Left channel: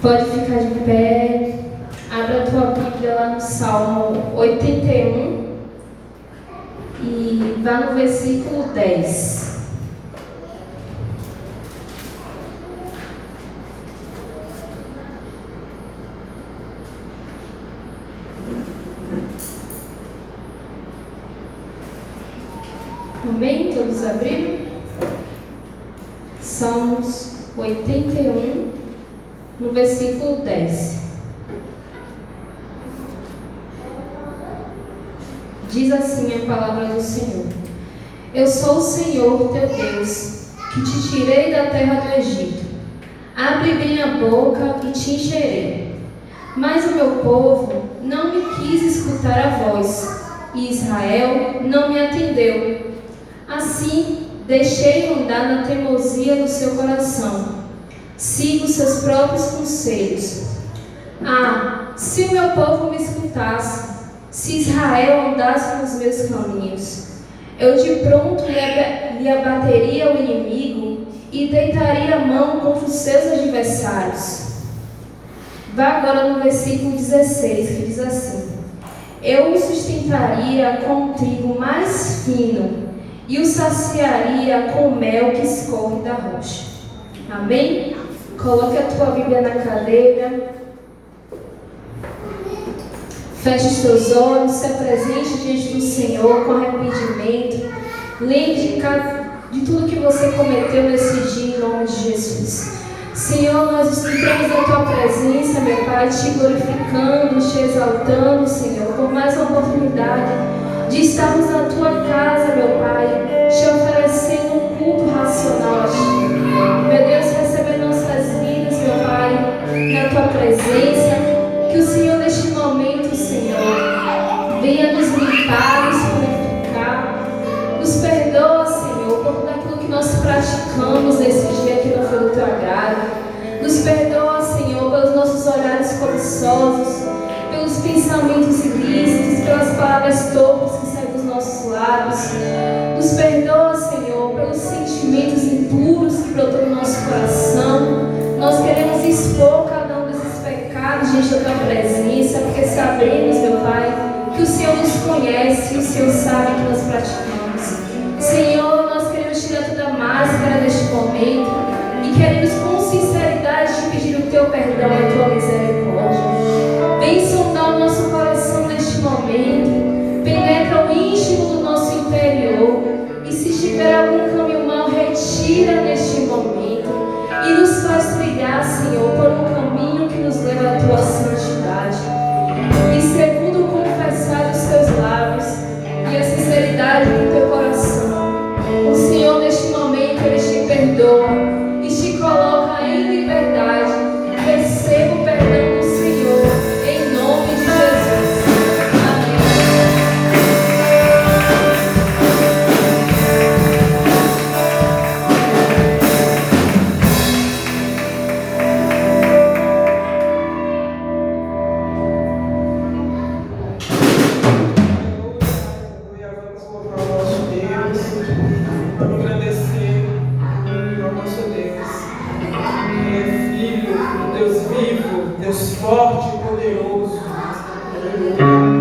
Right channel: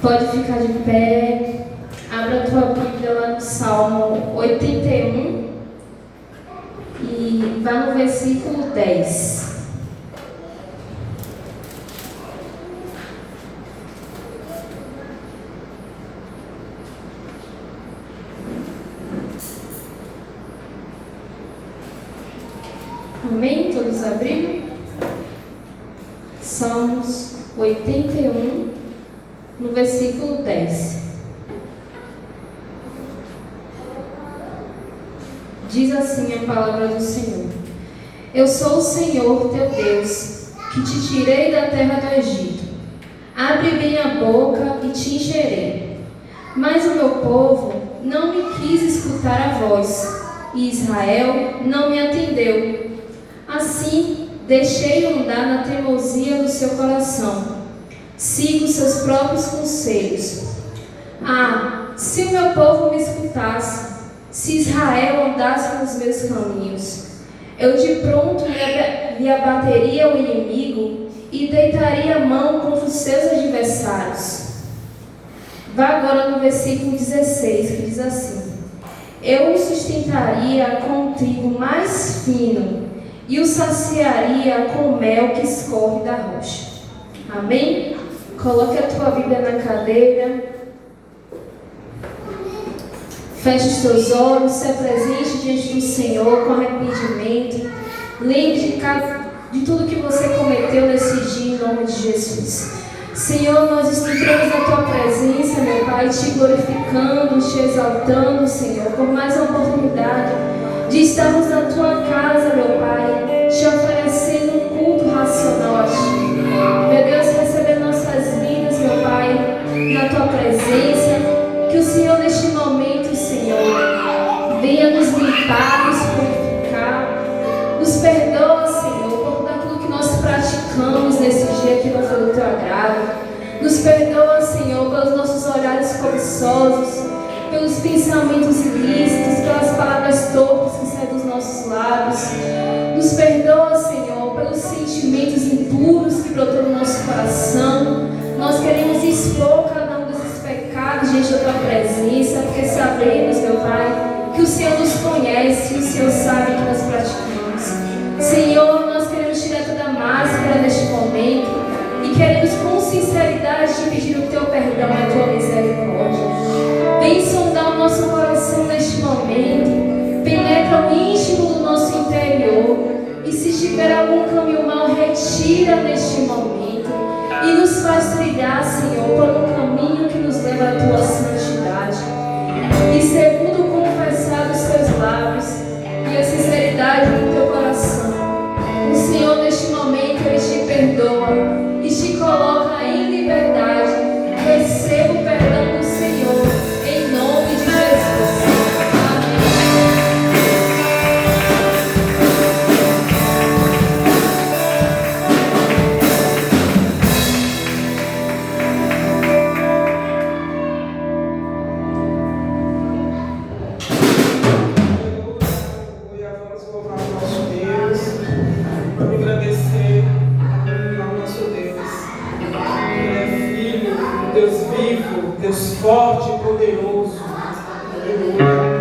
Pode ficar de pé, abra a tua Bíblia lá no Salmo 81 e vá no versículo 10. Amém? Todos abriram? Salmos 81, no versículo 10. Diz assim a palavra do Senhor: Eu sou o Senhor teu Deus, que te tirei da terra do Egito. Abre bem a boca e te encherei. Mas o meu povo não me quis escutar a voz, e Israel não me atendeu. Assim, deixei andar na teimosia do seu coração. Sigo seus próprios conselhos. Ah, se o meu povo me escutasse, se Israel andasse nos meus caminhos, eu de pronto lhe abateria o inimigo e deitaria a mão contra os seus adversários. Vá agora no versículo 16, que diz assim: Eu o sustentaria com um trigo mais fino e o saciaria com o mel que escorre da rocha. Amém? Coloque a tua Bíblia na cadeira. Feche os teus olhos, se apresente diante do Senhor com arrependimento. Lembre de tudo que você cometeu nesse dia, em nome de Jesus. Senhor, nós entramos na tua presença, meu Pai, te glorificando, te exaltando, Senhor, por mais uma oportunidade de estarmos na tua casa, meu Pai, te oferecendo um culto racional a ti. Meu Deus, recebe nossas vidas, meu Pai, na tua presença. Que o Senhor, neste momento, Senhor, venha nos limpar, nos purificar. Nos perdoa, Senhor, por tudo aquilo que nós praticamos nesse dia que não foi do teu agrado. Nos perdoa, Senhor, pelos nossos olhares cobiçosos, pelos pensamentos ilícitos, pelas palavras torpes que saem dos nossos lábios. Nos perdoa, Senhor, pelos sentimentos impuros que brotam no nosso coração. Nós queremos expor cada um desses pecados diante da tua presença, porque sabemos, meu Pai, que o Senhor nos conhece e o Senhor sabe que nós praticamos. Senhor, nós queremos tirar toda a máscara neste momento e queremos com sinceridade te pedir o teu perdão e a tua misericórdia. Vem sondar o nosso coração neste momento, penetra o íntimo do nosso interior, e se tiver algum caminho mau, retira neste momento e nos faz trilhar, Senhor, por um caminho que nos leva à tua santidade. E segundo confessar os teus lábios e a sinceridade do teu coração, o Senhor neste momento Ele te perdoa e te coloca em liberdade. Receba o perdão do Senhor, em nome de Jesus. Deus forte e poderoso. Aleluia.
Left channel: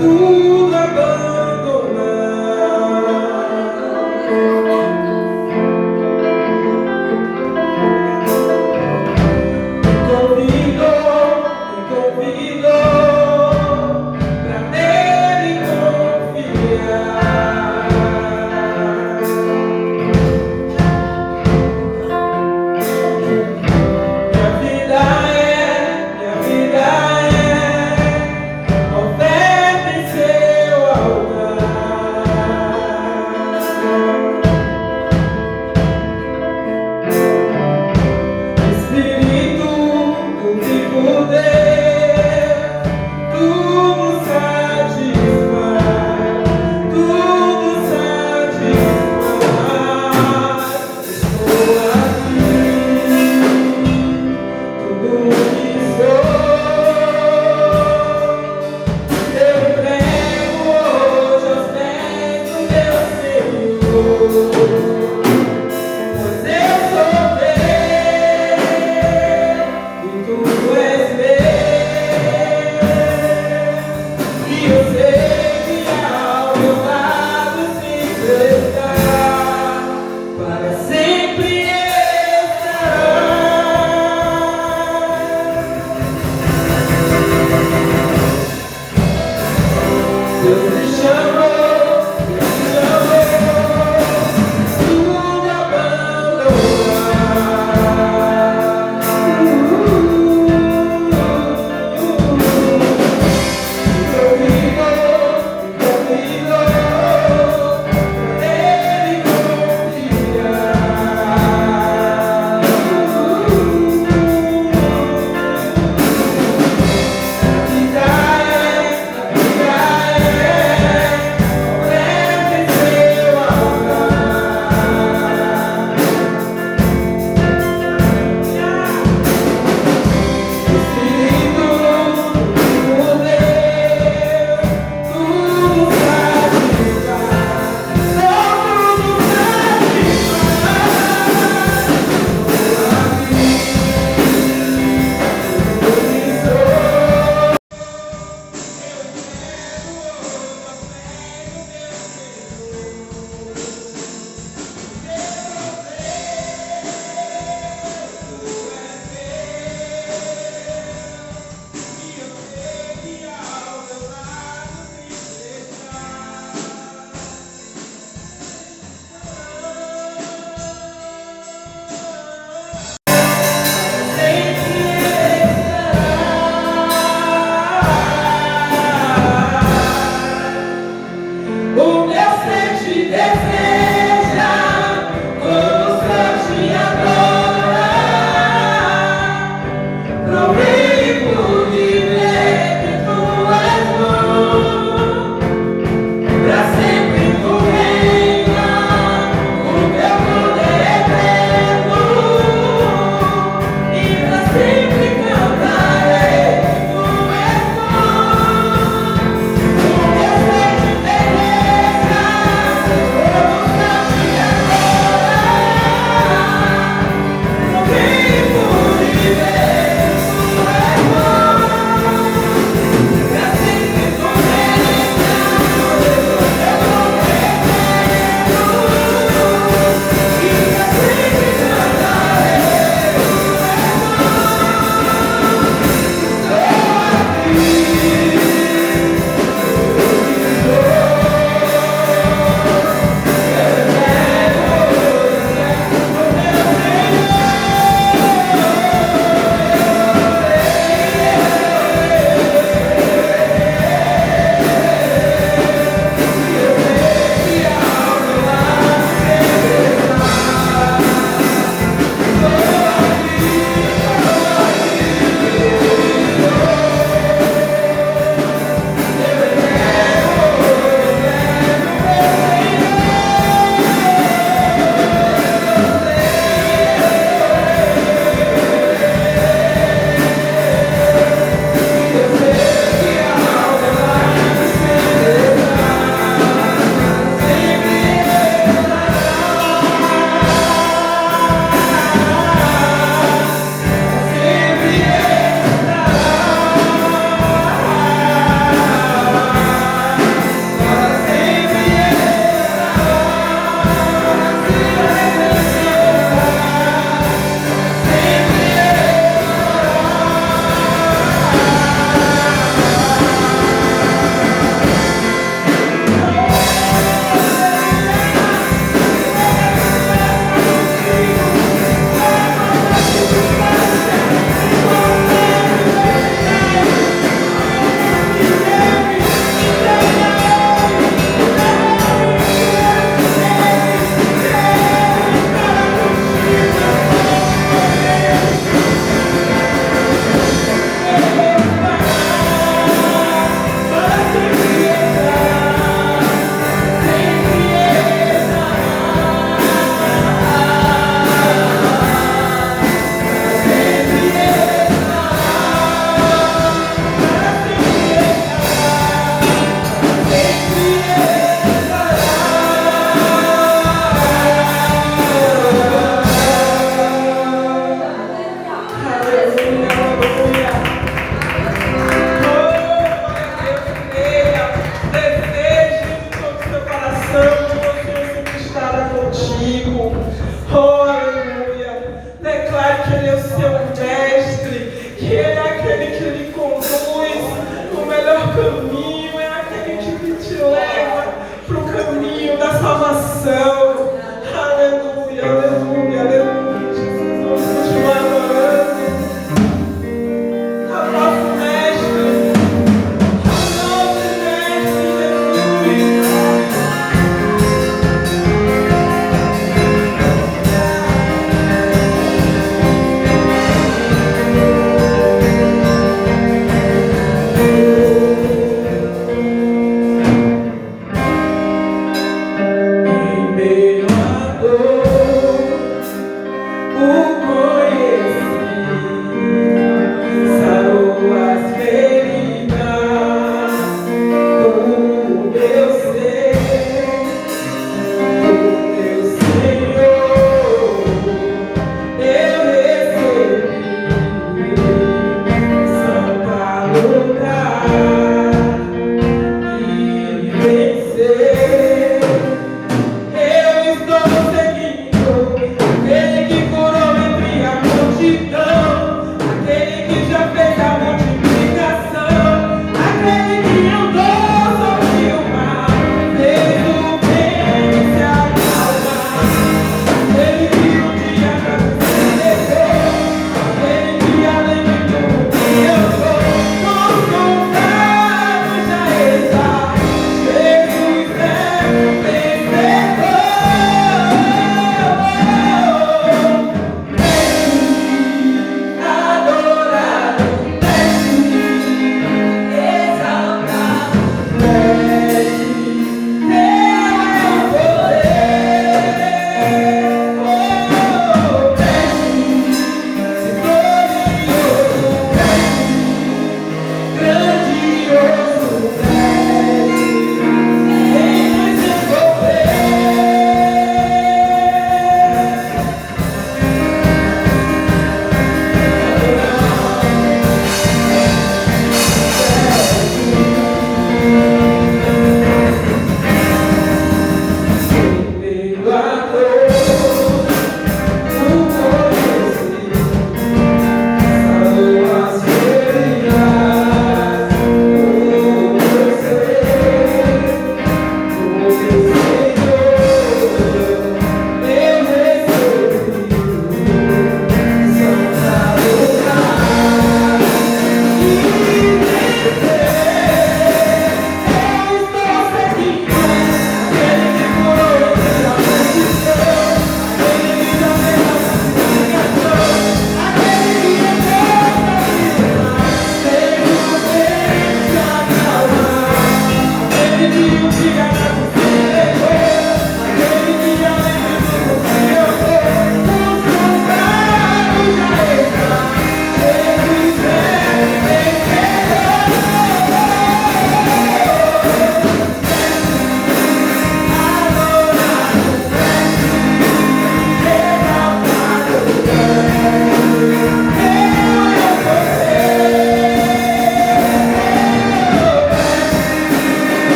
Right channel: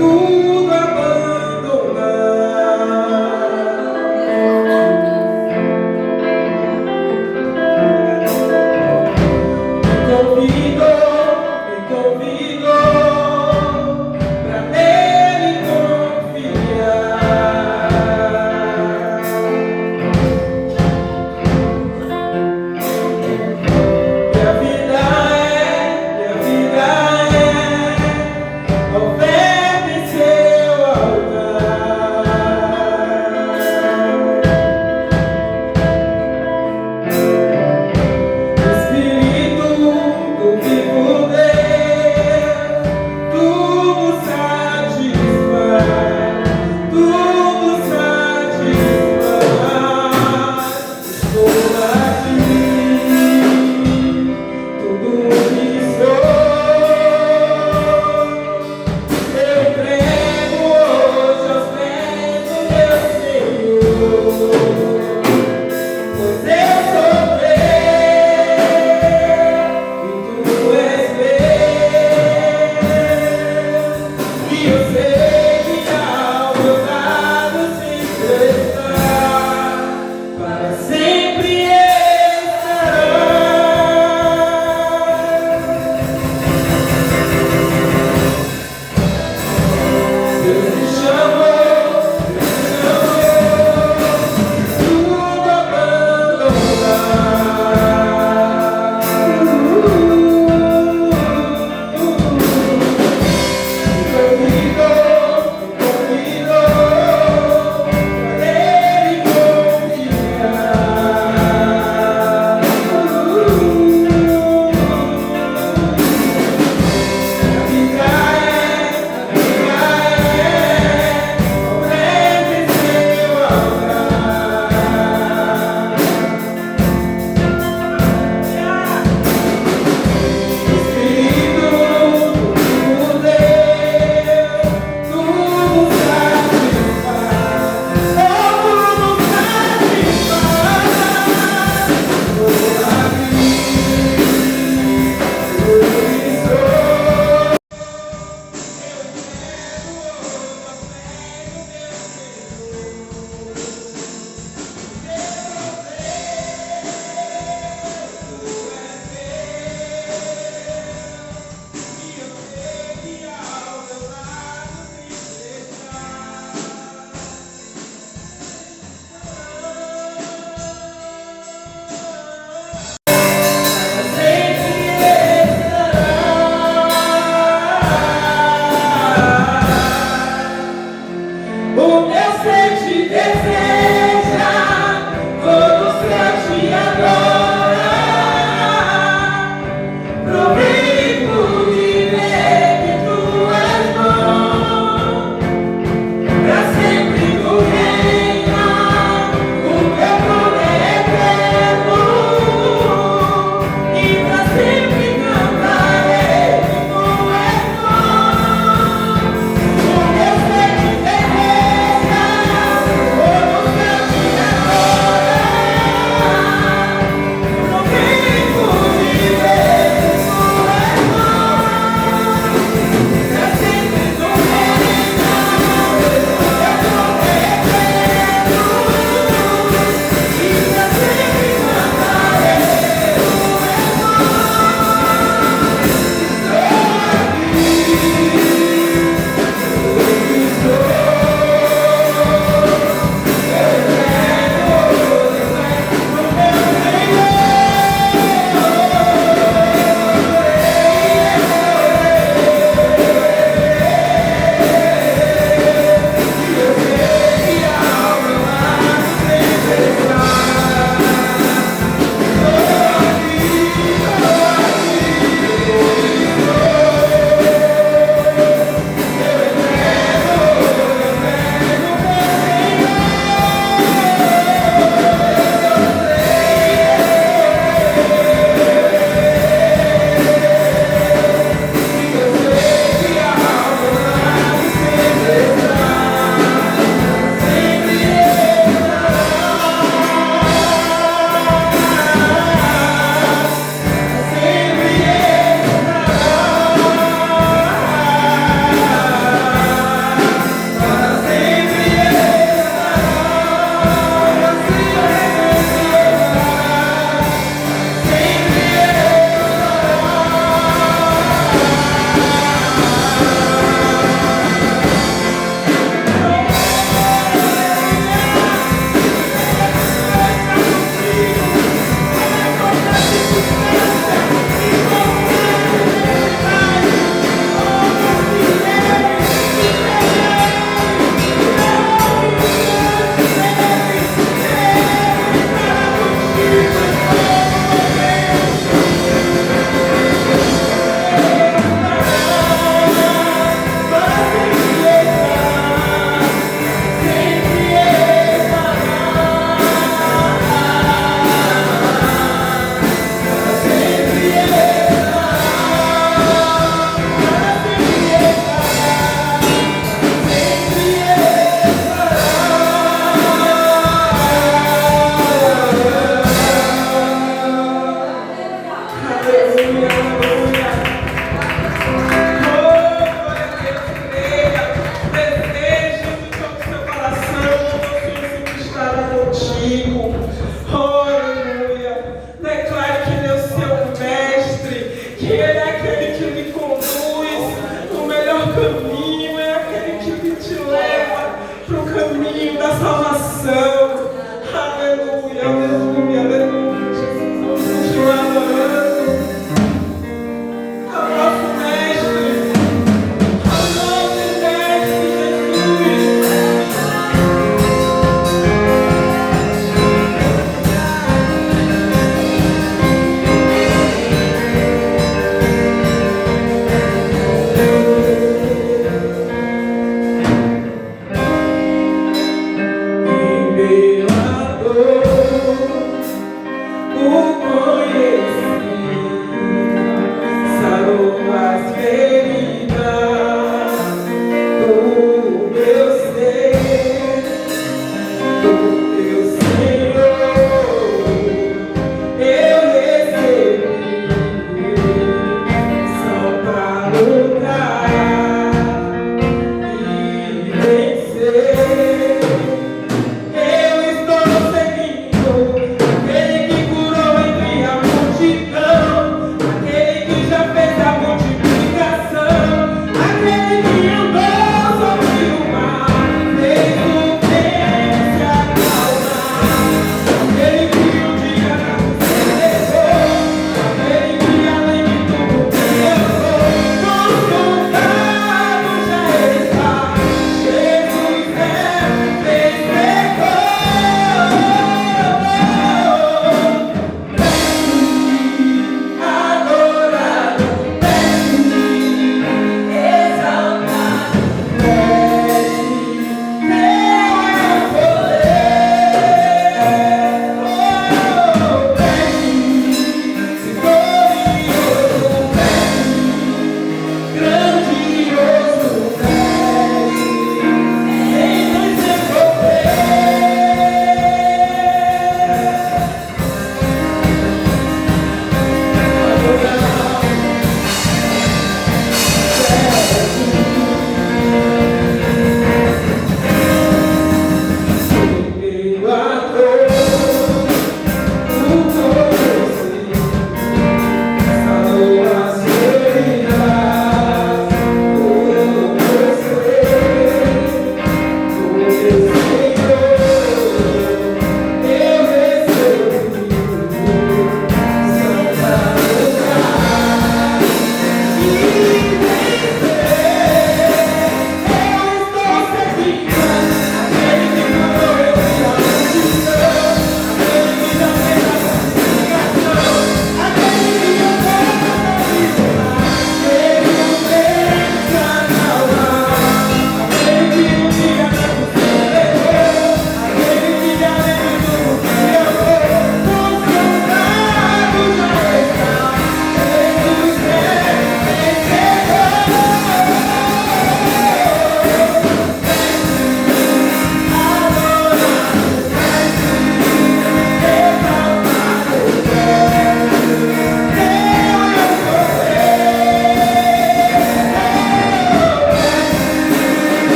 tudo abandonar. Me convido pra nele confiar. Minha vida é oferta e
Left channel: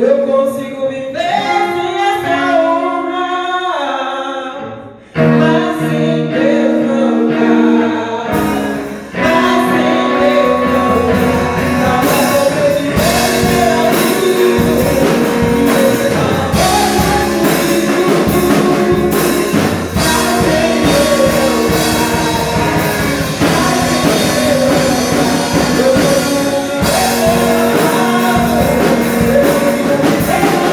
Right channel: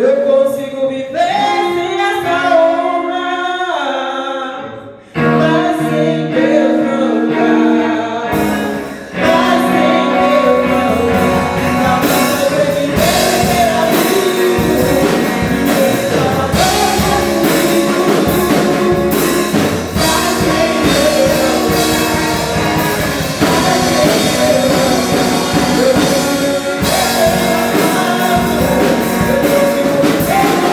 Eu consigo viver sem essa honra, mas sem Deus não dá. Mas sem Deus não dá. Pra sobreviver será isso. E você só não pode comigo. Mas sem Deus não dá. Mas sem Deus não dá. Eu consigo viver sem essa honra.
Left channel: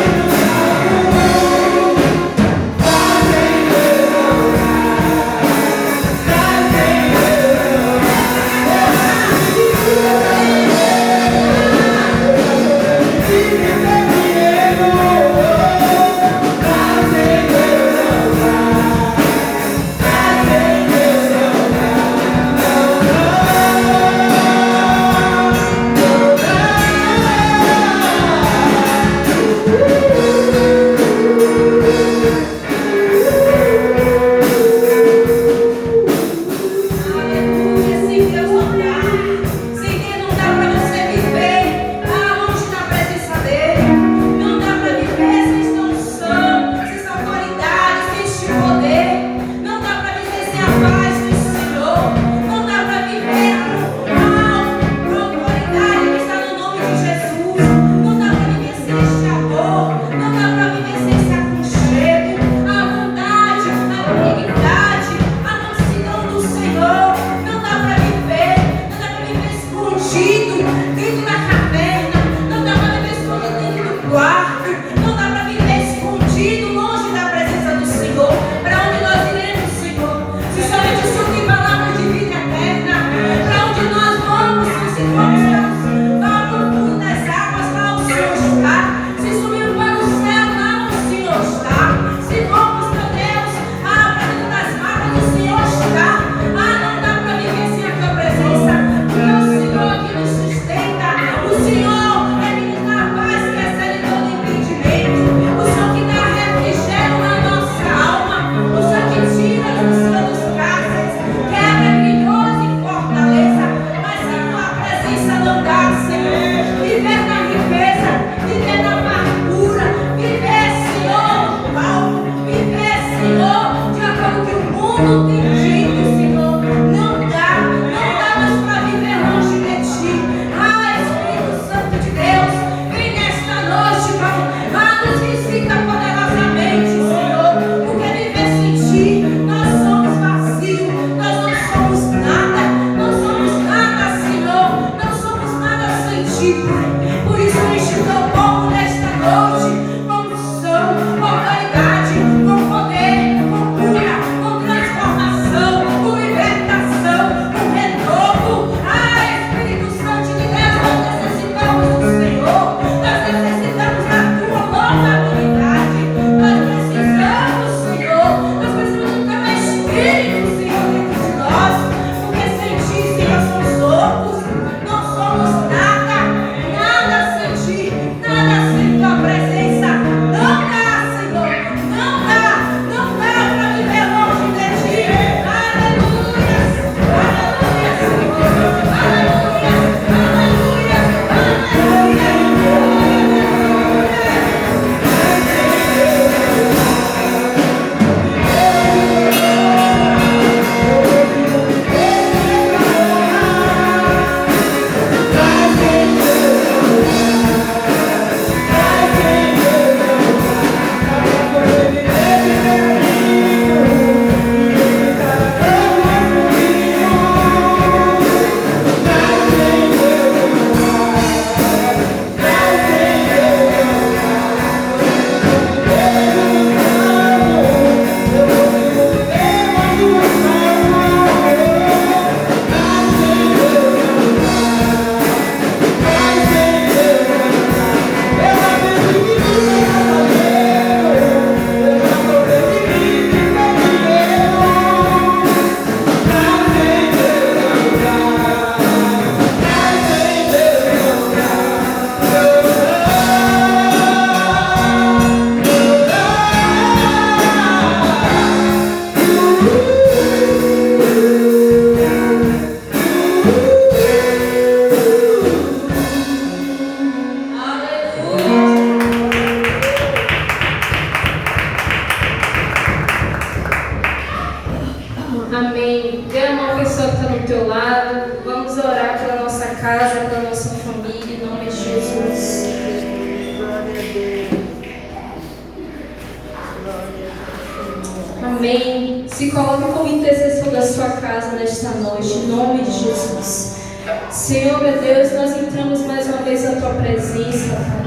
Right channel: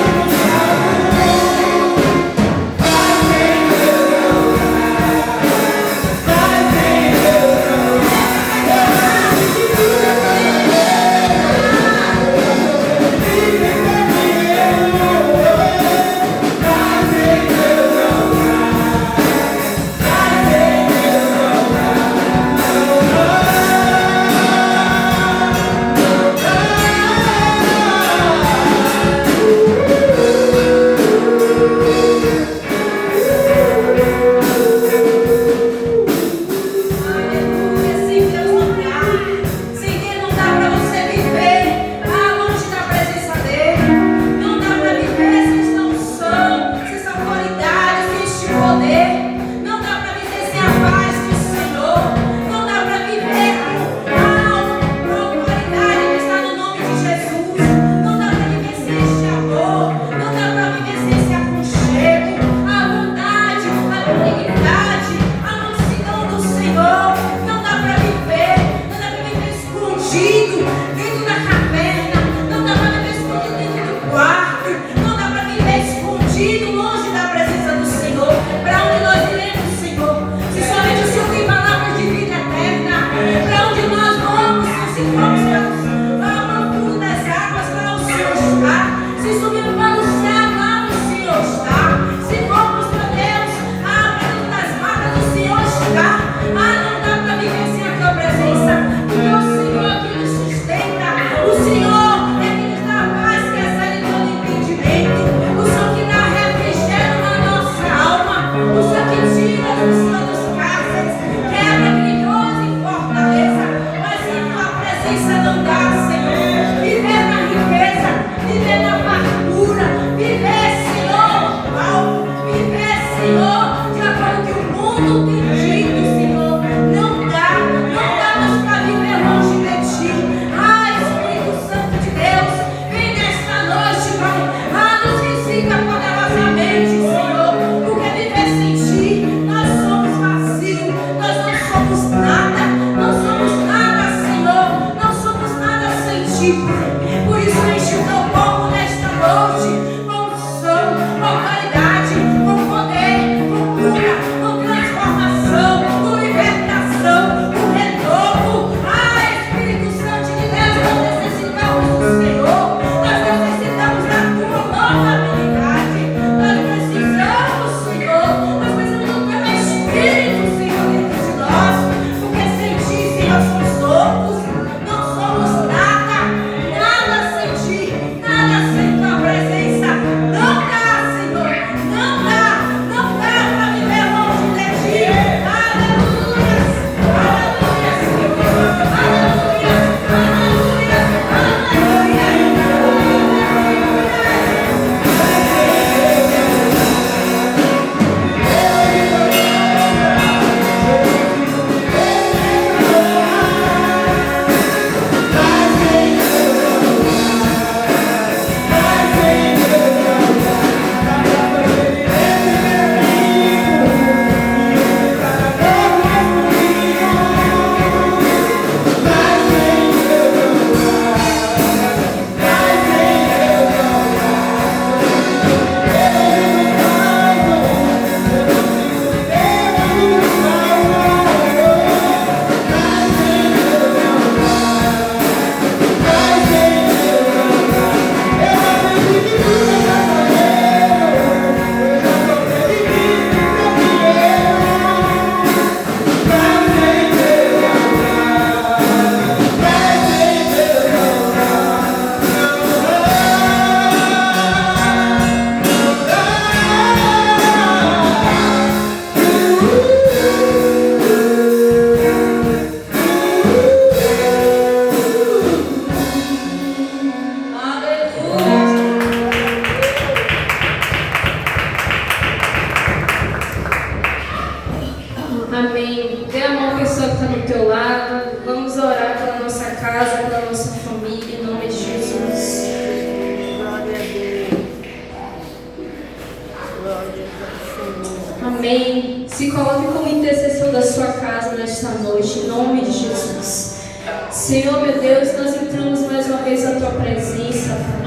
Amém. Se coloque como intercessor da sua casa nesta noite, em nome de Jesus. Senhor, meu Deus, nós entramos mais uma vez na tua presença, Pai.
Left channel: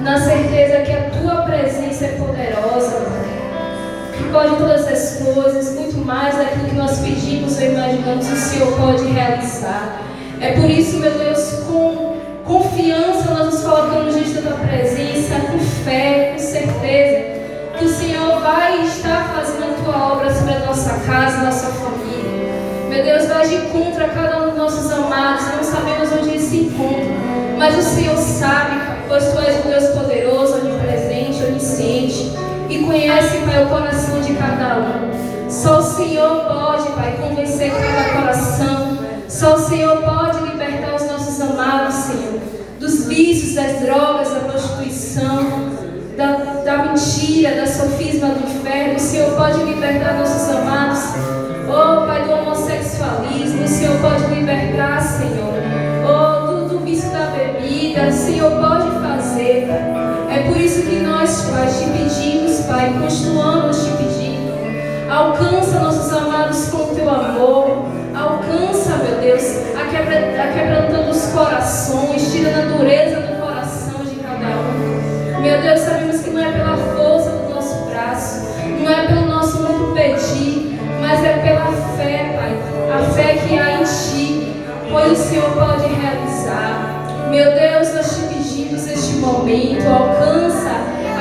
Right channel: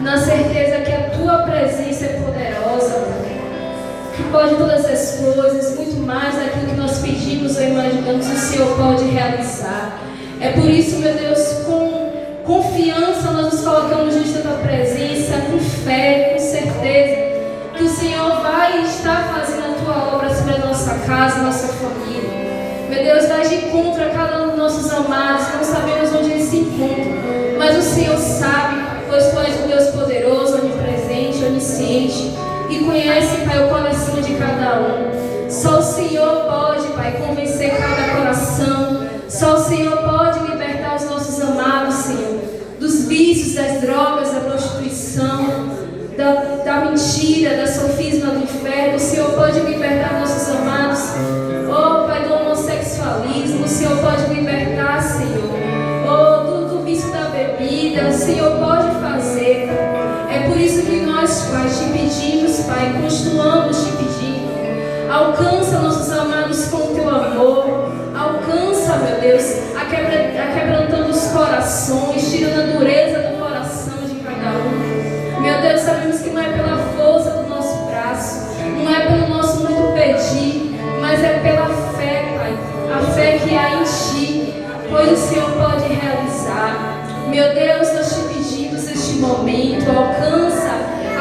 Na certeza que a tua presença é poderosa, Pai. Que pode todas as coisas, muito mais daquilo que nós pedimos ou imaginamos, o Senhor pode realizar. É por isso, meu Deus, com confiança nós nos colocamos diante da tua presença, com fé, com certeza que o Senhor vai estar fazendo a tua obra sobre a nossa casa, a nossa família. Meu Deus, vai de encontro a cada um dos nossos amados, não sabemos onde eles se encontram, mas o Senhor sabe, pois tu és um Deus poderoso, onipresente, onisciente, e conhece, Pai, o coração de cada um. Só o Senhor pode, Pai, convencer cada coração. Só o Senhor pode libertar os nossos amados, Senhor, dos vícios, das drogas, da prostituição, da mentira, da sofisma do inferno. O Senhor pode libertar nossos amados, oh Pai, do homossexualismo. O Senhor pode libertar, Senhor, oh, do vício da bebida. O Senhor pode fazer. É por isso que nós, Pai, te pedimos, Pai, continuamos te pedindo. Alcança nossos amados com o teu amor. Alcança, meu Deus, aquebrantando os corações, tirando a dureza do coração de cada um. Meu Deus, sabemos que não é pela força do nosso braço, não é pelo nosso muito pedir, mas é pela fé, Pai, a fé que há em Ti, pois o Senhor pode realizar. Meu Deus, nós te pedimos neste momento, alcança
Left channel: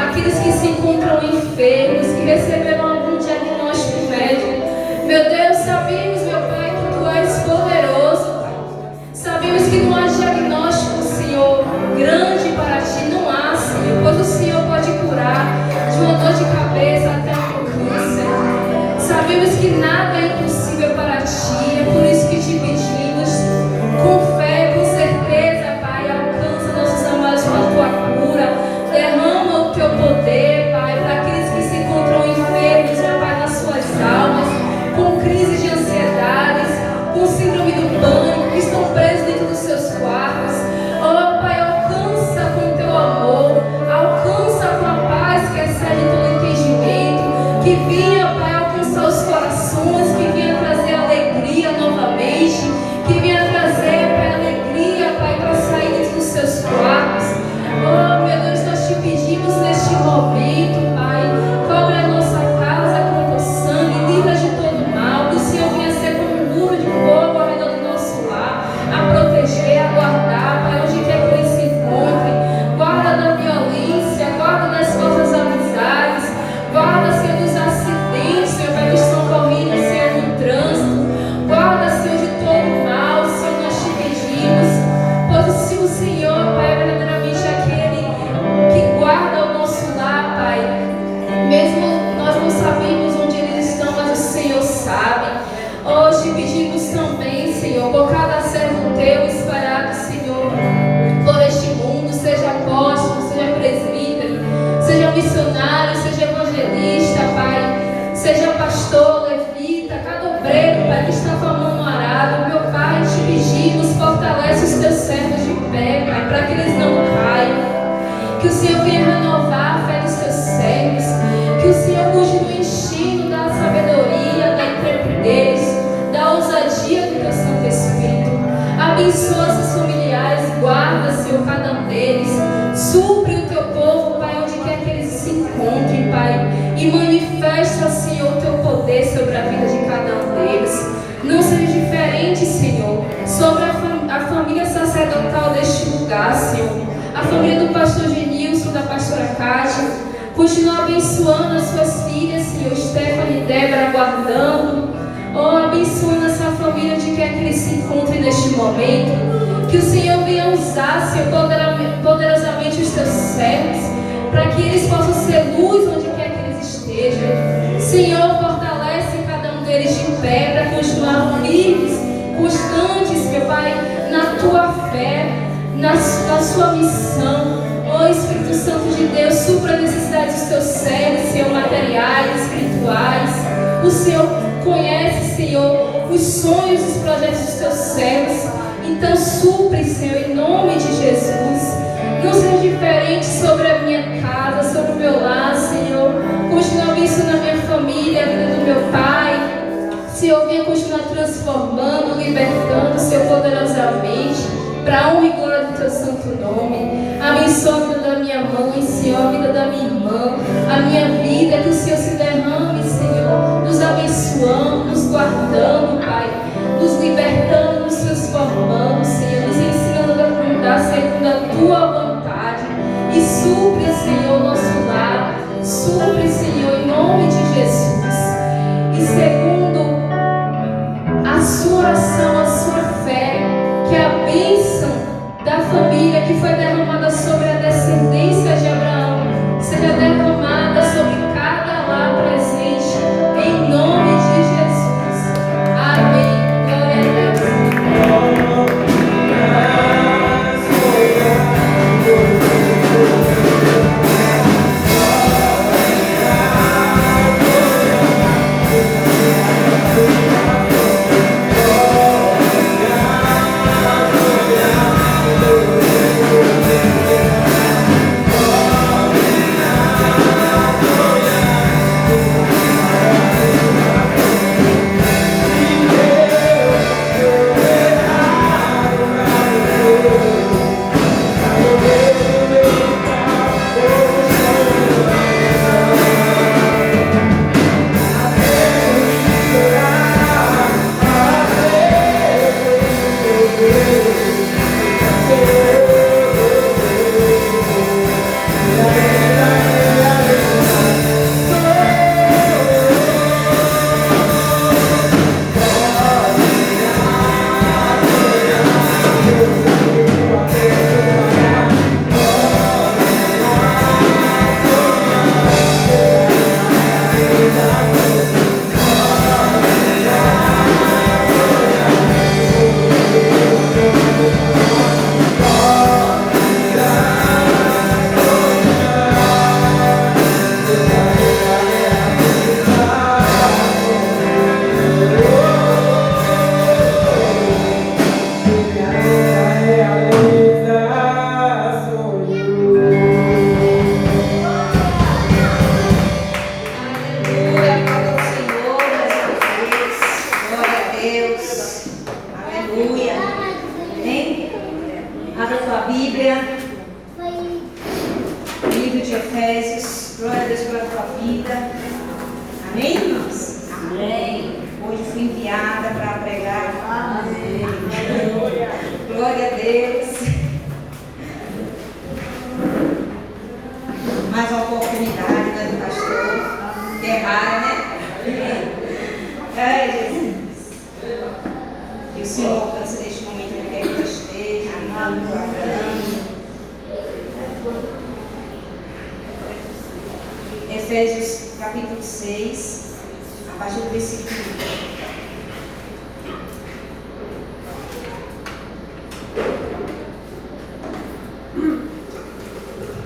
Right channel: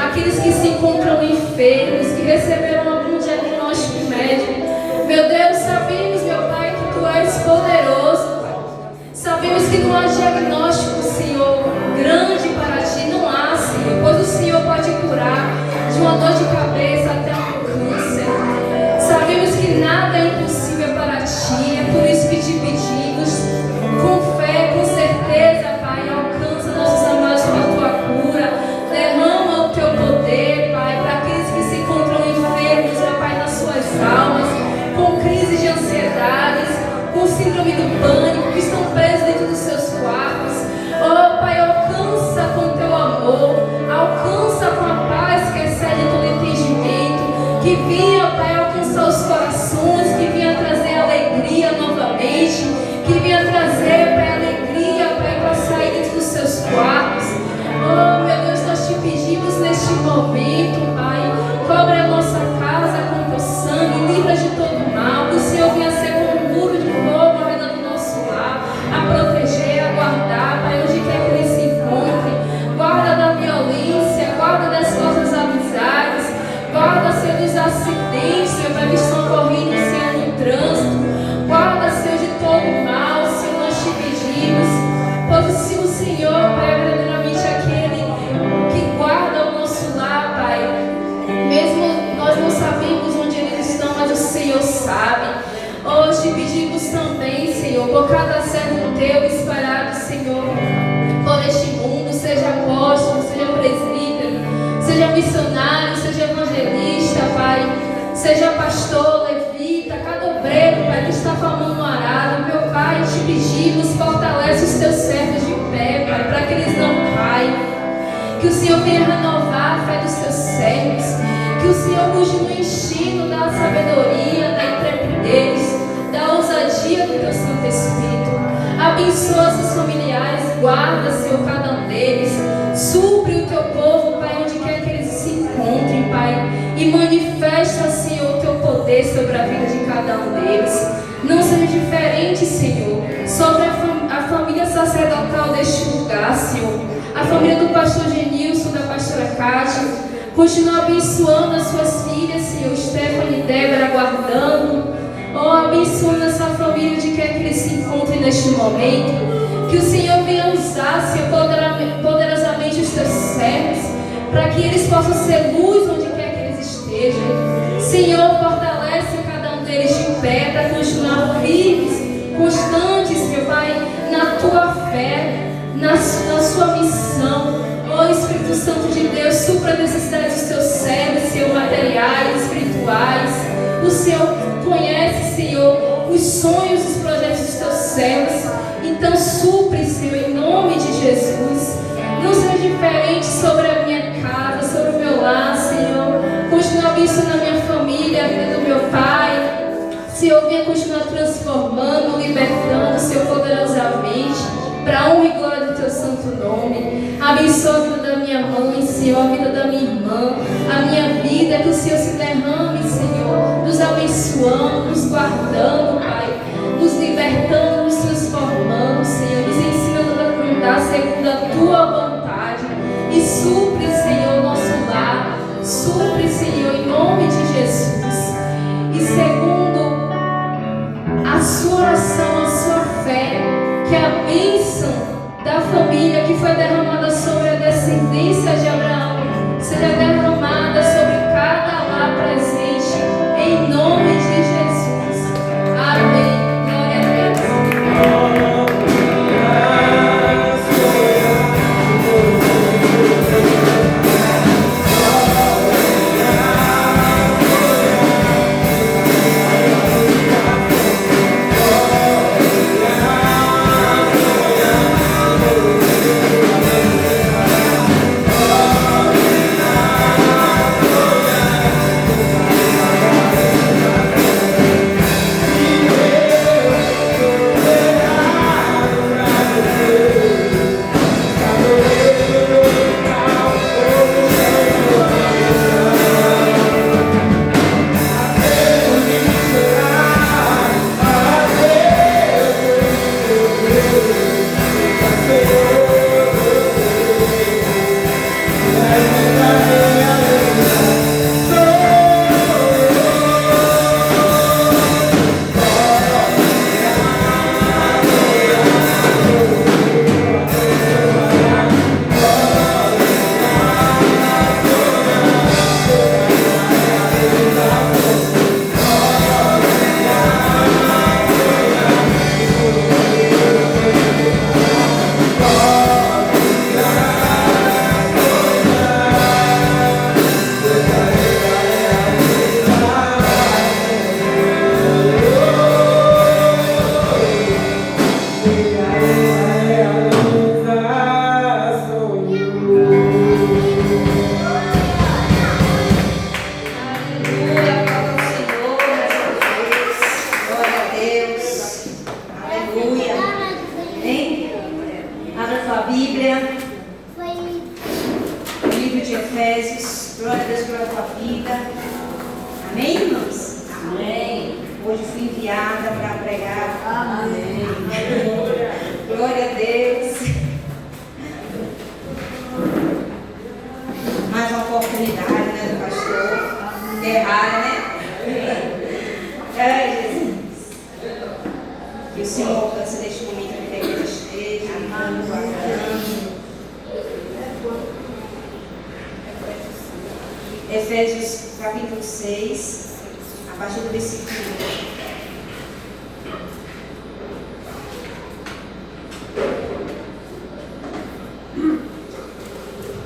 aqueles que se encontram enfermos, que receberam algum diagnóstico médico. Meu Deus, sabemos, meu Pai, que Tu és poderoso, Pai. Sabemos que não há diagnóstico, Senhor, grande para Ti, não há, Senhor, pois o Senhor pode curar de uma dor de cabeça até um câncer. Sabemos que nada é impossível para Ti, é por isso que Te pedimos, com fé, com certeza, Pai, alcança nossos amados com a Tua cura, derrama o Teu poder, Pai, para aqueles que se encontram enfermos, meu Pai, nas suas almas, com crise de ansiedades, com síndrome do pânico, que estão presos dentro dos seus quartos. Oh, Pai, alcança com o Teu amor, alcança com a paz que excede todo entendimento, que vinha, Pai, alcançar os corações, que vinha trazer alegria novamente, que vinha trazer, Pai, alegria, Pai, para sair dentro dos seus quartos. Oh, meu Deus, nós te pedimos neste momento, Pai, cobre a nossa casa com o Teu sangue, livra de todo mal, que o Senhor venha ser como um muro de fogo ao redor do nosso lar, a proteger, a guardar, Pai, onde quer que eles se encontrem. Guarda da violência, guarda das falsas amizades, guarda, Senhor, dos acidentes, Senhor, Pai, que estão correndo, Senhor, no trânsito. Guarda, Senhor, de todo mal, Senhor, nós te pedimos, pois se o Senhor, Pai, é verdadeiramente aquele que guarda o nosso lar, Pai, mesmo nós não sabemos onde eles estão, mas o Senhor sabe. Hoje te pedimos também, Senhor, por cada servo Teu espalhado, Senhor, por este mundo, seja apóstolo, seja presbítero, seja missionário, seja evangelista, Pai, seja pastor, levita, cada obreiro, Pai, que está formando um arado. Meu Pai, te pedimos, fortalece os Teus servos de pé, Pai, para que eles não caiam. Que o Senhor venha renovar a fé dos Teus servos, que o Senhor continue enchendo da sabedoria, da intrepidez, da ousadia do Teu Santo Espírito. Abençoa seus familiares, guarda, Senhor, cada um deles. Supre o Teu povo, Pai, onde quer que eles se encontrem, Pai, e manifesta, Senhor, o Teu poder sobre a vida de cada um deles. Não seja diferente, Senhor, sobre a família sacerdotal deste lugar, Senhor, a família do pastor Genilson, da pastora Cátia. Continua abençoando as suas filhas, Senhor, Stephanie e Débora, guardando. Oh, abençoando essa família onde quer que eles se encontrem neste momento. Que o Senhor venha usar, Senhor, poderosamente os Teus servos, para que eles possam ser luz onde quer que eles estejam. Senhor, fortalece cada um deles de pé, para continuar firmes, constantes, meu Pai, na Tua fé, na sua missão. Oh, Espírito Santo de Deus, supra a necessidade dos Teus servos, Senhor, materiais, espirituais. O Senhor conhece, Senhor, os sonhos e os projetos dos Teus servos. Então supre, Senhor, em nome de Jesus. Não seja diferente sobre a minha casa, sobre o meu lar, Senhor. Continua abençoando a minha família, a vida minha mãe, Senhor, a vida da minha irmã, a minha vida, que o Senhor se derrame, Senhor, nos abençoando, nos guardando, Pai, nos libertando, nos transformando, Senhor, nos ensinando a andar segundo a Tua vontade. E supre, Senhor, nosso lar, supre, Senhor, em nome de Jesus. E segundo a sua oração, a sua fé, que a bênção da família que foi derramada sobre a descendência de Abraão seja derramada sobre cada lar presente, em nome de Jesus. Amém. Glória a Deus. Efésios capítulo 6, a partir do versículo 1.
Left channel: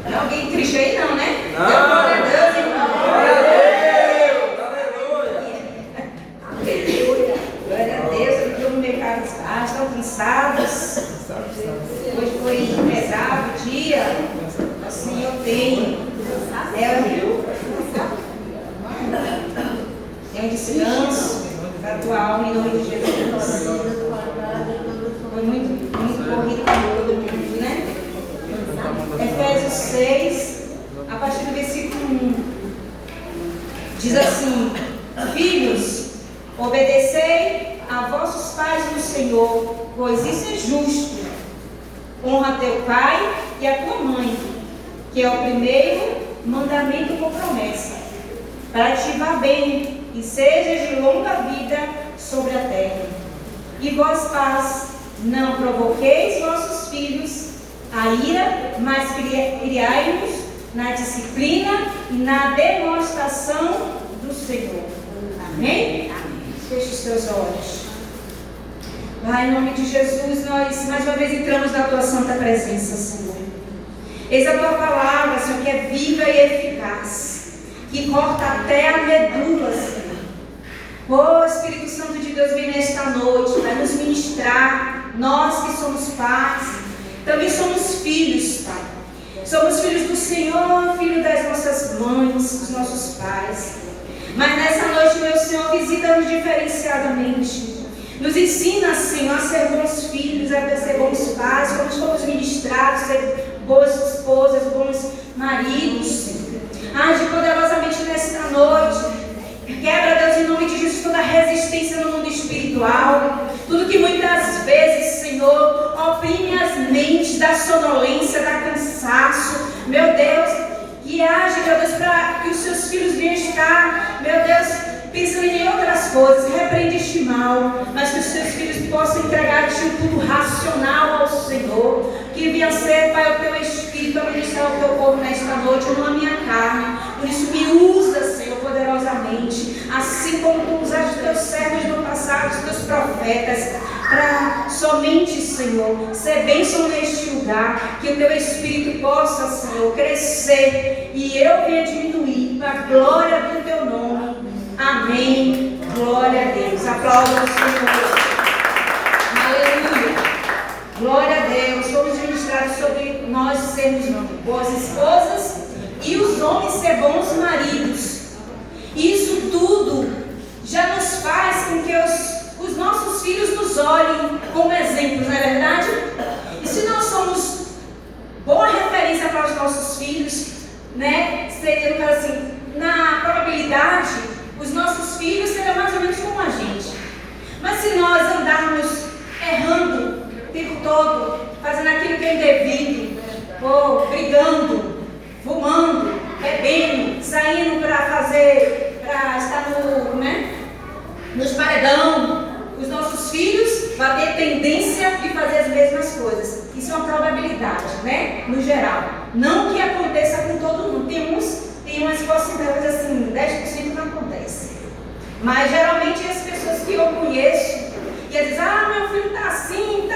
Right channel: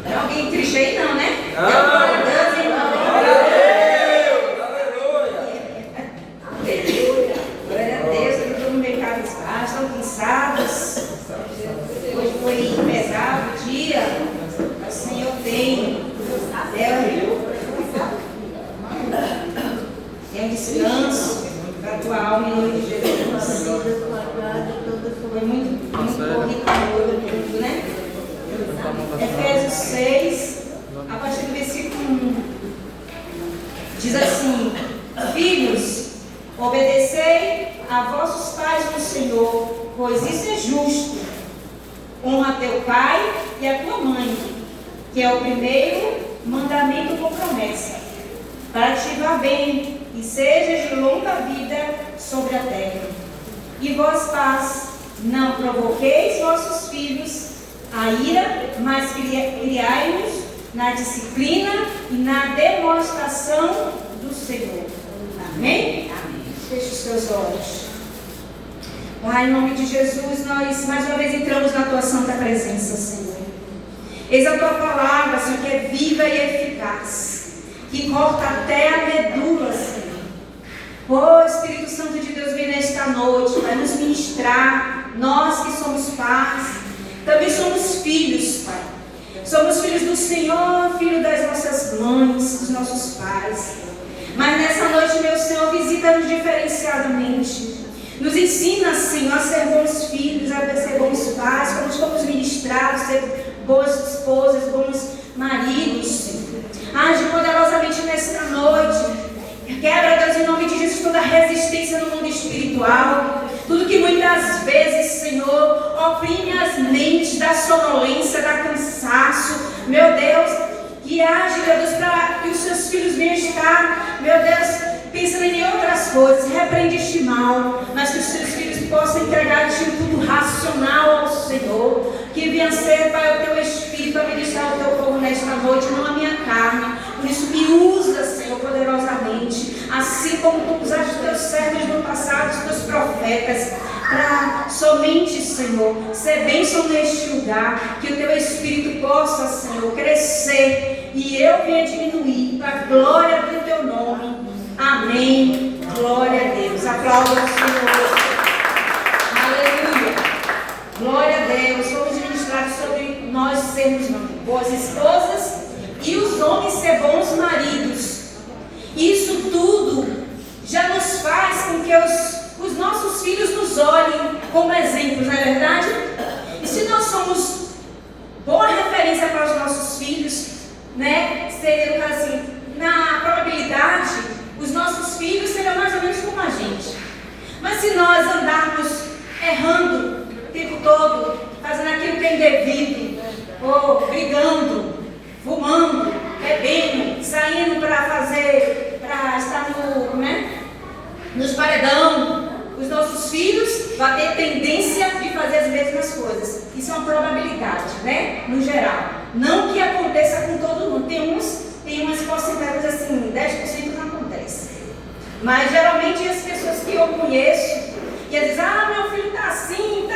Não, alguém triste aí não, né? Glória a Deus, irmão. Glória a Deus. Aleluia. Glória a Deus. Eu estou no mercado espaço, estão cansados. Hoje foi pesado o dia. O Senhor tem. Tem um descanso para a tua alma em nome de Jesus. Foi muito corrido todo mundo, né? Efésios 6, a partir do versículo 1, diz assim: Filhos, obedecei a vossos pais no Senhor, pois isso é justo. Honra teu pai e a tua mãe, que é o primeiro mandamento com promessa, para te vá bem e sejas de longa vida sobre a terra. E vós, pais, não provoqueis vossos filhos a ira, mas criai-os na disciplina e na demonstração do Senhor. Amém? Feche os teus olhos. Pai, em nome de Jesus, nós mais uma vez entramos na tua santa presença, Senhor. Eis a tua palavra, Senhor, que é viva e eficaz, que corta até a medula, Senhor. Oh, Espírito Santo de Deus, vem nesta noite para nos ministrar. Nós que somos pais, também somos filhos, Pai. Somos filhos do Senhor, filho das nossas mães, dos nossos pais. Mas nessa noite, meu Senhor, visita-nos diferenciadamente. Nos ensina, Senhor, a ser bons filhos, a ser bons pais, como fomos ministrados, ser boas esposas, bons maridos. Age poderosamente nesta noite. Quebra, Deus, em nome de Jesus, toda resistência no mundo espiritual. Tudo que muitas vezes, Senhor, oprime as mentes da sonolência, da cansaço. Meu Deus, que age, meu Deus, para que os seus filhos venham estar, meu Deus, pensando em outras coisas. Repreende este mal, mas que os seus filhos possam entregar-te tudo racional ao Senhor. Que venha ser, Pai, o teu Espírito a ministrar o teu povo nesta noite, não a minha carne. Por isso me usa, Senhor, poderosamente, assim como tu usaste os teus servos no passado, os teus profetas, para somente, Senhor, ser bênção neste lugar, que o teu Espírito possa, Senhor, crescer e eu venha diminuir para a glória do teu nome. Amém. Glória a Deus. Aplauda o Senhor. Aleluia. Glória a Deus. Vamos ministrar sobre nós sermos boas esposas e os homens ser bons maridos. Isso tudo já nos faz com que os nossos filhos nos olhem como exemplo, não é verdade? E se nós somos boa referência para os nossos filhos, né? Seria assim, na probabilidade, os nossos filhos serão mais ou menos como a gente. Mas se nós andarmos errando o tempo todo, fazendo aquilo que é indevido, ou brigando, fumando, bebendo, saindo para estar nos paredão, os nossos filhos vão ter tendência de fazer as mesmas coisas. Isso é uma probabilidade, né? No geral. Não que aconteça com todo mundo. Tem umas porcentagens assim, 10% não acontece. Mas geralmente as pessoas que eu conheço, e eles dizem, meu filho está assim,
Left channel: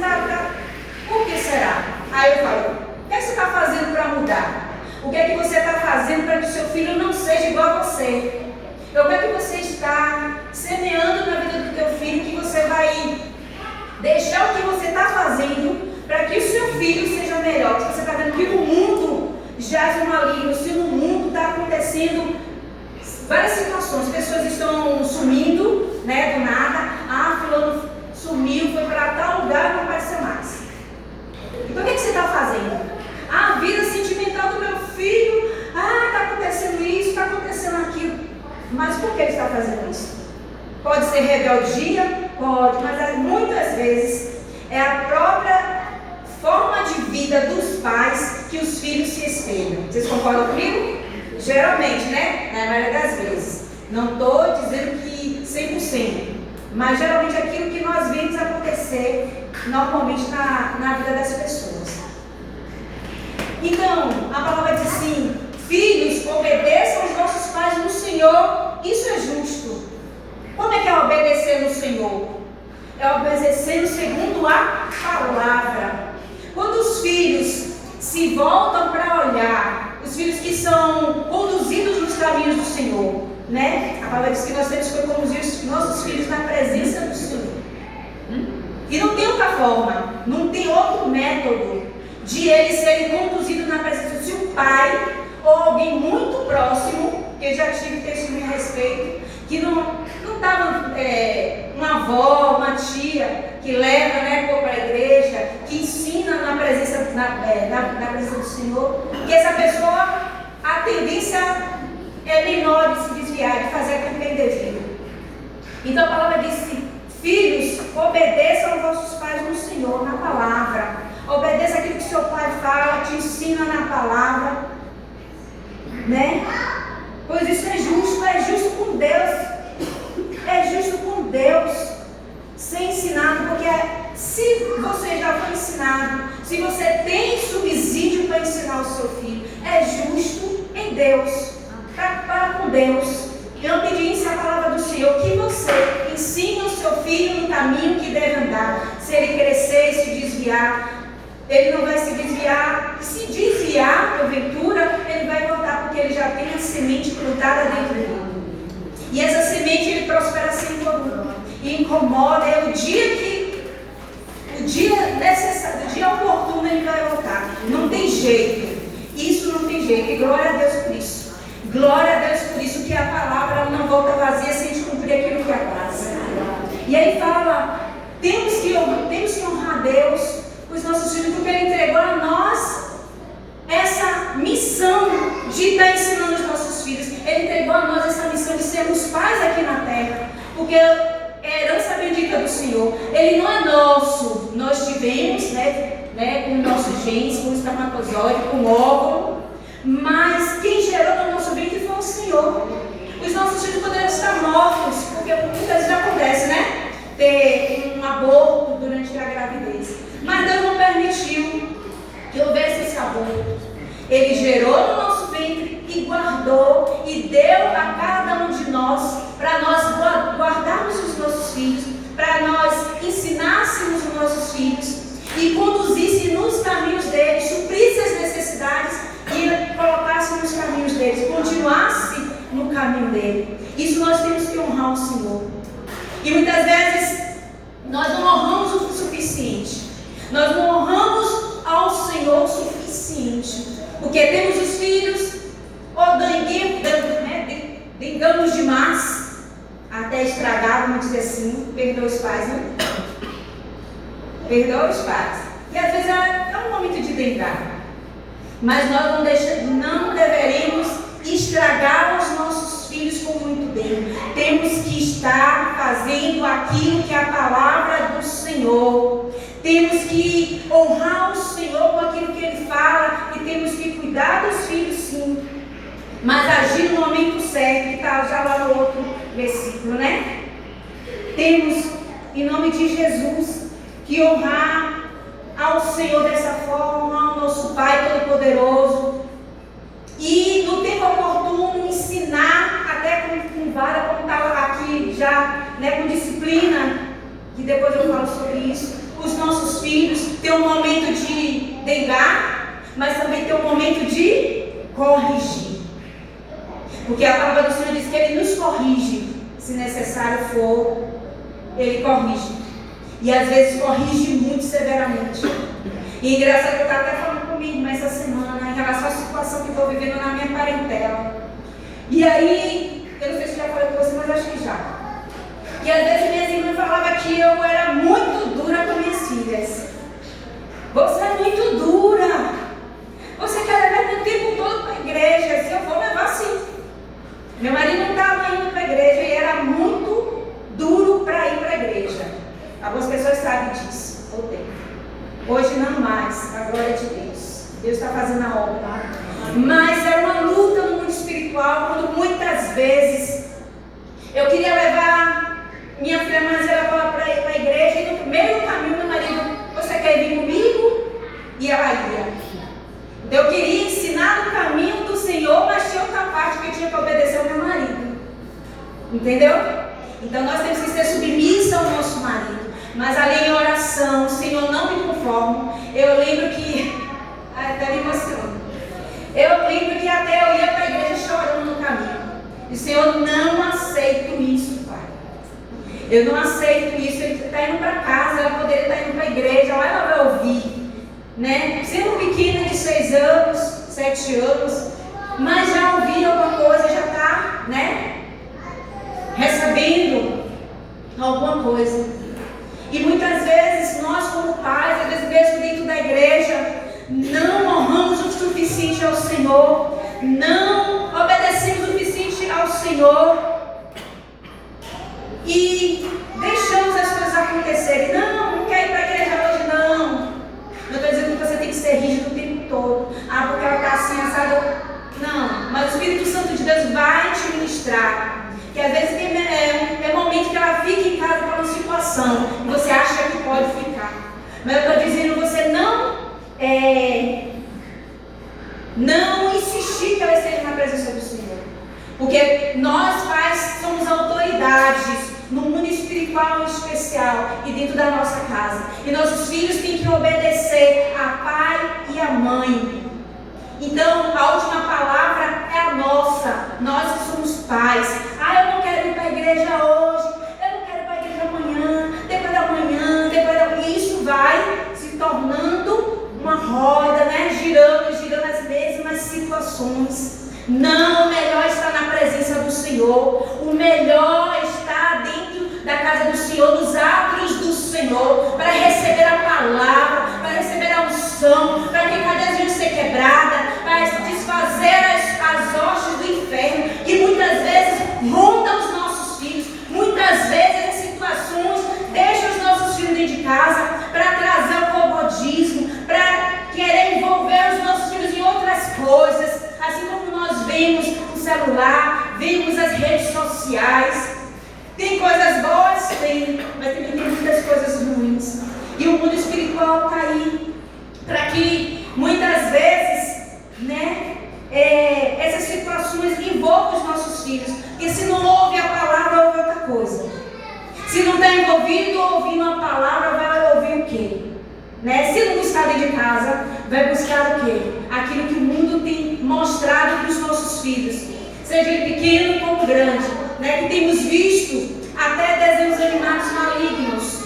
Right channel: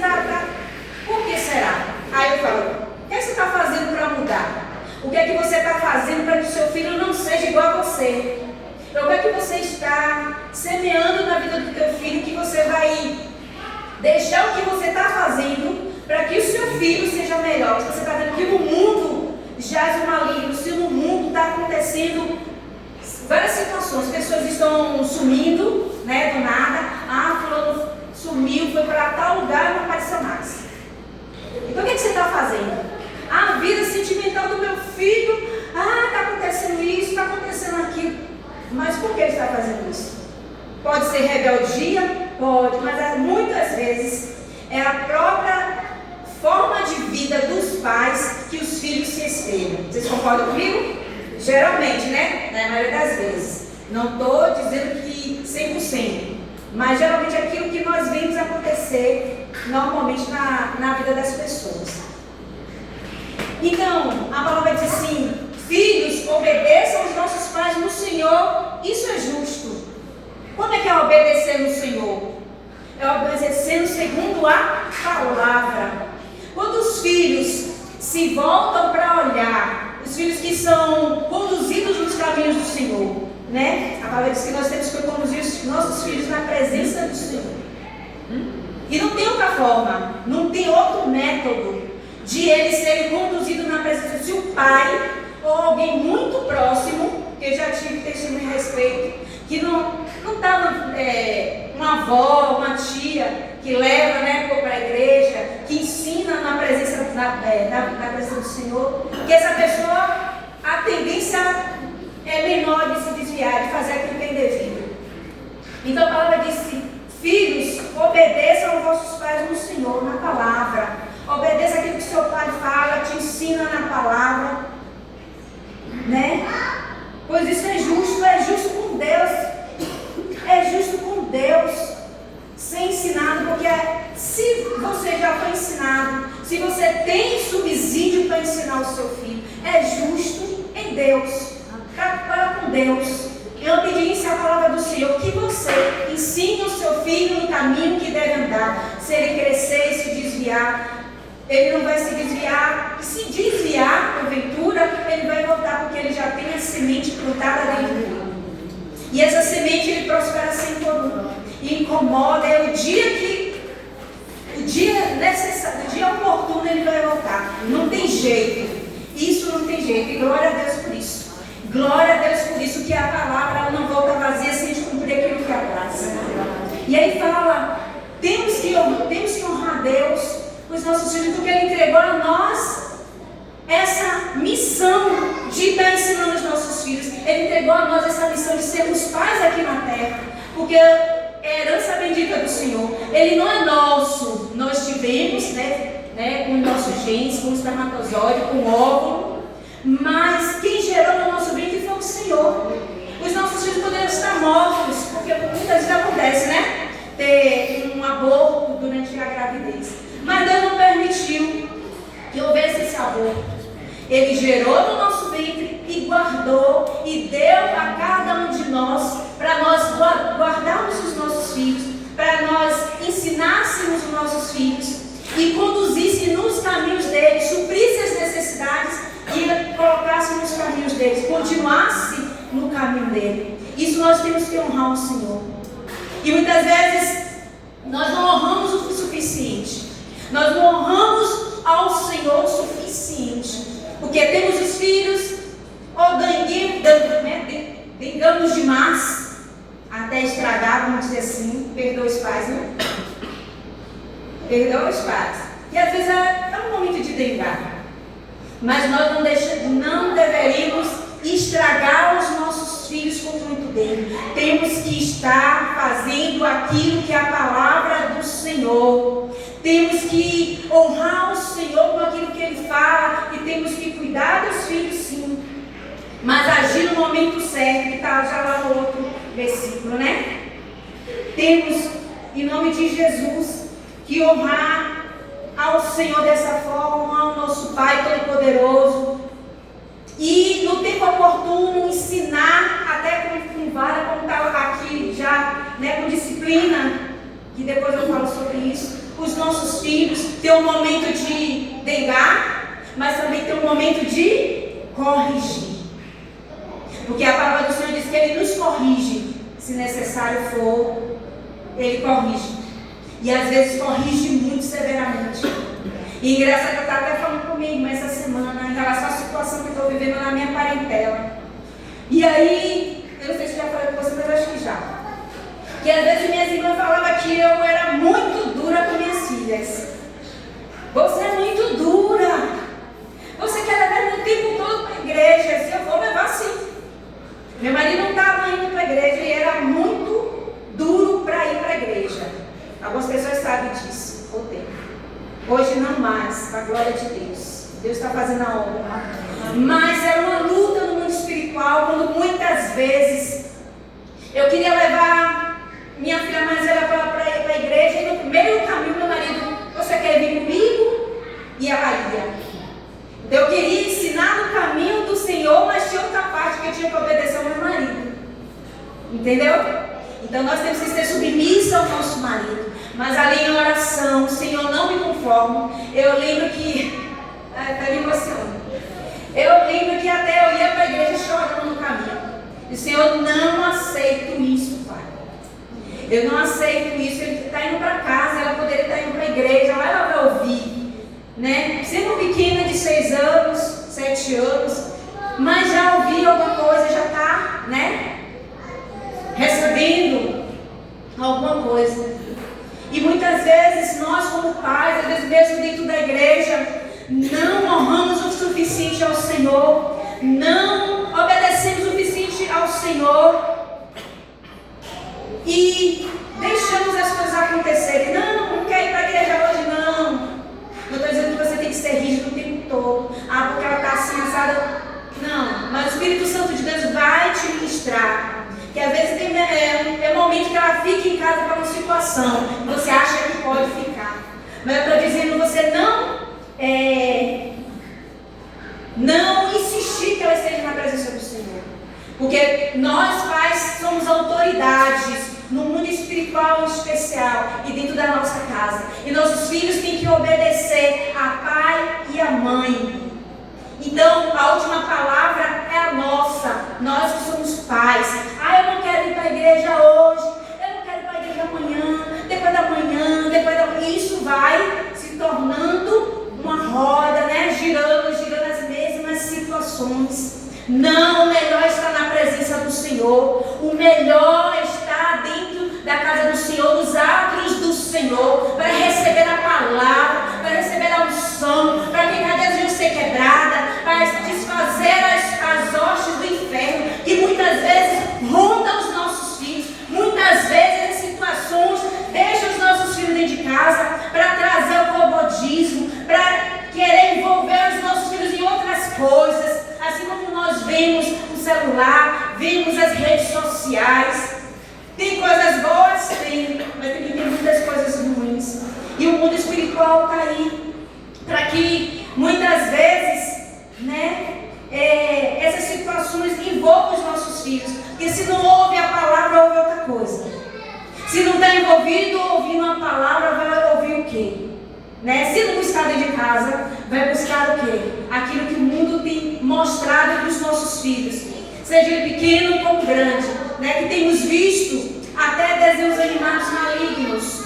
tá. Por que será? Aí eu falo, o que é que você está fazendo para mudar? O que é que você está fazendo para que o seu filho não seja igual a você? O que é que você está semeando na vida do teu filho que você vai deixar o que você está fazendo para que o seu filho seja melhor? Se você está vendo que no mundo jaz o maligno, se no mundo está acontecendo várias situações, pessoas estão sumindo, né, do nada, fulano sumiu, foi para tal lugar e não apareceu mais. Então o que é que você está fazendo? A vida sentimental do meu filho, está acontecendo isso, está acontecendo aquilo. Mas por que ele está fazendo isso? Pode ser rebeldia? Pode, mas muitas vezes é a própria forma de vida dos pais que os filhos se espelham. Vocês concordam comigo? Geralmente, né? Na maioria das vezes. Não estou dizendo que 100%, mas geralmente é aquilo que nós vemos acontecer normalmente na vida das pessoas. Então, a palavra diz assim: filhos, obedeçam os nossos pais no Senhor. Isso é justo. Como é que é obedecer no Senhor? É obedecendo segundo a palavra. Quando os filhos se voltam para olhar, os filhos que são conduzidos nos caminhos do Senhor, né? A palavra diz que nós temos que conduzir os nossos filhos na presença do Senhor. E não tem outra forma, não tem outro método de eles serem conduzidos na presença. Se o pai ou alguém muito próximo, que eu já tive testemunho a respeito, que não estava uma avó, uma tia que leva, né, para a igreja, que ensina na presença, na presença do Senhor, que essa pessoa, a tendência é menor de se desviar, de fazer aquilo que é indevido. Então a palavra diz assim: filhos, obedeçam aos vossos pais no Senhor, na palavra. Obedeça aquilo que seu pai fala, te ensina na palavra, né? Pois isso é justo com Deus. É justo com Deus ser ensinado, porque se você já foi ensinado, se você tem subsídio para ensinar o seu filho, é justo em Deus, para com Deus. Eu pedi a palavra do Senhor, que você ensine o seu filho no caminho que deve andar. Se ele crescer e se desviar, ele não vai se desviar. Se desviar, porventura, ele vai voltar, porque ele já tem a semente plantada dentro dele. E essa semente ele prospera sem comum. E incomoda, o dia necessário, o dia oportuno ele vai voltar. Não tem jeito. Isso não tem jeito. E glória a Deus por isso. Glória a Deus por isso, que a palavra não volta vazia sem te cumprir aquilo que apraz. E aí fala, temos que honrar a Deus, os nossos filhos, porque Ele entregou a nós essa missão de estar ensinando os nossos filhos. Ele entregou a nós essa missão de sermos pais aqui na terra, porque é a herança bendita do Senhor. Ele não é nosso. Nós tivemos, com nossos genes, com o espermatozoide, com o óvulo, mas quem gerou no nosso ventre foi o Senhor. Os nossos filhos poderiam estar mortos, porque muitas vezes acontece, ter um aborto durante a gravidez. Mas Deus não permitiu que houvesse esse aborto. Ele gerou no nosso ventre e guardou e deu a cada um de nós, para nós guardarmos os nossos filhos, para nós ensinássemos os nossos filhos e conduzisse nos caminhos deles, suprisse as necessidades e colocasse nos caminhos deles, continuasse no caminho dele. Isso nós temos que honrar o Senhor. E muitas vezes nós não honramos o suficiente. Nós não honramos ao Senhor o suficiente. Porque temos os filhos, ou dengamos demais, até estragar, vamos dizer assim. Perdoa os pais, né? Perdoa os pais. E às vezes é um momento de dengar. Mas nós não deveríamos estragar os nossos filhos com muito bem. Temos que estar fazendo aquilo que é a palavra do Senhor. Temos que honrar o Senhor com aquilo que Ele fala. E temos que cuidar dos filhos, sim. Mas agir no momento certo, que está já lá no outro versículo, Temos, em nome de Jesus, que honrar ao Senhor dessa forma, honrar ao nosso Pai Todo-Poderoso. E no tempo oportuno ensinar, até com vara, como estava aqui já, com disciplina, que depois eu falo sobre isso, os nossos filhos, ter um momento de dengar, mas também ter um momento de corrigir. Porque a palavra do Senhor diz que Ele nos corrige, se necessário for, Ele corrige. E às vezes corrige muito severamente. E engraçado, eu estava até falando com minha irmã essa semana em relação à situação que estou vivendo na minha parentela. E aí, eu não sei se já falei com você, mas acho que já. Que às vezes minhas irmãs falavam que eu era muito dura com minhas filhas. Você é muito dura. Você quer levar o tempo todo para a igreja. Se eu for levar, sim. Meu marido não estava indo para a igreja e era muito duro para ir para a igreja. Algumas pessoas sabem disso. Hoje não mais, a glória de Deus. Deus está fazendo a obra. Mas era uma luta no mundo espiritual, quando muitas vezes eu queria levar minha filha mais velha para a igreja, e no meio do caminho meu marido, você quer vir comigo? E ela ia. Então eu queria ensinar no caminho do Senhor, mas tinha outra parte que eu tinha que obedecer ao meu marido. Entendeu? Então nós temos que ser submissa ao nosso marido. Mas ali em oração, Senhor, não me conformo. Eu lembro que... está me emocionando. Eu lembro que até eu ia para a igreja chorando no caminho. E Senhor, não aceito isso, Pai. Eu não aceito isso. Ele está indo para casa, ela poderia estar indo para a igreja, lá ela vai ouvir. Sendo pequena de 6 anos, 7 anos, mas já ouviu alguma coisa, já está, recebendo alguma coisa. E muitas vezes nós como pais, às vezes mesmo dentro da igreja, não honramos o suficiente ao Senhor, não obedecemos o suficiente ao Senhor e deixamos as coisas acontecerem. Não quer ir para a igreja hoje, não. Eu estou dizendo que você tem que ser rígido o tempo todo. Porque ela está assim, assada. Não, mas o Espírito Santo de Deus vai te ministrar. Que às vezes tem momento que ela fica em casa para uma situação e você acha que pode ficar. Mas eu estou dizendo, você não insistir que ela esteja na presença do Senhor. Porque nós pais somos autoridades no mundo espiritual em especial e dentro da nossa casa. E nossos filhos têm que obedecer a pai e a mãe. Então, a última palavra é a nossa. Nós que somos pais. Eu não quero ir para a igreja hoje. Eu não quero ir para a igreja amanhã. Depois da manhã, isso vai se tornando uma roda, girando as mesmas situações. Não, o melhor está na presença do Senhor. O melhor está dentro da casa do Senhor, nos átrios do Senhor, para receber a palavra, para receber a unção, para que cada vez venha ser quebrada, celular, vemos as redes sociais. Tem coisas boas? Tem, mas também tem muitas coisas ruins. E o mundo espiritual está aí para que muitas vezes, né, essas situações envolvam os nossos filhos. Porque se não ouve a palavra, ouve outra coisa. Se não está envolvido ouvindo a palavra, vai ouvir o quê? Né? Se não buscar dentro de casa, vai buscar o quê? Aquilo que o mundo tem mostrado para os nossos filhos, seja ele pequeno como grande, né? Que temos visto até desenhos animados malignos.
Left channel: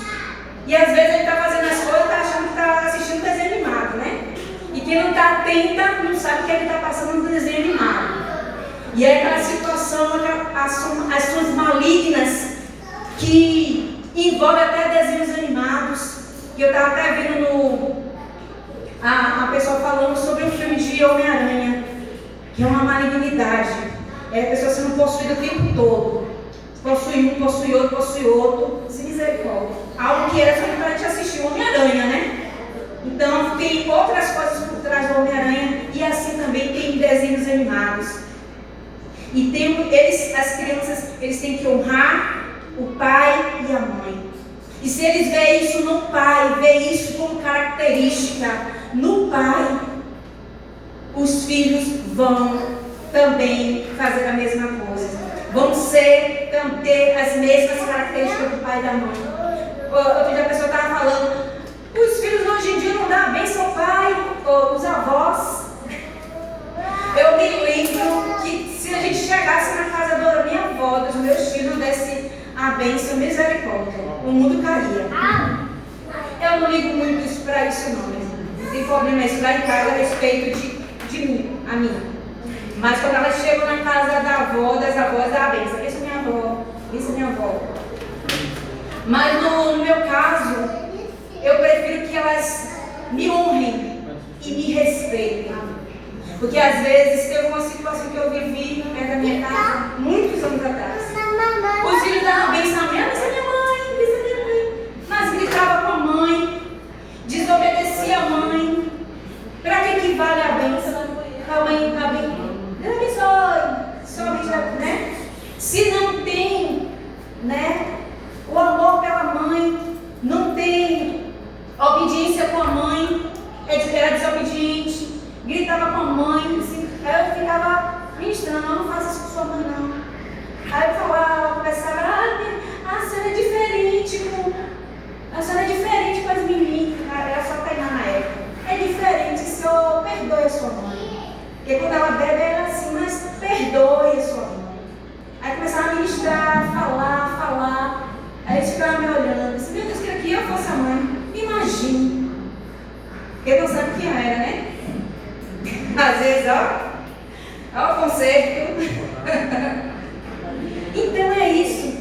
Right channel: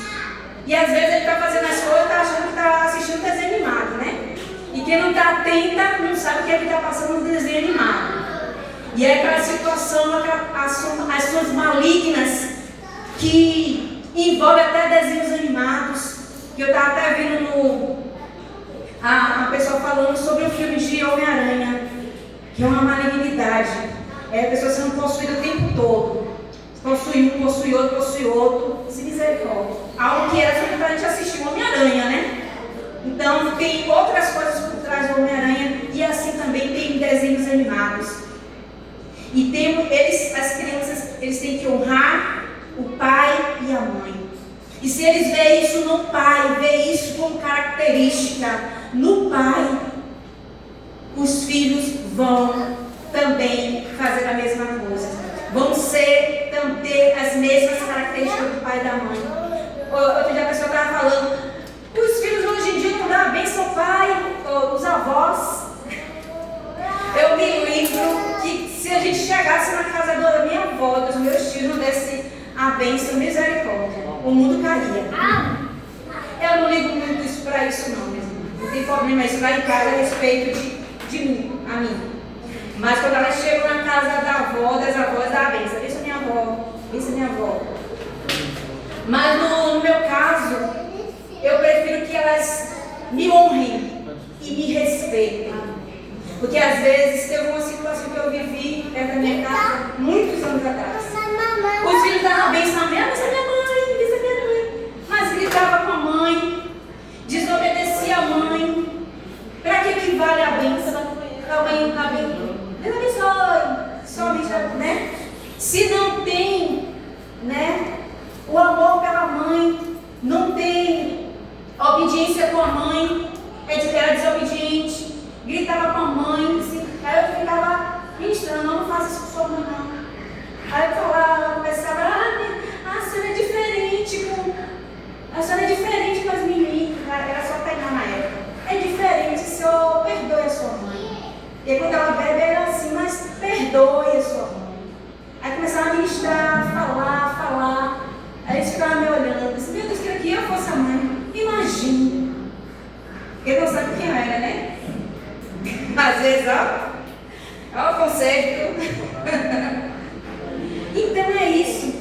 E às vezes ele está fazendo as coisas e está achando que está assistindo um desenho animado, né? E quem não está atenta não sabe o que ele está passando no desenho animado. E é aquela situação, ações malignas que envolvem até desenhos animados. Que eu estava até vendo a pessoa falando sobre o filme de Homem-Aranha, que é uma malignidade. É a pessoa sendo possuída o tempo todo. Possui um, possui outro, sem misericórdia. Algo que era só para a gente assistir o Homem-Aranha, né? Então tem outras coisas por trás do Homem-Aranha e assim também tem desenhos animados. E as crianças, eles têm que honrar o pai e a mãe. E se eles veem isso no pai, veem isso como característica no pai, os filhos vão também fazer a mesma coisa. Vão ter as mesmas características do pai e da mãe. Outro dia a pessoa estava falando, os filhos hoje em dia não dão a bênção ao pai, ou os avós. Eu me lembro que se a gente chegasse na casa da minha avó, dos meus filhos, desse a bênção, misericórdia, o mundo caía. Eu não ligo muito para isso não, né? Não tem problema isso lá em casa a respeito de mim, a mim. Mas quando elas chegam na casa da avó, das avós, dá a bênção. Bênção minha avó, bênção minha avó. Mas no meu caso, eu prefiro que elas me honrem e me respeitem. Porque às vezes teve uma situação que eu vivi perto da minha casa, muitos anos atrás. Os filhos davam bênção a minha mãe, bênção a minha mãe. Mas gritava com a mãe, desobedecia a mãe. Para que vale a bênção? A mãe está bem. Deus abençoe, somente, né? Se não tem, né, o amor pela mãe, não tem obediência com a mãe, era desobediente, gritava com a mãe, assim, aí eu ficava ministrando, não faça isso com sua mãe não. Aí eu falava, conversava, a senhora é diferente a senhora é diferente com as meninas, era só pegar na época. É diferente, senhor, perdoe a sua mãe. Porque quando ela bebe era assim, mas perdoe a sua mãe. Aí começava a ministrar, falar. Aí eles ficavam me olhando, disse, meu Deus, que aqui eu fosse a mãe. Imagine. Porque não sabe quem era, né? Às vezes, ó o conceito. Então é isso.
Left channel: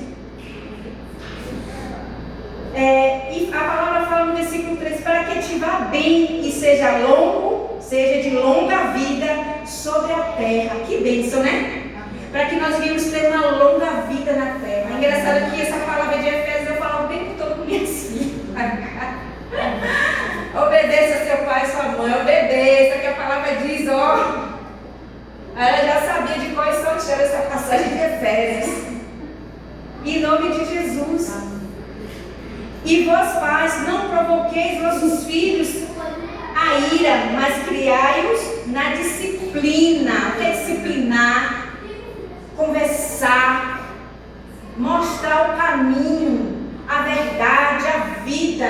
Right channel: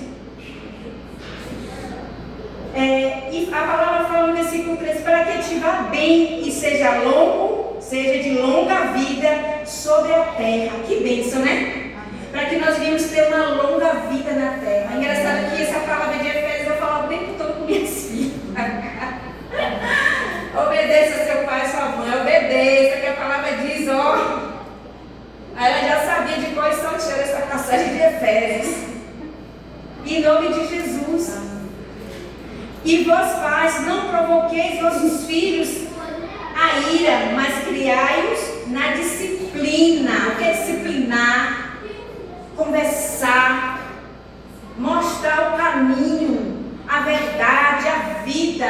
E a palavra fala no versículo 3, para que te vá bem e seja de longa vida sobre a terra. Que bênção, né? Para que nós venhamos ter uma longa vida na terra. É engraçado que essa palavra de Efésios eu falo o tempo todo com minhas filhas. Obedeça seu pai e sua mãe, obedeça, que a palavra diz, ó. Ela já sabia de qual sorte era essa passagem de Efésios. Em nome de Jesus. E vós, pais, não provoqueis vossos filhos a ira, mas criai-os na disciplina. O que é disciplinar? Conversar, mostrar o caminho, a verdade, a vida,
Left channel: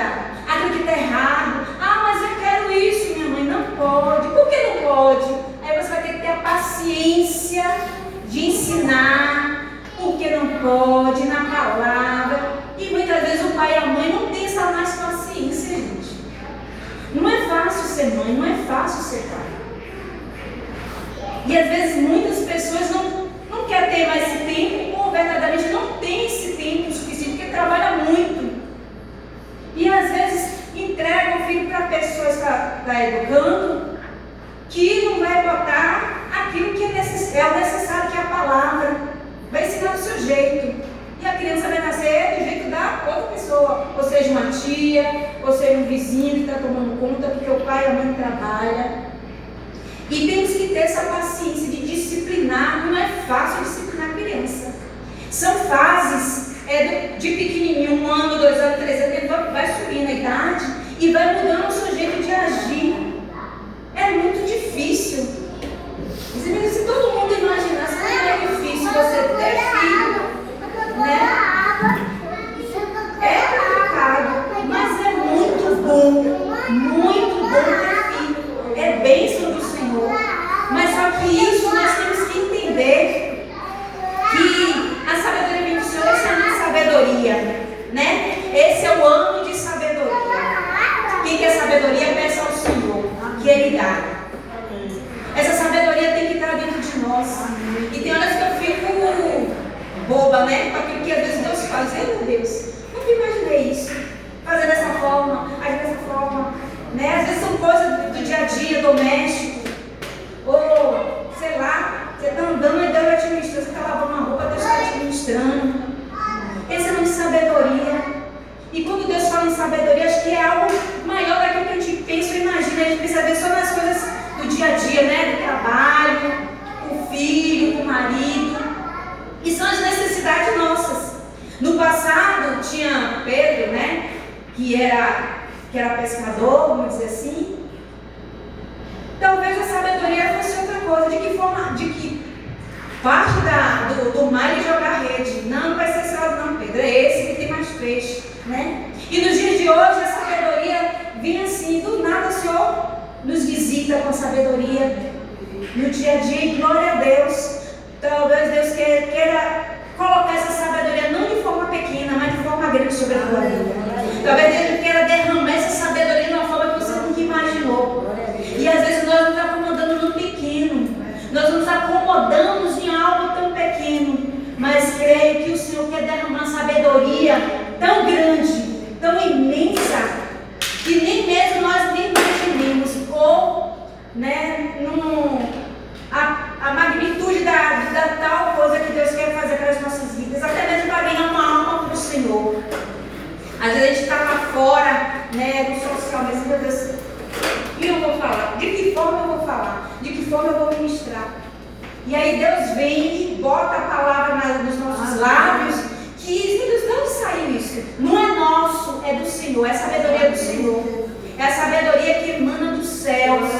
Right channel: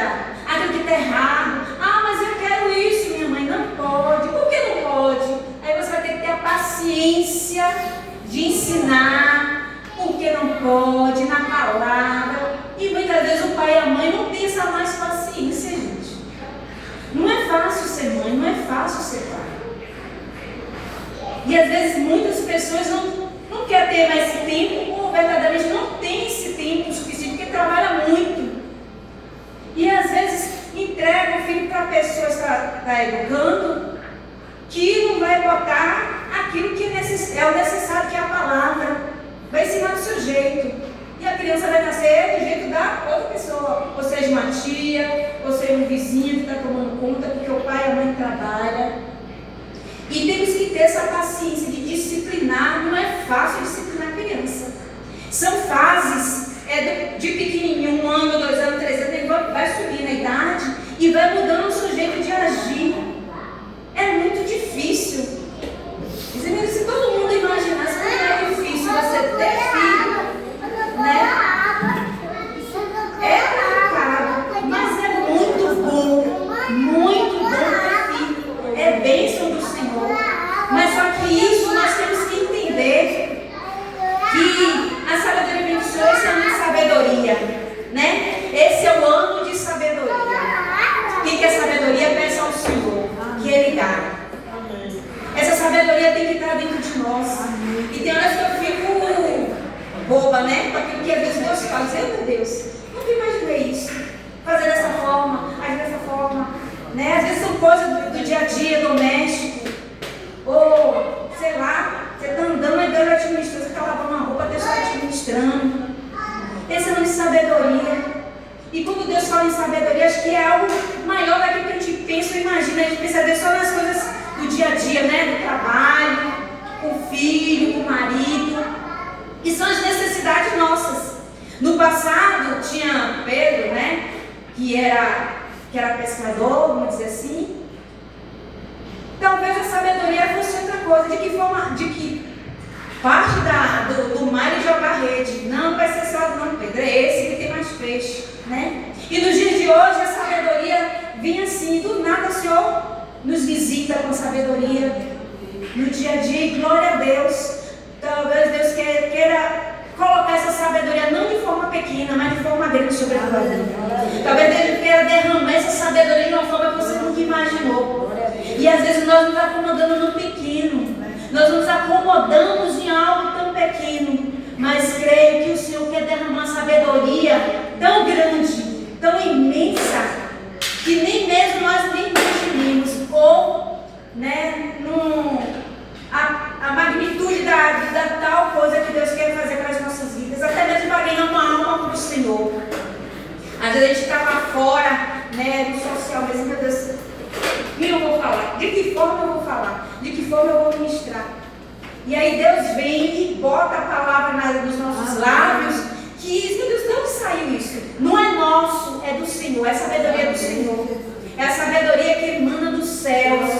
aquilo que está errado. Mas eu quero isso, minha mãe. Não pode. Por que não pode? Aí você vai ter que ter a paciência de ensinar o que não pode na palavra. E muitas vezes o pai e a mãe não têm essa mais paciência, gente. Não é fácil ser mãe, não é fácil ser pai. E às vezes muitas pessoas não querem ter mais esse tempo, ou verdadeiramente não tem esse tempo suficiente, porque trabalha muito. E às vezes entrega o filho para a pessoa que está educando, que não vai botar aquilo que é o necessário, que é a palavra. Vai ensinar do seu jeito. E a criança vai nascer do jeito da outra pessoa. Ou seja, uma tia, ou seja, um vizinho que está tomando conta, porque o pai e a mãe trabalham. E temos que ter essa paciência de disciplinar, não é boba, né? Com aquilo que às vezes Deus faz. Meu Deus, nunca imaginei isso. Fazer dessa forma, agir dessa forma. Né? Às vezes são coisas do dia a dia, doméstico. Ou, sei lá, você está andando e Deus já te ministrou. Você está lavando uma roupa, Deus está te ministrando. Esse é o nome de sabedoria. E quando Deus fala em sabedoria, acho que é algo maior daquilo que a gente pensa e imagina. A gente pensa ver só nas coisas do dia a dia, né? Do trabalho, com o filho, com o marido. E são as necessidades nossas. No passado tinha Pedro, né? Que era pescador, vamos dizer assim. Talvez a sabedoria fosse outra coisa. De que forma? De que parte do mar e jogar rede. Não vai ser esse lado não, Pedro. É esse que tem mais peixe, né? E nos dias de hoje a sabedoria vem assim. Do nada o Senhor nos visita com sabedoria no dia a dia. E glória a Deus. Talvez Deus queira colocar essa sabedoria não de forma pequena, mas de forma grande sobre a tua vida. Talvez Ele queira derramar essa sabedoria de uma forma que você nunca imaginou. E às vezes nós nos acomodamos no pequeno. Nós nos acomodamos em algo tão pequeno. Mas creio que o Senhor quer derramar uma sabedoria tão grande, tão imensa, que nem mesmo nós nem imaginemos. Ou, né, a magnitude da tal coisa que Deus quer fazer para as nossas vidas. Até mesmo para ganhar uma alma para o Senhor. Às vezes a gente está lá fora, né, no social, mas meu Deus, o que eu vou falar? De que forma eu vou falar? De que forma eu vou ministrar? E aí Deus vem e bota a palavra nos nossos lábios, que, meu Deus, de onde saiu isso? Não é nosso, é do Senhor, é a sabedoria do Senhor. É a sabedoria que emana dos céus.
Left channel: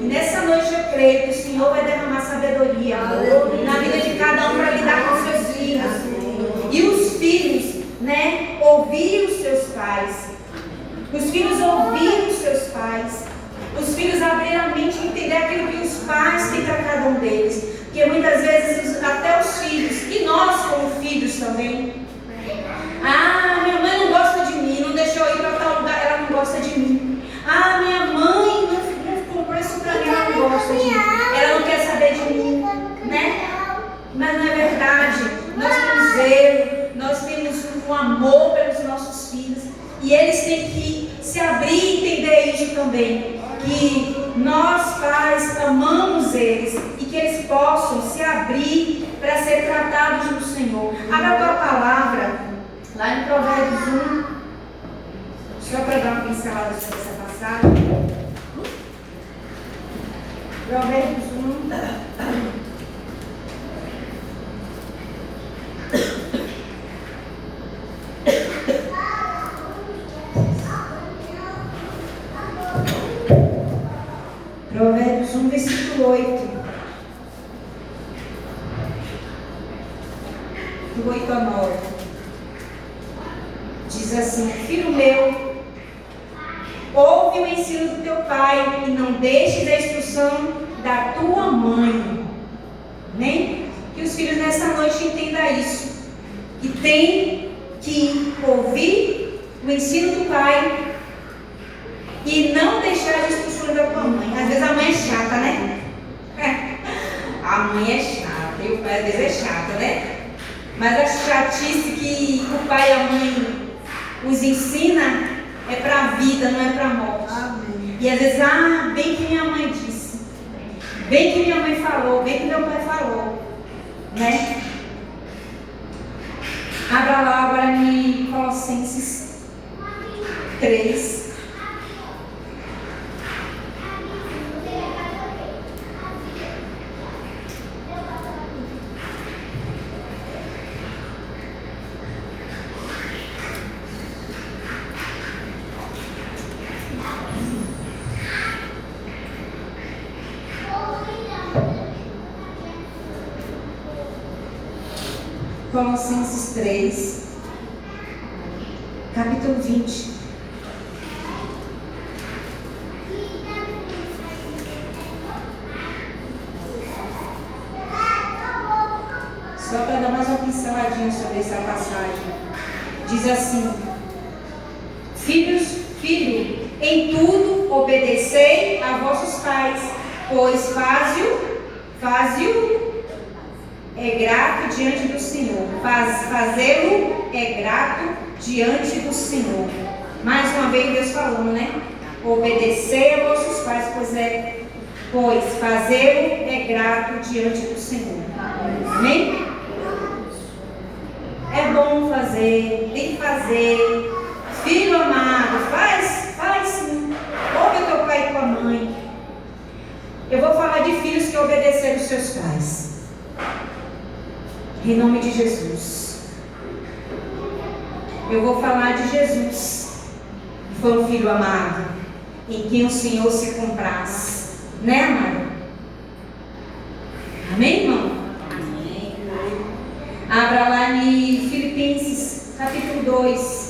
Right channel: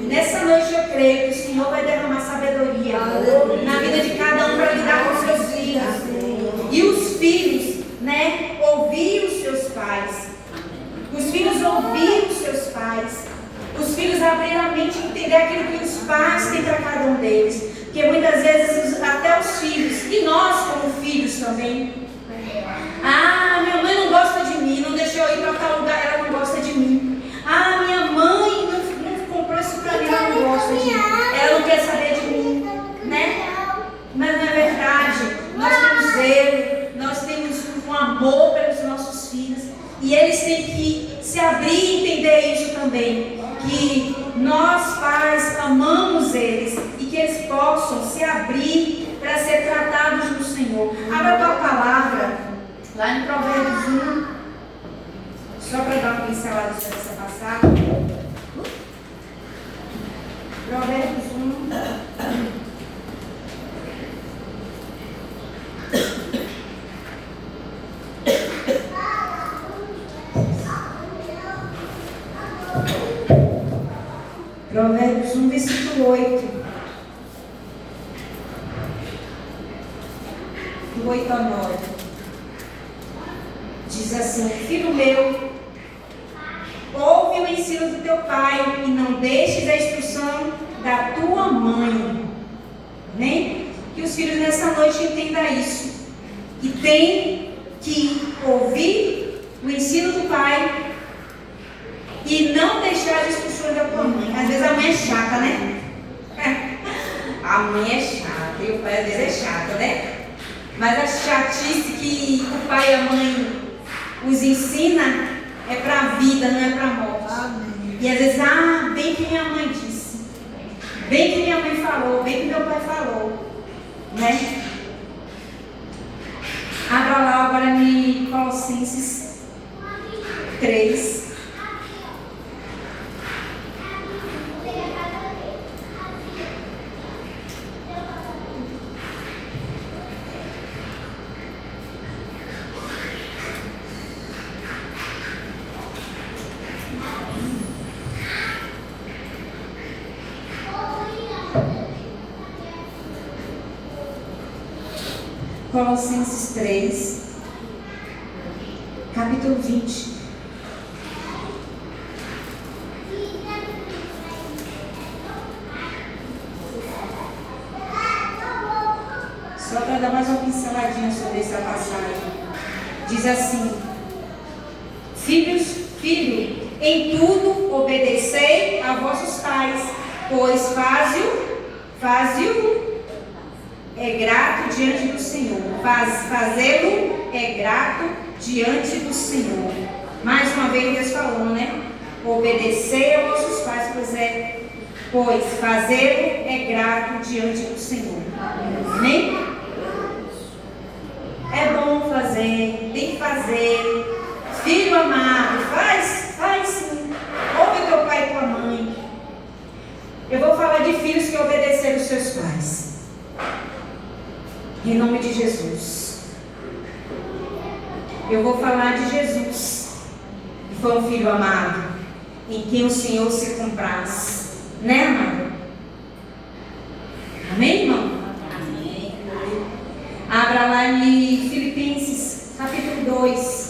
E nessa noite eu creio que o Senhor vai derramar sabedoria na vida de cada um para lidar com seus filhos. E os filhos, né, ouvir os seus pais. Os filhos ouvir os seus pais. Os filhos abrir a mente e entender aquilo que os pais têm para cada um deles. Porque muitas vezes até os filhos, e nós como filhos também. Ah, minha mãe não gosta de mim, não deixou eu ir para tal lugar, ela não gosta de mim. Ah, minha mãe não comprou isso para mim, ela não gosta de mim. Ela não quer saber de mim, né? Mas não é verdade. Nós temos zelo, nós temos um amor pelos nossos filhos. E eles têm que se abrir e entender isso também. Que nós pais amamos eles e que eles possam se abrir para ser tratados no Senhor. Abra a tua palavra lá em Provérbios 1, só para dar uma pincelada sobre essa passagem. Provérbios 1. Provérbios 1, versículo 8. Do 8 a 9. Diz assim: Filho meu, ouve o ensino do teu pai e não deixes a instrução da tua mãe. Amém? Que os filhos nessa noite entendam isso. Que tem que ouvir o ensino do pai e não deixar a instrução da tua mãe. Às vezes a mãe é chata, né? A mãe é chata e o pai às vezes é chato, né? Mas a chatice que o pai e a mãe os ensina é para a vida, não é para a morte. Amém. E às vezes, bem que minha mãe disse, bem que minha mãe falou, bem que meu pai falou, né? Abra lá agora em Colossenses 3. Colossenses 3, capítulo 20. Só para dar mais uma pinceladinha sobre essa passagem. Diz assim: filho, em tudo obedecei a vossos pais, pois faz-o é grato diante do Senhor. Fazê-lo é grato diante do Senhor. Mais uma vez Deus falando, né? Obedecer a vossos pais, pois fazê-lo é grato diante do Senhor. Amém? É bom fazer, tem que fazer. Filho amado, faz sim. Ouve teu pai e tua mãe. Eu vou falar de filhos que obedeceram os seus pais. Em nome de Jesus. Eu vou falar de Jesus, que foi um filho amado, em quem o Senhor se compraz. Né, amado? Amém, irmão? Amém. Abra lá em Filipenses, capítulo 2.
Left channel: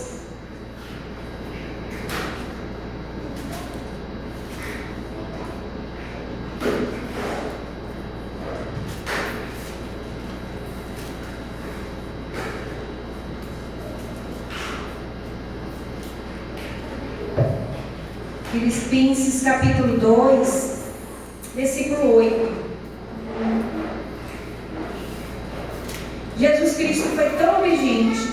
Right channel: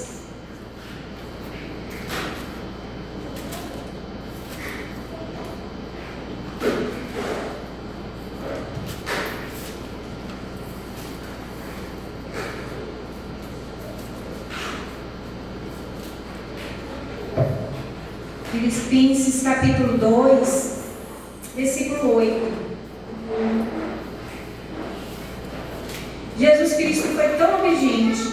Filipenses capítulo 2, versículo 8. Jesus Cristo foi tão obediente,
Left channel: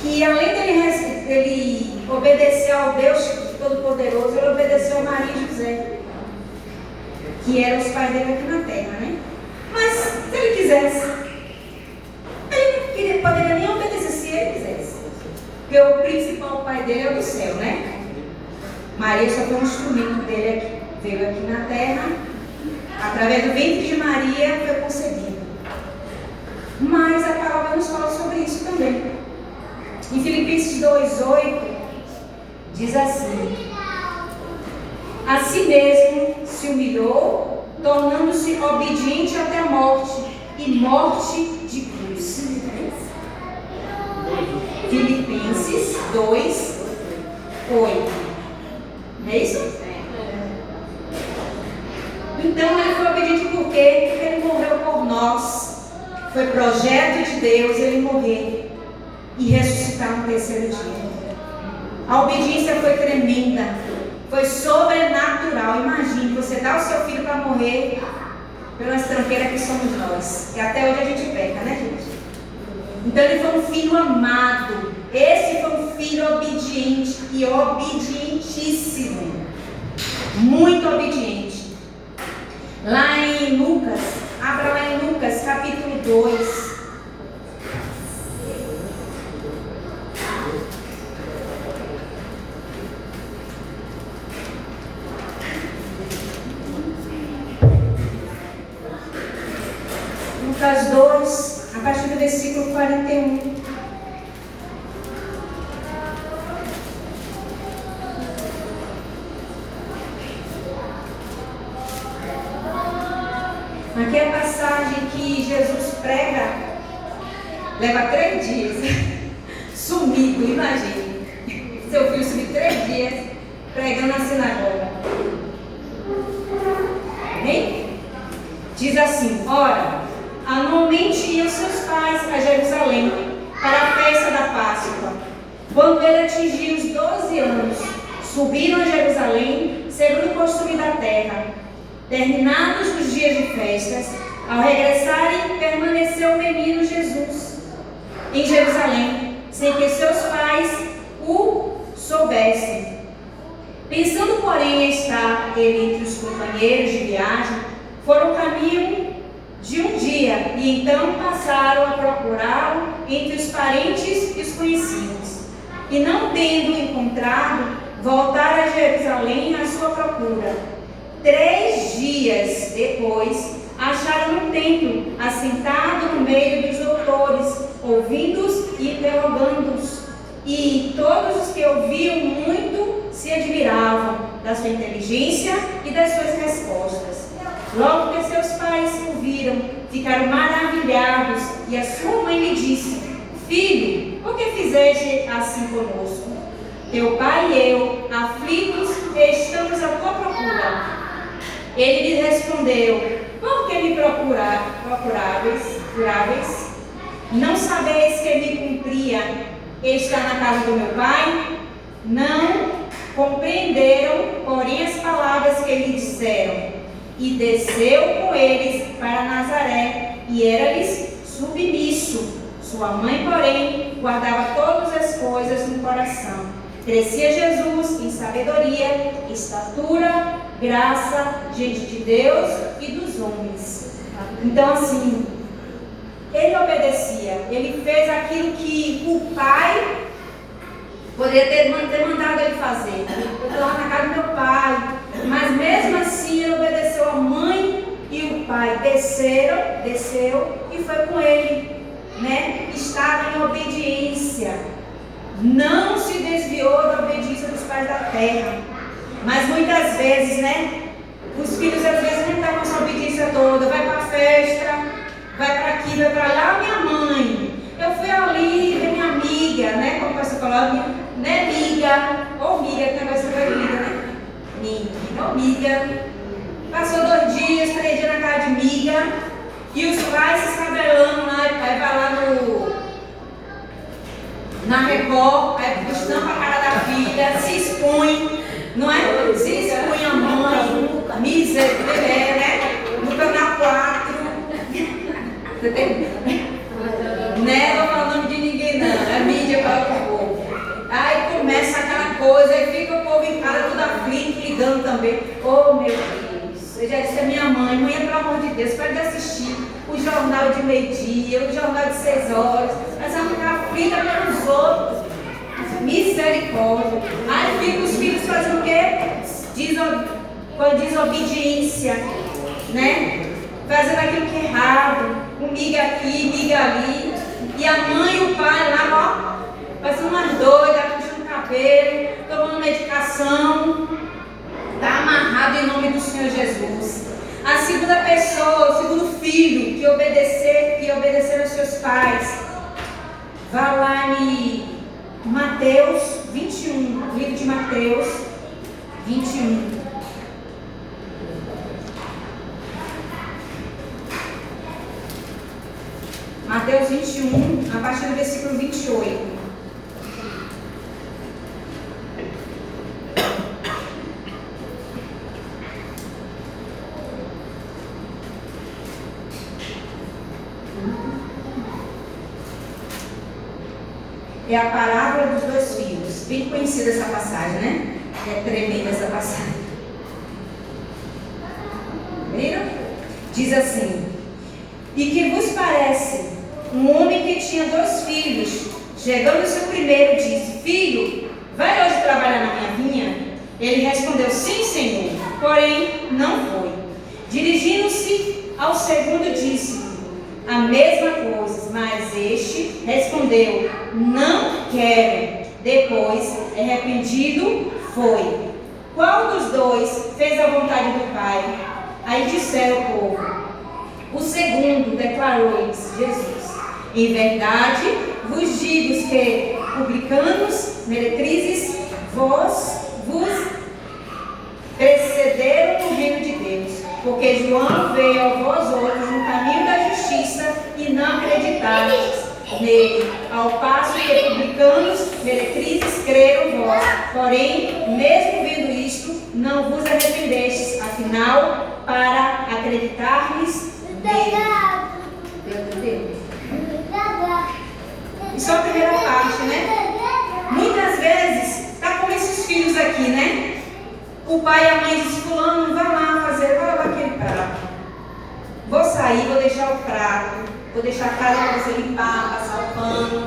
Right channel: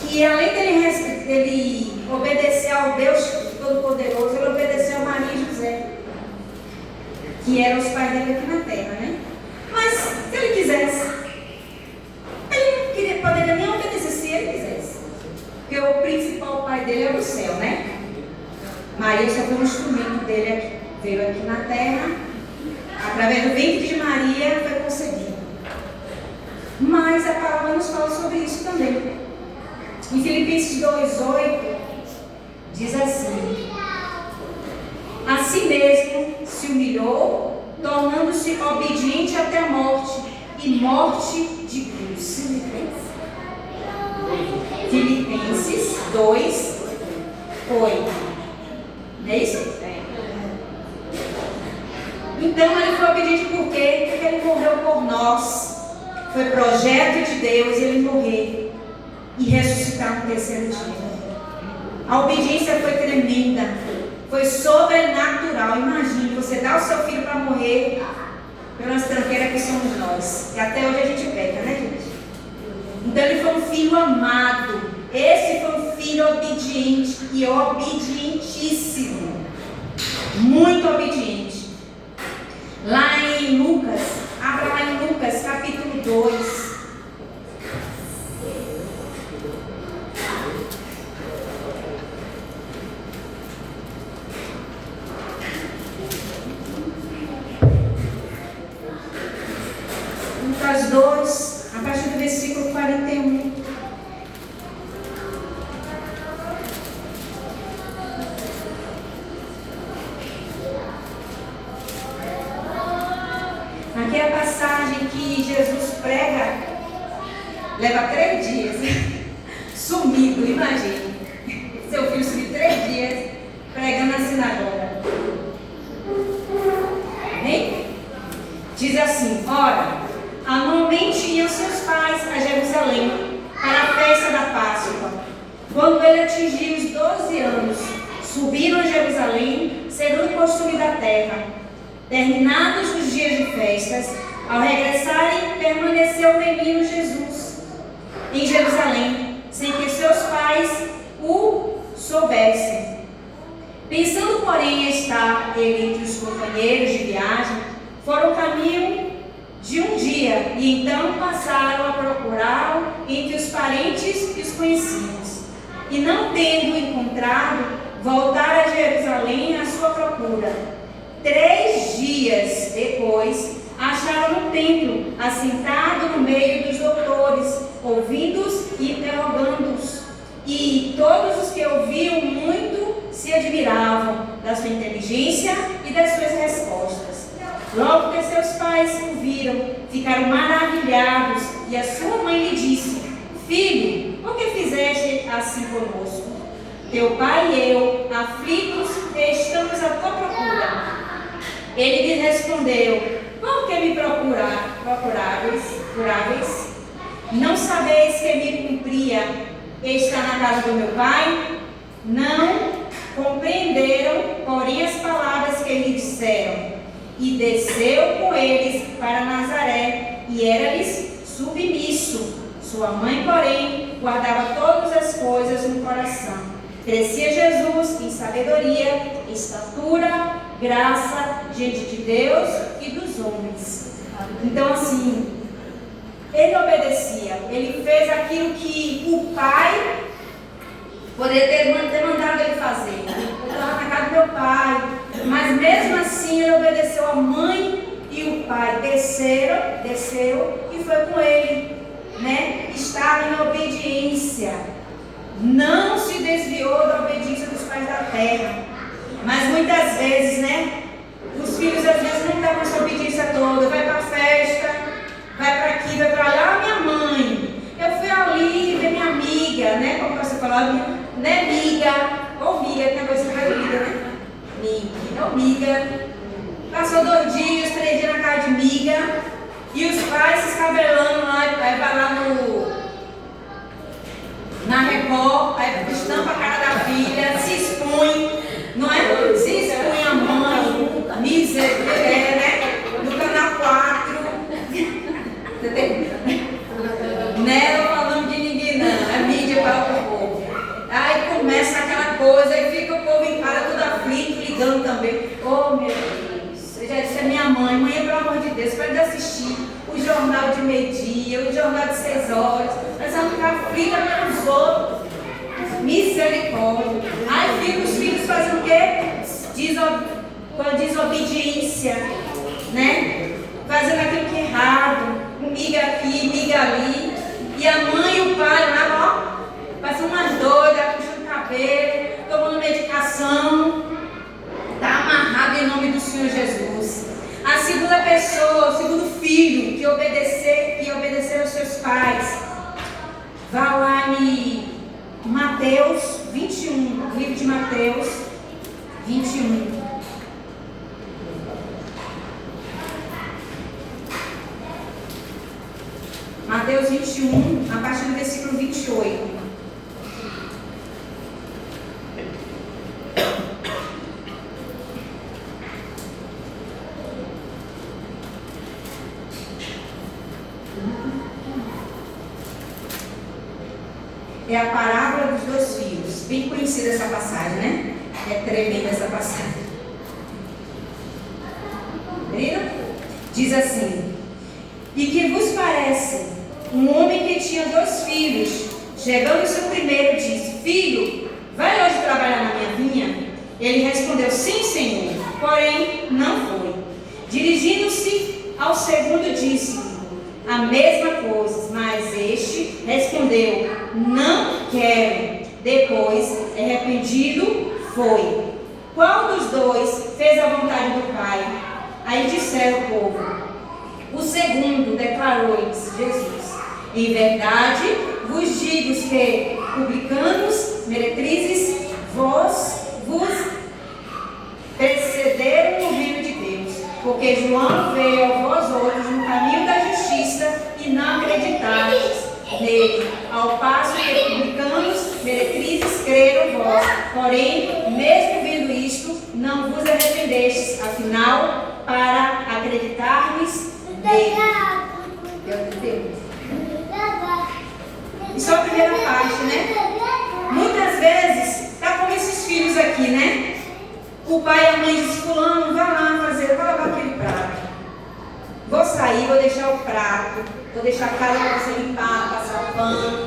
que além dele obedecer ao Deus Todo-Poderoso, ele obedeceu a Maria e José, que eram os pais dele aqui na terra, né? Mas se ele quisesse, ele poderia nem obedecer se ele quisesse. Porque o principal pai dele é do céu, né? Maria só foi um instrumento dele aqui. Veio aqui na terra, através do ventre de Maria foi concebido. Mas a palavra nos fala sobre isso também. Em Filipenses 2:8 diz assim: assim mesmo se humilhou, tornando-se obediente até a morte, e morte de cruz. Filipenses 2:8. Não é isso? Então ele foi obediente por quê? Porque ele morreu por nós. Foi projeto de Deus ele morrer e ressuscitar no terceiro dia. A obediência foi tremenda, foi sobrenatural. Imagine, você dá o seu filho para morrer pelas tranqueiras que somos nós. E até hoje a gente peca, né, gente? Então ele foi um filho amado. Esse foi um filho obediente e obedientíssimo. Muito obediente. Lá em Lucas, abra lá em Lucas capítulo 2. Lucas 2, a partir do versículo 41. Aqui é a passagem que Jesus prega, leva 3 dias, sumido, imagine. Seu filho sumiu 3 dias, pregando na sinagoga. Amém? Diz assim: ora, anualmente iam seus pais a Jerusalém para a festa da Páscoa. Quando ele atingiu os 12 anos, subiram a Jerusalém, segundo o costume da terra. Terminados os dias de festas, ao regressarem, permaneceu o menino Jesus em Jerusalém, sem que seus pais o soubessem. Pensando, porém, em estar ele entre os companheiros de viagem, foram caminho de um dia, e então passaram a procurá-lo entre os parentes e os conhecidos. E não tendo encontrado, voltaram a Jerusalém à sua procura. 3 dias depois, acharam no templo, assentado no meio dos doutores, ouvindo-os e interrogando-os. E todos os que ouviam muito se admiravam da sua inteligência e das suas respostas. Logo que seus pais o viram, ficaram maravilhados, e a sua mãe lhe disse: filho, por que fizeste assim conosco? Teu pai e eu, aflitos, estamos à tua procura. Ele lhe respondeu: por que me procuráveis? Não sabeis que me cumpria estar na casa do meu pai? Não compreenderam, porém, as palavras que lhe disseram. e desceu com eles para Nazaré, e era-lhes submisso. Sua mãe, porém, guardava todas as coisas no coração. Crescia Jesus em sabedoria, estatura, graça diante de Deus e dos homens. Então, assim, ele obedecia, ele fez aquilo que o pai poderia ter mandado ele fazer. Eu estava na casa do meu pai, mas mesmo assim ele obedeceu a mãe e o pai. Desceu e foi com ele, né? Estava em obediência, não se desviou da obediência dos pais da terra. Mas muitas vezes, né? Os filhos às vezes não estão com essa obediência toda. Vai para a festa, vai para aqui, vai para lá. Minha mãe, eu fui ali ver minha amiga, né? Como você falou, né? Miga, ou miga, que negócio de miga, né? Miga, ou miga. Passou 2 dias, 3 dias na casa de miga. E os pais se escabelando lá, aí vai lá na Record, aí estampa a cara da filha, se expõe, não é? Se expõe a mãe, misericórdia, né? No canal 4. Você tem? Não é falando de ninguém, não, é mídia para o povo. Aí começa aquela coisa, aí fica o povo em casa tudo aflito, ligando também. Oh, meu Deus, eu já disse a minha mãe, pelo amor de Deus, para de assistir o jornal de meio-dia, o jornal de 6 horas, nós vamos ficar aflitos pelos outros. Misericórdia. Aí fica os filhos fazendo o quê? Com a desobediência, né? Fazendo aquilo que é errado, miga aqui, miga ali. E a mãe e o pai lá, ó, fazendo umas doidas, puxando o cabelo, tomando medicação. Está amarrado em nome do Senhor Jesus. A segunda pessoa, o segundo filho que obedeceram aos seus pais. Vá lá em Mateus 21, livro de Mateus 21. Mateus 21, a partir do versículo 28. É a parábola dos 2 filhos. Bem conhecida essa passagem, né? É tremenda essa passagem. Viram? Diz assim: e que vos parece? Um homem que tinha 2 filhos, chegando o seu primeiro, disse: filho, vai hoje trabalhar na minha vinha? Ele respondeu: sim, senhor. Porém, não foi. Dirigindo-se ao segundo, disse a mesma coisa, mas este respondeu: não quero. Depois, arrependido, foi. Qual dos 2 fez a vontade do Pai? Aí disseram o povo. O segundo, declarou-lhes Jesus: em verdade vos digo que publicanos, meretrizes, vos precederam no reino de Deus, porque João veio a vós outros no caminho da justiça e não acreditastes nele, ao passo que publicanos, meretrizes creram vós. Porém, mesmo vendo isto, não vos arrependestes, afinal, para acreditar-lhes nele. Deus entendeu? Isso é a primeira parte, né? Muitas vezes, está como esses filhos aqui, né? O pai e a mãe dizem: fulano, vai lá fazer, vai lavar aquele prato. Vou sair, vou deixar o prato, vou deixar a casa para você limpar, passar pano,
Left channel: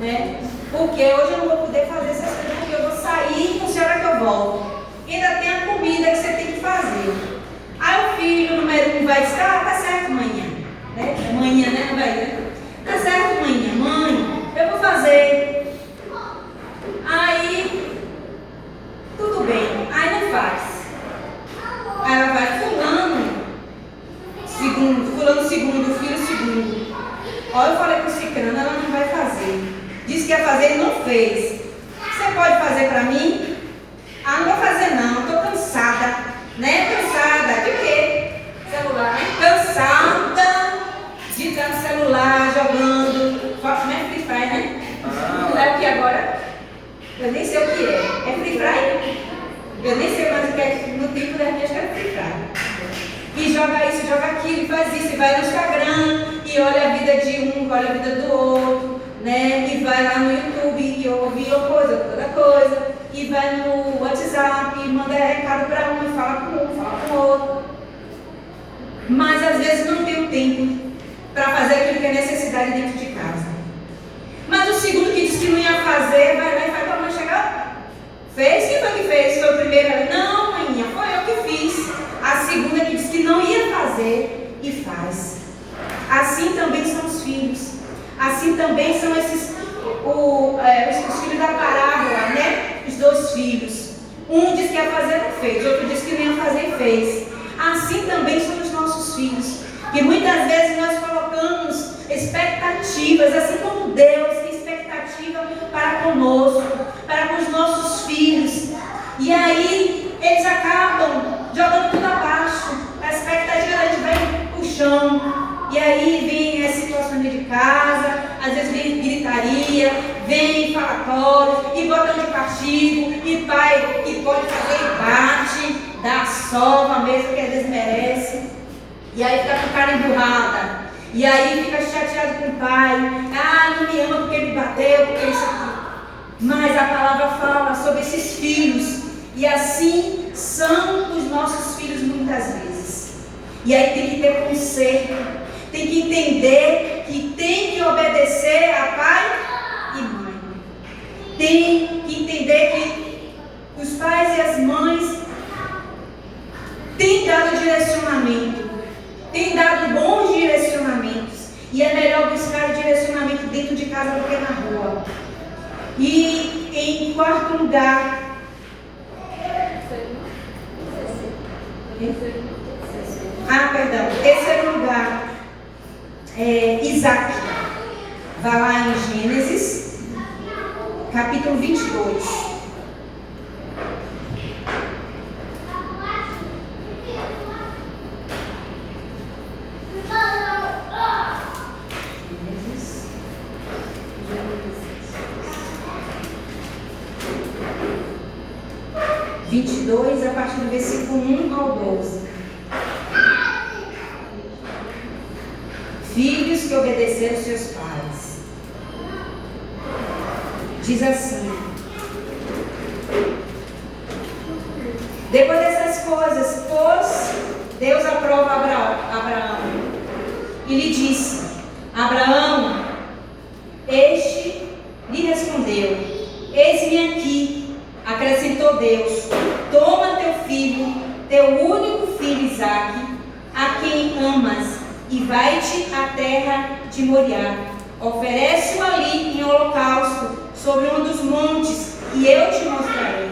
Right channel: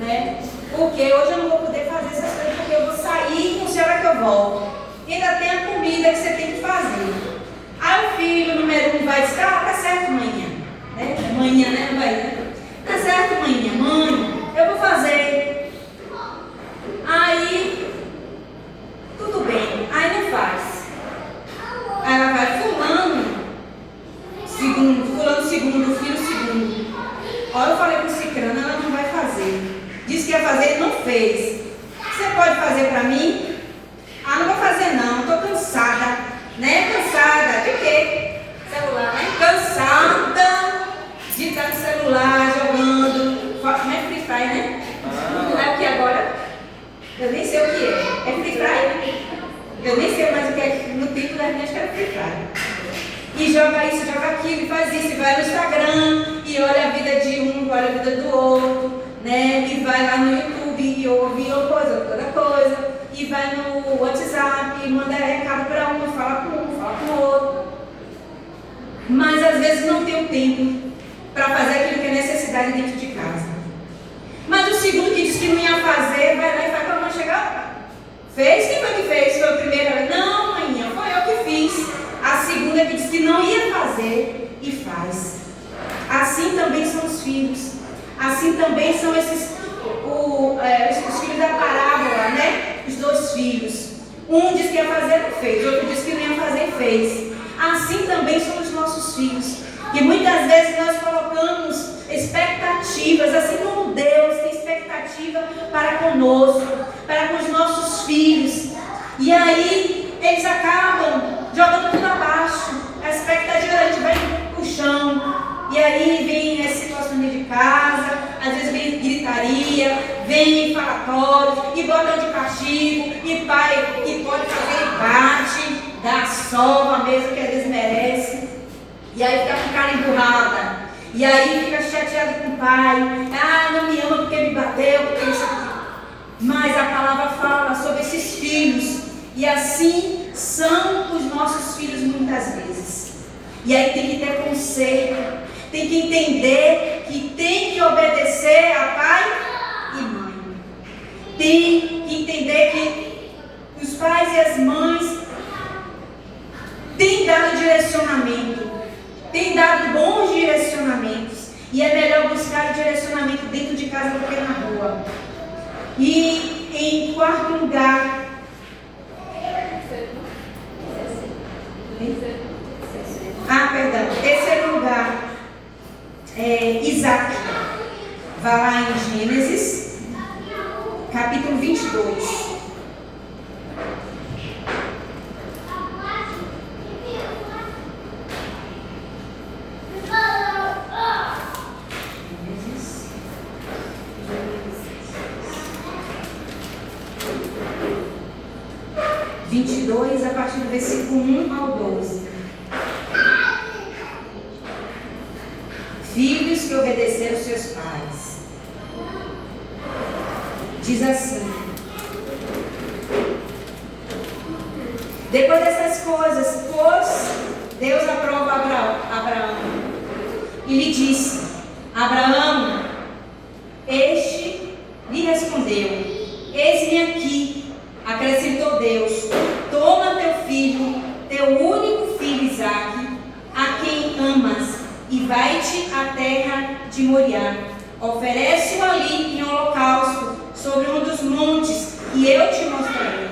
né? Porque hoje eu não vou poder fazer essas coisas, porque eu vou sair e não sei a hora que eu volto. E ainda tem a comida que você tem que fazer. Aí o filho número 1 vai dizer: ah, tá certo, manhã. Né? Manhã, né? Não vai, né? Tá certo, mãe, eu vou fazer. Aí, tudo bem, aí não faz. Aí ela vai: fulano segundo, filho segundo. Olha, eu falei com o cicrano, ela não vai fazer. Disse que ia fazer e não fez. Você pode fazer pra mim? Ah, não vou fazer não, tô cansada. Né? Cansada, de quê? Celular, né? Cansada de estar no celular, jogando. Né? Free Fire, né? É o que agora? Eu nem sei o que é. É Free Fire? Eu nem sei mais o que é. No tempo da gente era Free Fire. joga isso, joga aquilo, e faz isso, e vai no Instagram, e olha a vida de um, olha a vida do outro, né? E vai lá no YouTube e ouve outra coisa, e vai no WhatsApp e manda recado para um, e fala com um, fala com o outro. Mas às vezes não tem o tempo para fazer aquilo que é necessidade dentro de casa. Mas o segundo que disse que não ia fazer, vai lá e faz para a mãe chegar. Fez? Quem foi que fez? Foi o primeiro? Não, maninha, foi eu que fiz. A segunda que disse que não ia fazer e faz. Assim também são os filhos. Assim também são os filhos da parábola, né? Os dois filhos. Um disse que ia fazer e fez. Outro disse que não ia fazer e fez. Assim também são os nossos filhos. E muitas vezes nós colocamos expectativas, assim como Deus tem expectativa para conosco, para com os nossos filhos. E aí eles acabam jogando tudo abaixo. A expectativa da gente vai pro chão. E aí vem as situações de casa, às vezes vem gritaria, vem falatório, e bota de castigo, e pai, e pode fazer e bate, dá sova mesmo que às vezes merece. E aí fica com cara emburrada. E aí fica chateado com o pai. Ah, não me ama porque me bateu, porque isso aqui. Mas a palavra fala sobre esses filhos. E assim são os nossos filhos muitas vezes. E aí tem que ter conceito. Tem que entender que tem que obedecer a pai e mãe. Tem que entender que os pais e as mães têm dado direcionamento. Tem dado bons direcionamentos. E é melhor buscar direcionamento dentro de casa do que na rua. E em quarto lugar, terceiro lugar, Isaac. Vai lá em Gênesis, capítulo 22. A partir do versículo 1 ao 12. Filhos que obedeceram seus pais. Diz assim: depois dessas coisas, pois Deus aprova Abraão e lhe disse: Abraão, este lhe respondeu: eis-me aqui. Acrescentou Deus: toma teu filho, teu único filho Isaque, a quem amas, e vai-te à terra de Moriá. Oferece-o ali em holocausto, sobre um dos montes, e eu te mostrarei.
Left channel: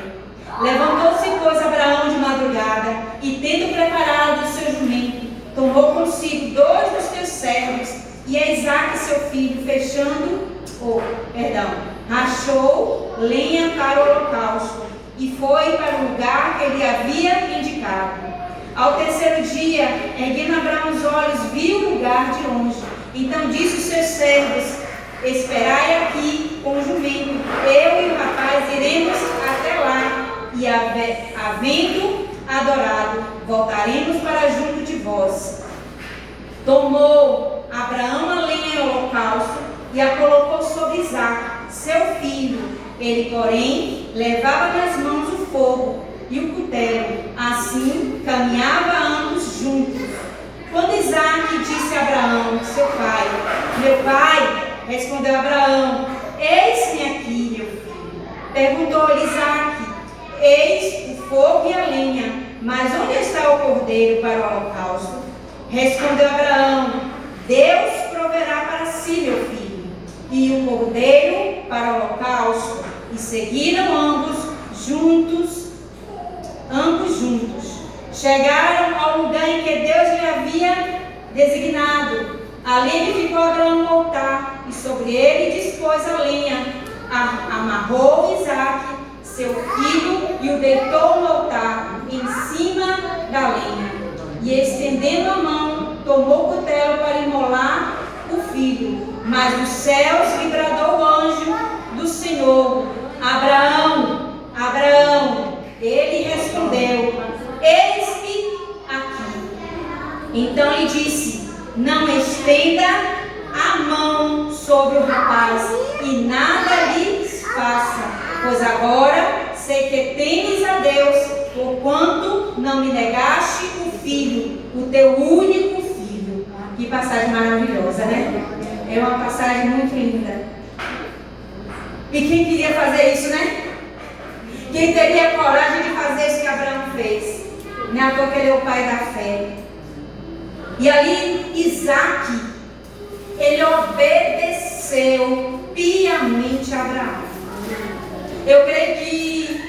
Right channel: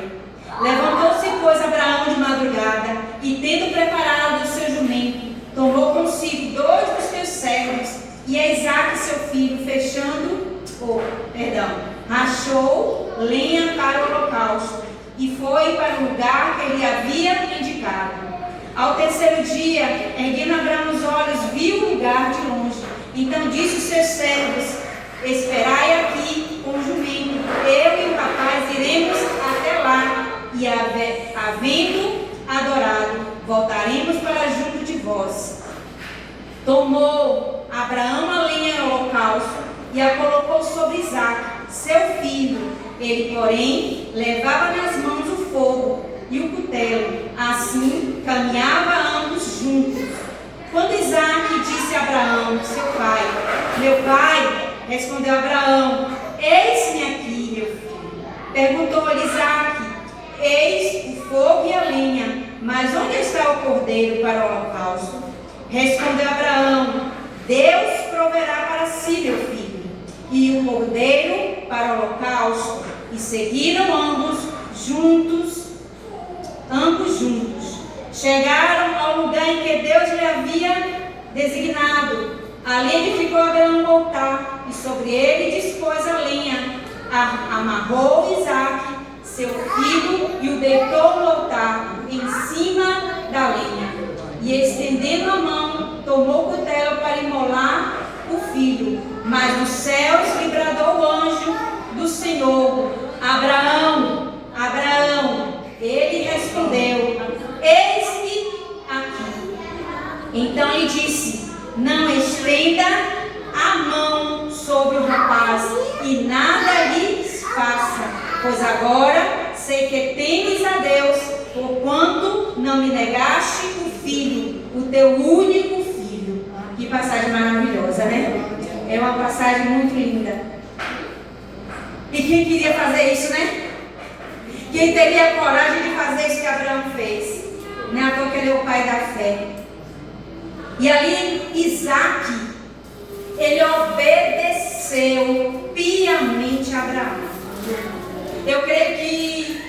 Levantou-se, pois, Abraão de madrugada, e tendo preparado o seu jumento, tomou consigo 2 dos seus servos, e a Isaque seu filho, rachou lenha para o holocausto, e foi para o lugar que ele havia indicado. Ao terceiro dia, erguendo Abraão os olhos, viu o lugar de longe. Então disse os seus servos: esperai aqui com o jumento, eu e o rapaz iremos até lá, e havendo adorado, voltaremos para junto de vós. Tomou Abraão a lenha em holocausto e a colocou sobre Isaque, seu filho. Ele, porém, levava nas mãos o fogo e o cutelo. Assim, caminhava ambos juntos. Quando Isaque disse a Abraão, seu pai: meu pai, respondeu Abraão: eis-me aqui, meu filho. Perguntou-lhe Isaque: eis o fogo e a lenha, mas onde está o cordeiro para o holocausto? Respondeu Abraão: Deus proverá para si, meu filho, e o cordeiro para o holocausto. E seguiram ambos juntos. Chegaram ao lugar em que Deus lhe havia designado. Ali edificou Abraão um altar, e sobre ele dispôs a lenha. Amarrou Isaque, seu filho, e o deitou no altar, em cima da lenha. E estendendo a mão, tomou o cutelo para imolar o filho. Mas dos céus lhe bradou o anjo do Senhor: Abraão, Abraão. Ele respondeu: eis-me aqui. Então lhe disse: não estenda a mão sobre o rapaz e nada lhe faça, pois agora sei que temes a Deus, porquanto não me negaste o filho, o teu único filho. Que passagem maravilhosa, né? É uma passagem muito linda. E quem queria fazer isso, né? Quem teria coragem de fazer isso que Abraão fez? Não é à toa que ele é o pai da fé. E ali Isaac, ele obedeceu piamente a Abraão. Eu creio que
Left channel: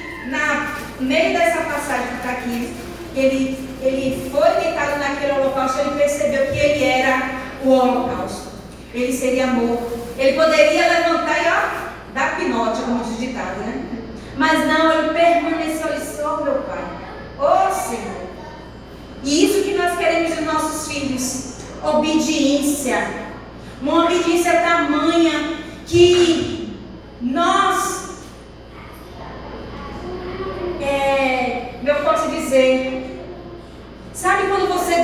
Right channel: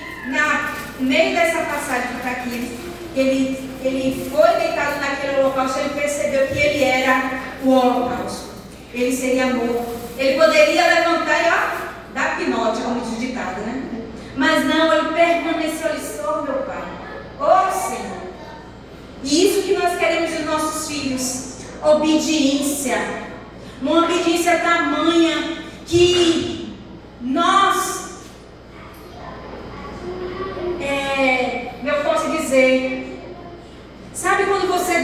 no meio dessa passagem que está aqui, ele foi deitado naquele holocausto, ele percebeu que ele era o holocausto. Ele seria morto. Ele poderia levantar e dar pinote, como diz o ditado, né? Mas não, ele permaneceu ali só, meu pai. Ó Senhor. E isso que nós queremos dos nossos filhos: obediência. Uma obediência tamanha que nós, eu posso dizer, sabe quando você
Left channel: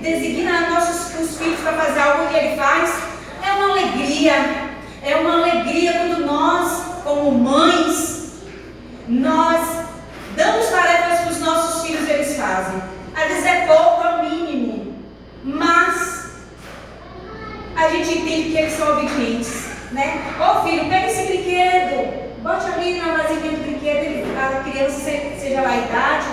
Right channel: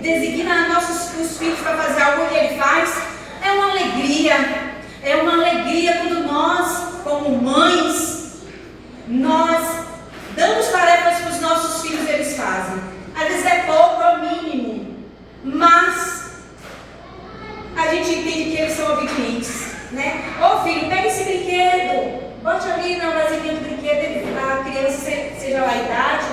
designa os filhos para fazer algo que ele faz? É uma alegria quando nós, como mães, nós damos tarefas para os nossos filhos e eles fazem. Às vezes é pouco, é o mínimo, mas a gente entende que eles são obedientes, né? Ô filho, pega esse brinquedo, bote ali na vasilhinha do brinquedo, a criança, seja lá a idade,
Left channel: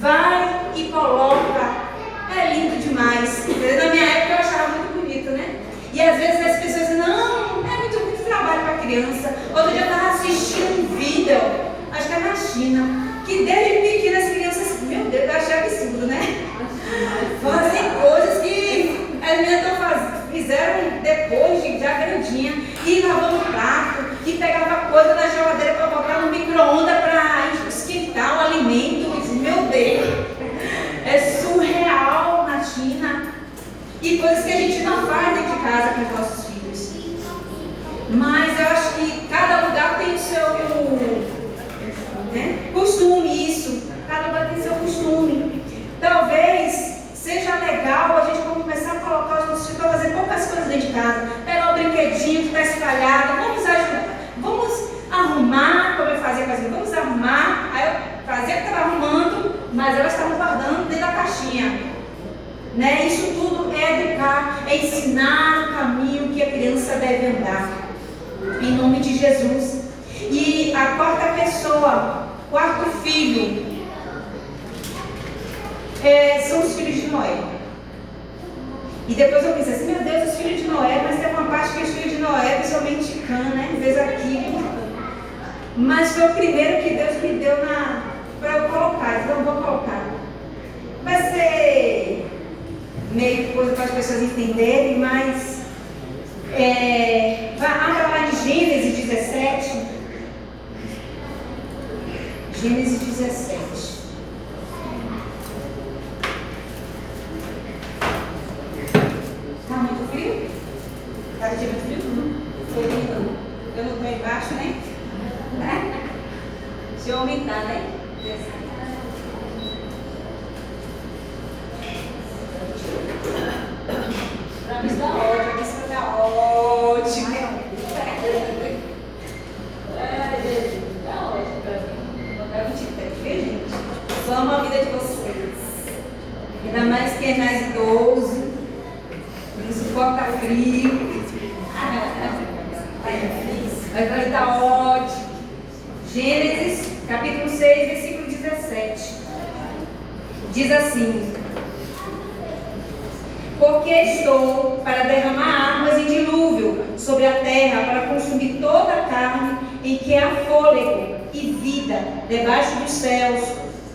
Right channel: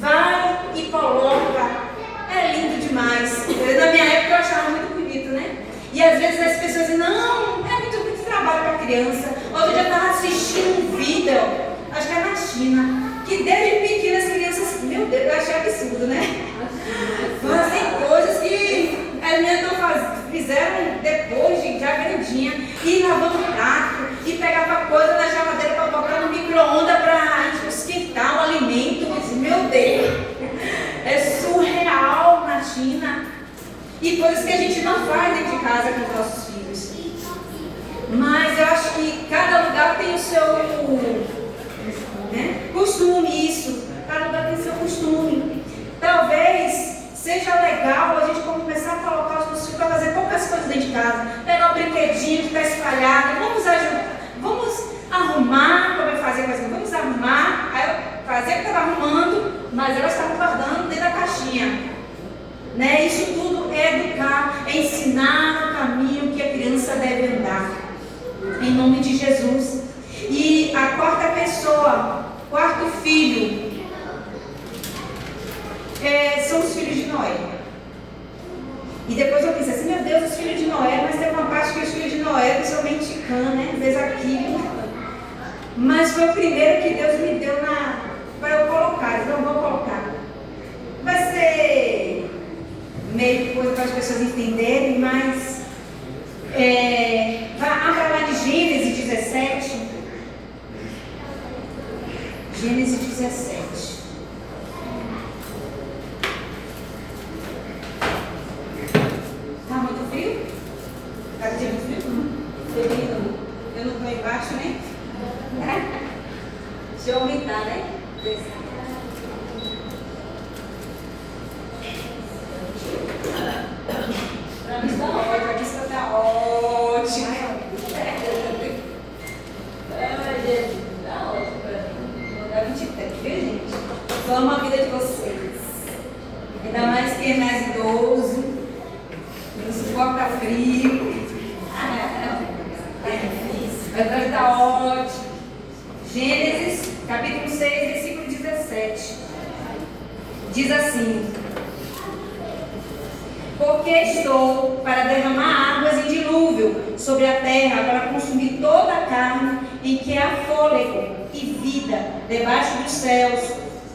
vai e coloca. É lindo demais. Na minha época eu achava muito bonito, né? E às vezes as pessoas dizem: não, é muito trabalho para a criança. Outro dia eu estava assistindo um vídeo, acho que é na China, que desde pequena as crianças, meu Deus, eu achei absurdo, né? Fazem coisas que as meninas fizeram depois de já grandinha, e lavando o prato, e pegava coisa na geladeira para botar no micro-ondas para esquentar o alimento. Eu disse: meu Deus, é surreal na China. E coisas que a gente não faz dentro de casa com os nossos filhos. Mas eu acho que cada lugar tem o seu costume, isso. Cada lugar tem o seu costume. Talvez seja legal a gente começar a colocar os nossos filhos para fazer poucas coisas dentro de casa. Pegar o brinquedinho que está espalhado. Vamos ajudar. Vamos arrumar, como eu fazia com as meninas. Vamos arrumar. Aí eu fazia que estava arrumando, mas elas estavam guardando dentro da caixinha. Né? Isso tudo é educar, é ensinar o caminho que a criança deve andar, em nome de Jesus. E a quarta pessoa, quarto filho, são os filhos de Noé. E depois eu pensei assim: meu Deus, os filhos de Noé, mas tem uma parte que os filhos de Noé, principalmente Cã, né? Fez aquilo. Mas foi o primeiro que Deus me deu para eu colocar, então eu vou colocar. Vai ser meio coisa para as pessoas entenderem, mas abra lá de Gênesis 17. Gênesis 17. Está muito frio? Está muito frio? Eu não estou embaixo, né? Deixa eu aumentar, né? Está ótimo. Ai, Jesus, está ótimo. Está 23, viu, gente? Só uma vida de vocês. Ainda mais quem é mais idoso, que não suporta frio. É difícil. Mas agora está ótimo. Gênesis, capítulo 6, versículo 17. Diz assim: porque estou para derramar águas em dilúvio sobre a terra, para consumir toda a carne em que há fôlego e vida debaixo dos céus.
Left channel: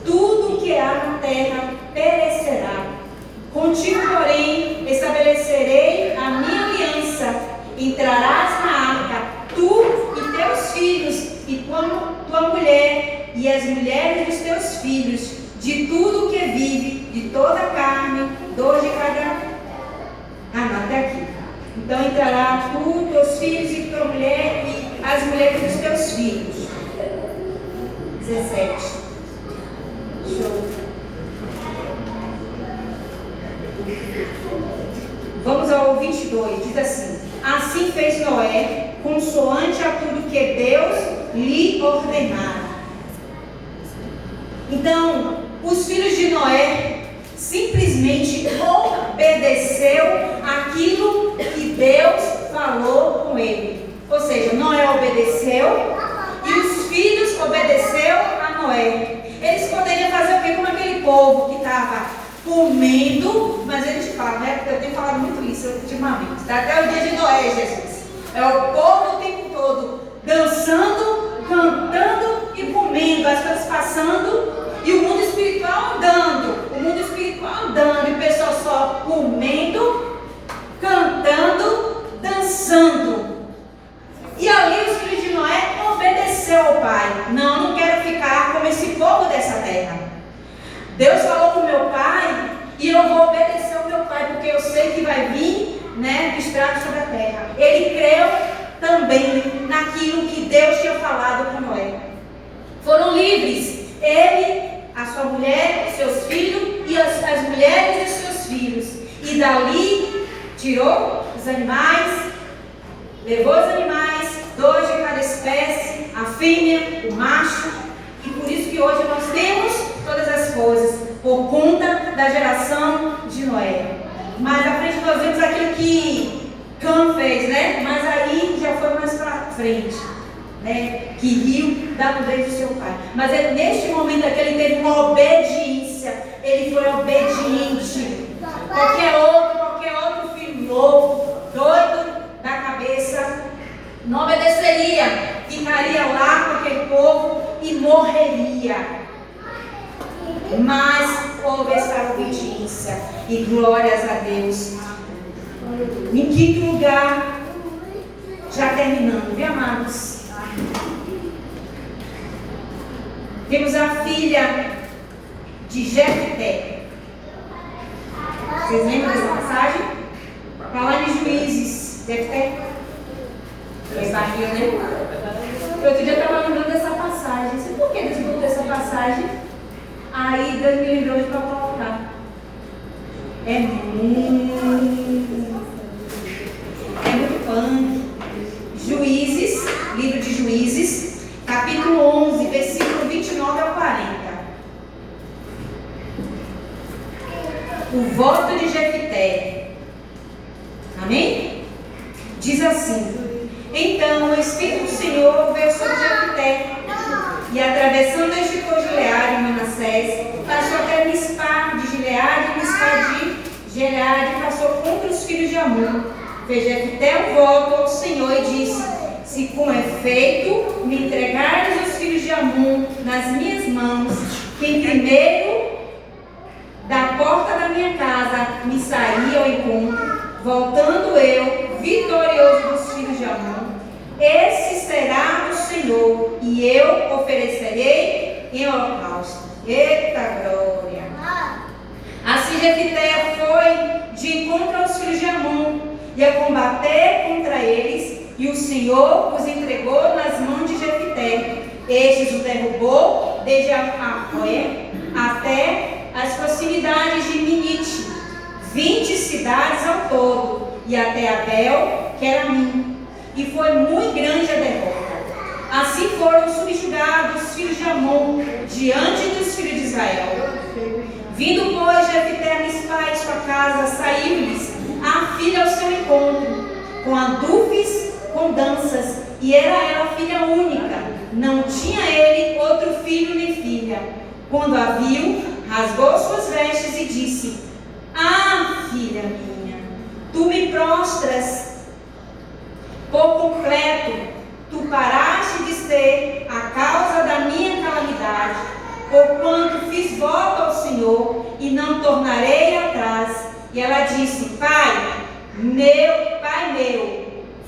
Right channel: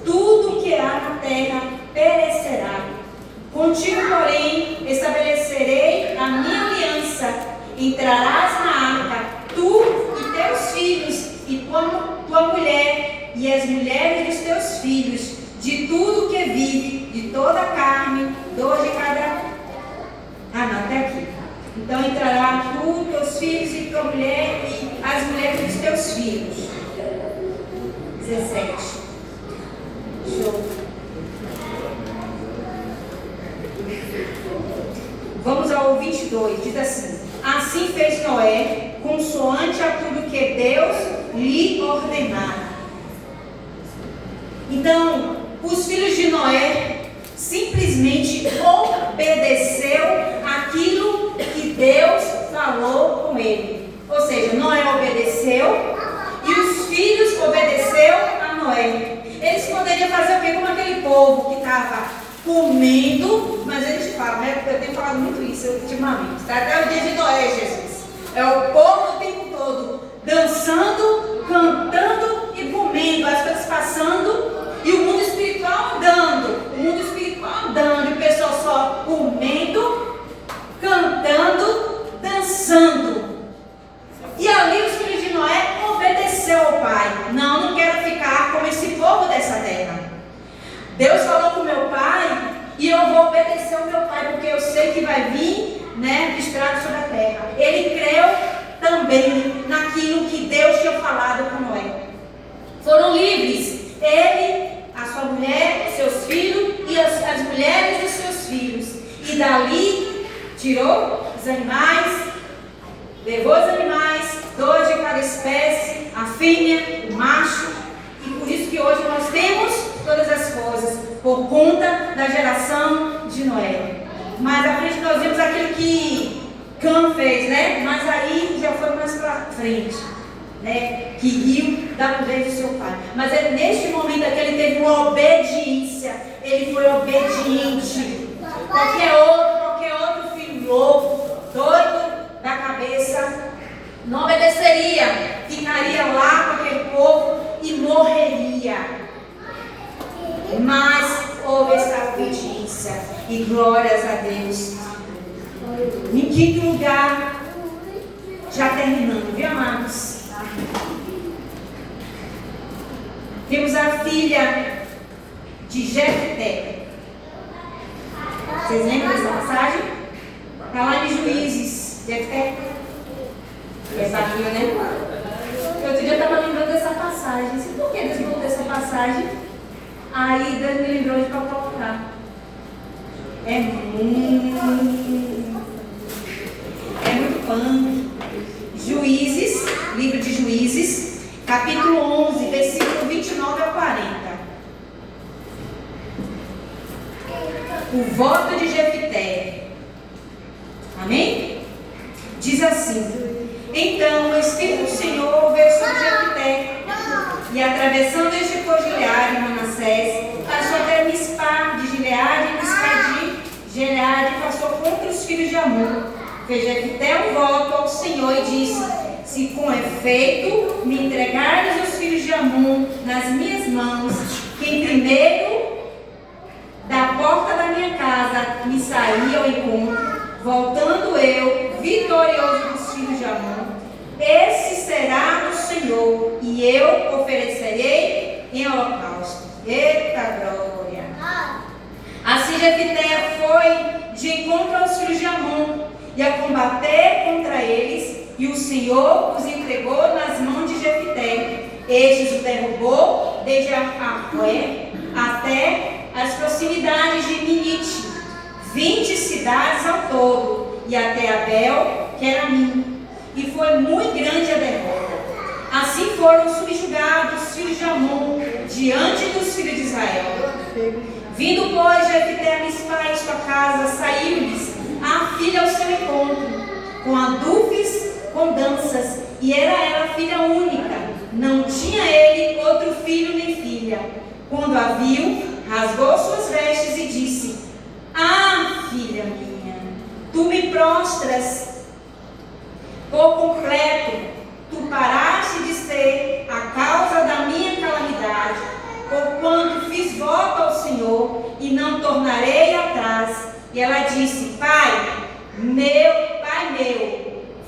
Tudo que há na terra perecerá. Contigo, porém, estabelecerei a minha aliança. Entrarás na arca, tu e teus filhos, e tua mulher, e as mulheres dos teus filhos, de tudo que vive, de toda a carne, dois de cada. Até aqui. Então entrará tu, teus filhos e tua mulher, e as mulheres dos teus filhos. 17. Show. 22, diz assim: assim fez Noé, consoante a tudo que Deus lhe ordenara. Então, os filhos de Noé simplesmente obedeceu aquilo que Deus falou com ele. Ou seja, Noé obedeceu e os filhos obedeceu a Noé. Eles poderiam fazer o quê? Como aquele povo que estava comendo, mas eles falam, né? Eu tenho falado muito isso ultimamente, tá? Até o dia de Noé, Jesus. É o povo o tempo todo dançando, cantando e comendo, as coisas passando e o mundo espiritual andando. O mundo espiritual andando e o pessoal só comendo, cantando, dançando. E ali os filhos de Noé obedeceu ao pai. Não quero ficar como esse povo dessa terra. Deus falou com meu pai e eu vou obedecer ao meu pai, porque eu sei que vai vir, né, estrago sobre a terra. Ele creu também naquilo que Deus tinha falado com Noé. Foram livres, ele, a sua mulher, seus filhos e as mulheres de seus filhos. E dali tirou os animais, levou os animais, 2 de cada espécie, a fêmea, o macho. E por isso que hoje nós temos todas as coisas, por conta da geração de Noé. Mais à frente nós vemos aquilo que Cã fez, né? Mas aí já foi mais para frente, né? Que riu da poder do seu pai. Mas é neste momento que ele teve uma obediência. Ele foi obediente. Qualquer outro filho louco, doido da cabeça, não obedeceria. Ficaria lá com aquele povo e morreria. Mas houve essa obediência. E glórias a Deus. Em quinto lugar, já terminando, viu, amados? Temos a filha de Jefté. Vocês lembram dessa passagem? Está lá em Juízes. Jefté. Essa filha, né? Outro dia eu estava lembrando dessa passagem. Não sei por que Deus me contou essa passagem. Aí Deus me lembrou de para colocar. É muito punk. Juízes, livro de Juízes, capítulo 11, versículo 29 ao 40. O voto de Jefté. Amém? Diz assim: então o Espírito do Senhor veio sobre Jefté, e atravessando este por Gileade e Manassés, passou até Mispá de Gileade e Mispá de Gileade, e passou contra os filhos de Amon. Fez Jefté um voto ao Senhor e disse: se com efeito me entregares os filhos de Amon nas minhas mãos, quem primeiro da porta da minha casa me sair ao encontro, voltando eu vitorioso dos filhos de Amon, esse será o Senhor, e eu oferecerei em holocausto. Eita glória! Assim Jefté foi de encontro aos filhos de Amon, e a combater contra eles, e o Senhor os entregou nas mãos de Jefté. Estes o derrubou desde Aroé até as proximidades de Minite, 20 cidades ao todo, e até Abel, que era Min. E foi muito grande a derrota. Assim foram subjugados os filhos de Amon diante dos filhos de Israel. Vindo, pois, Jefté a Mispá e sua casa, saiu-lhes a filha ao seu encontro, com adufes, com danças, e era ela filha única, não tinha ele outro filho nem filha. Quando a viu, rasgou suas vestes e disse: ah, filha minha, tu me prostras por completo, tu paraste de ser a causa da minha calamidade, porquanto fiz voto ao Senhor e não tornarei atrás. E ela disse: pai meu,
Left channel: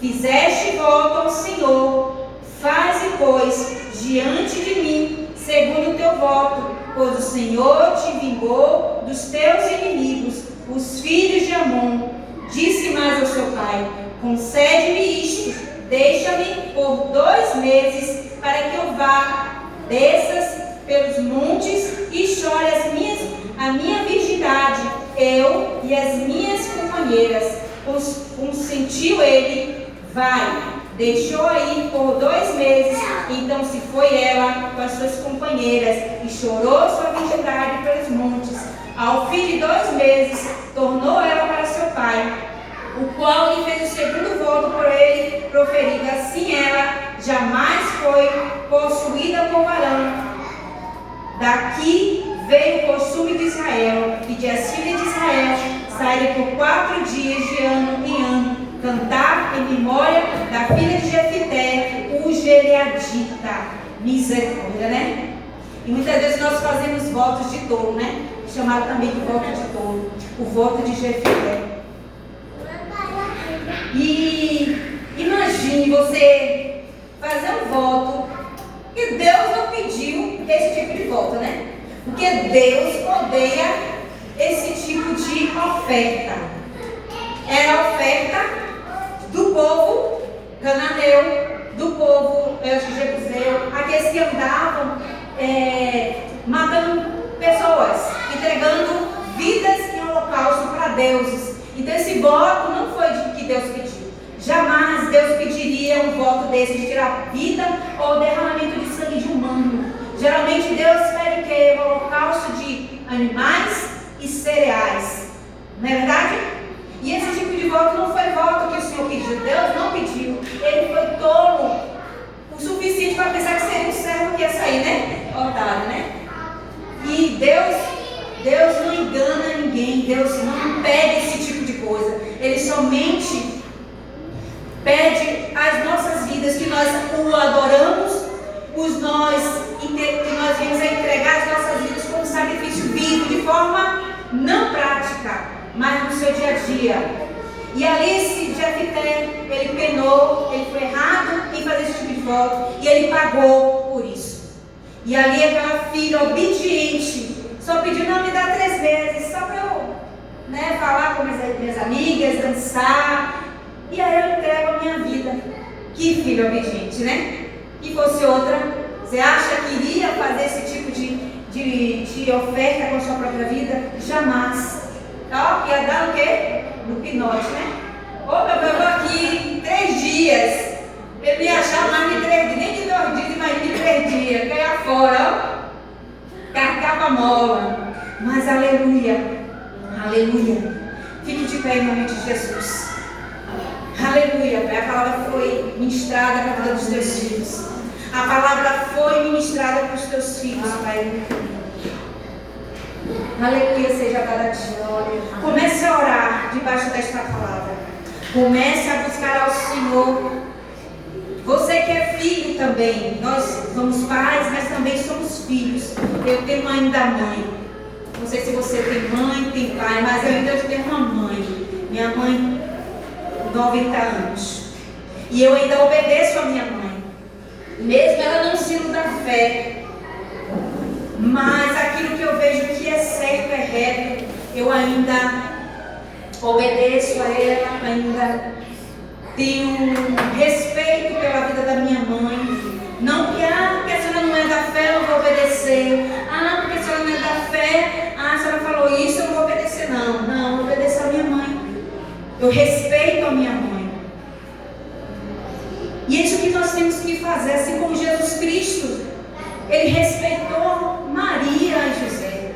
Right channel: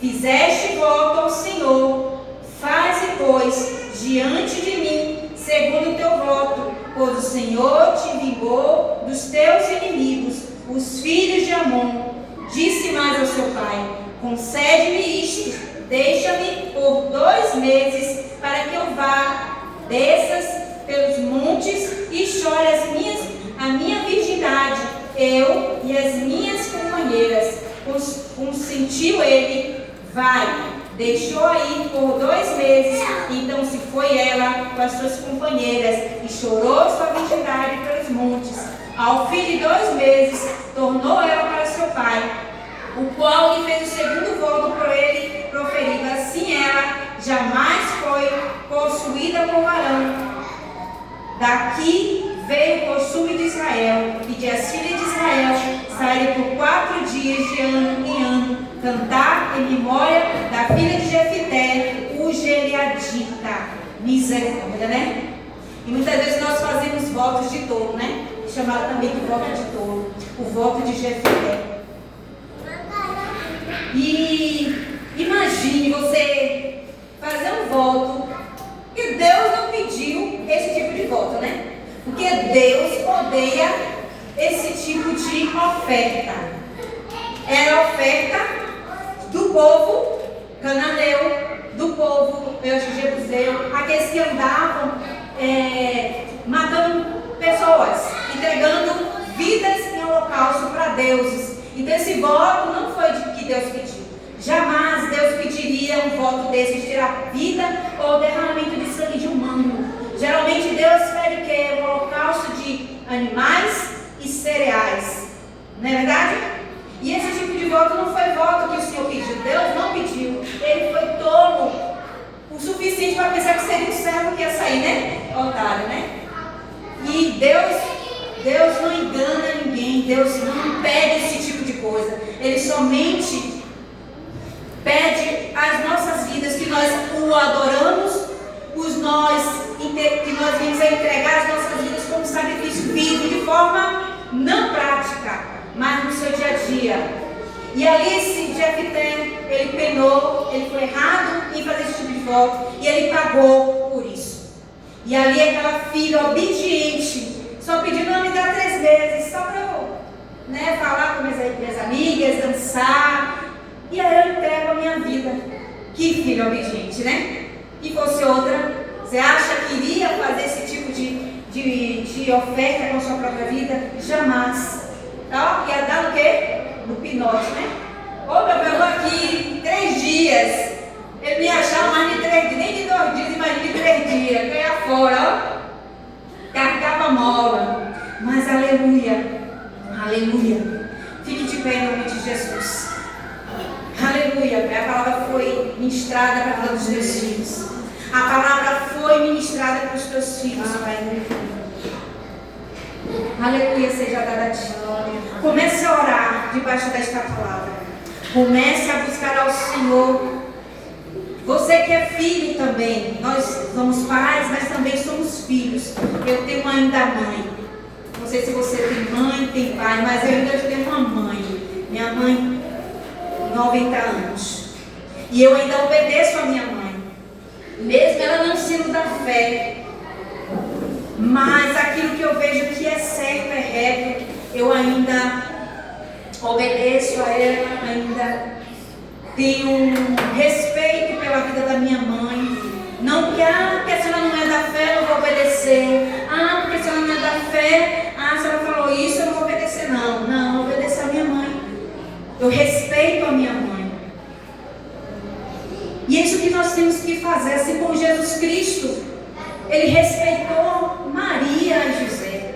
fizeste voto ao Senhor, faze, pois, diante de mim, segundo o teu voto, pois o Senhor te vingou dos teus inimigos, os filhos de Amon. Disse mais ao seu pai: concede-me isto, deixa-me por 2 meses, para que eu vá, desças pelos montes e chore a minha virgindade, eu e as minhas companheiras. consentiu ele, vai. Deixou aí por 2 meses, então se foi ela com as suas companheiras e chorou sua virgindade pelos montes. Ao fim de 2 meses, tornou ela para seu pai, o qual lhe fez o segundo voto por ele proferido. Assim ela jamais foi possuída por varão. Daqui veio o costume de Israel, e de as filhas de Israel saírem por 4 dias de ano em ano, cantar em memória da filha de Jefité, o Gileadita. Misericórdia, né? E muitas vezes nós fazemos votos de touro, né? Chamado também de voto de touro, o voto de Jefité. E imagine você fazer um voto que Deus não pediu esse tipo de voto, né? Porque Deus odeia esse tipo de oferta. Era a oferta do povo cananeu, do povo jebuseu, aqueles que andavam matando pessoas, entregando vidas em holocausto para deuses. Então esse voto não foi de que Deus pediu. Jamais Deus pediria um voto desse de tirar vida ou derramamento de sangue de humano. Geralmente Deus pede o quê? Um holocausto de animais e cereais. Não é verdade? E esse tipo de voto não foi voto que o Senhor pediu. Deus não pediu. Ele foi tolo o suficiente para pensar que seria um servo que ia sair, né? Otário, né? E Deus não engana ninguém. Deus não pede esse tipo de coisa. Ele somente pede as nossas vidas, que nós o adoramos, que nós venhamos a entregar as nossas vidas como sacrifício vivo, de forma não prática, mas no seu dia a dia. E ali esse Jefité, ele penou, ele foi errado em fazer esse tipo de voto, e ele pagou por isso. E ali aquela filha obediente, só pediu, não, me dá 3 vezes, só para eu falar com minhas amigas, dançar. E aí eu entrego a minha vida. Que filha obediente, né? E fosse outra, você acha que iria fazer esse tipo de oferta com a sua própria vida? Jamais. Tá? Ia dar no quê? No pinote, né? Ô, meu Deus, eu vou aqui 3 dias. Ele me achar mais de 3 dias, nem de 2 dias, imagina de 3 dias. Eu ia fora, ó. Carregava mola. Mas aleluia. Aleluia. Fique de pé em nome de Jesus. Aleluia, a palavra foi ministrada para cada um dos teus filhos. A palavra foi ministrada para os teus filhos, Pai. Aleluia, seja dada a ti. Comece a orar debaixo desta palavra. Comece a buscar ao Senhor. Você que é filho também. Nós somos pais, mas também somos filhos. Eu tenho ainda mãe. Não sei se você tem mãe, tem pai, mas eu ainda tenho uma mãe. Minha mãe 90 anos. E eu ainda obedeço a minha mãe. Mesmo ela não sendo da fé. Mas aquilo que eu vejo que é certo, é reto, eu ainda obedeço a ela, ainda tenho respeito pela vida da minha mãe. Não que, porque a senhora não é da fé, eu não vou obedecer. Porque a senhora não é da fé, a senhora falou isso, eu não vou obedecer. Não, eu obedeço a minha mãe. Eu respeito a minha mãe. E é isso que nós temos que fazer, assim como Jesus Cristo. Ele respeitou Maria e José,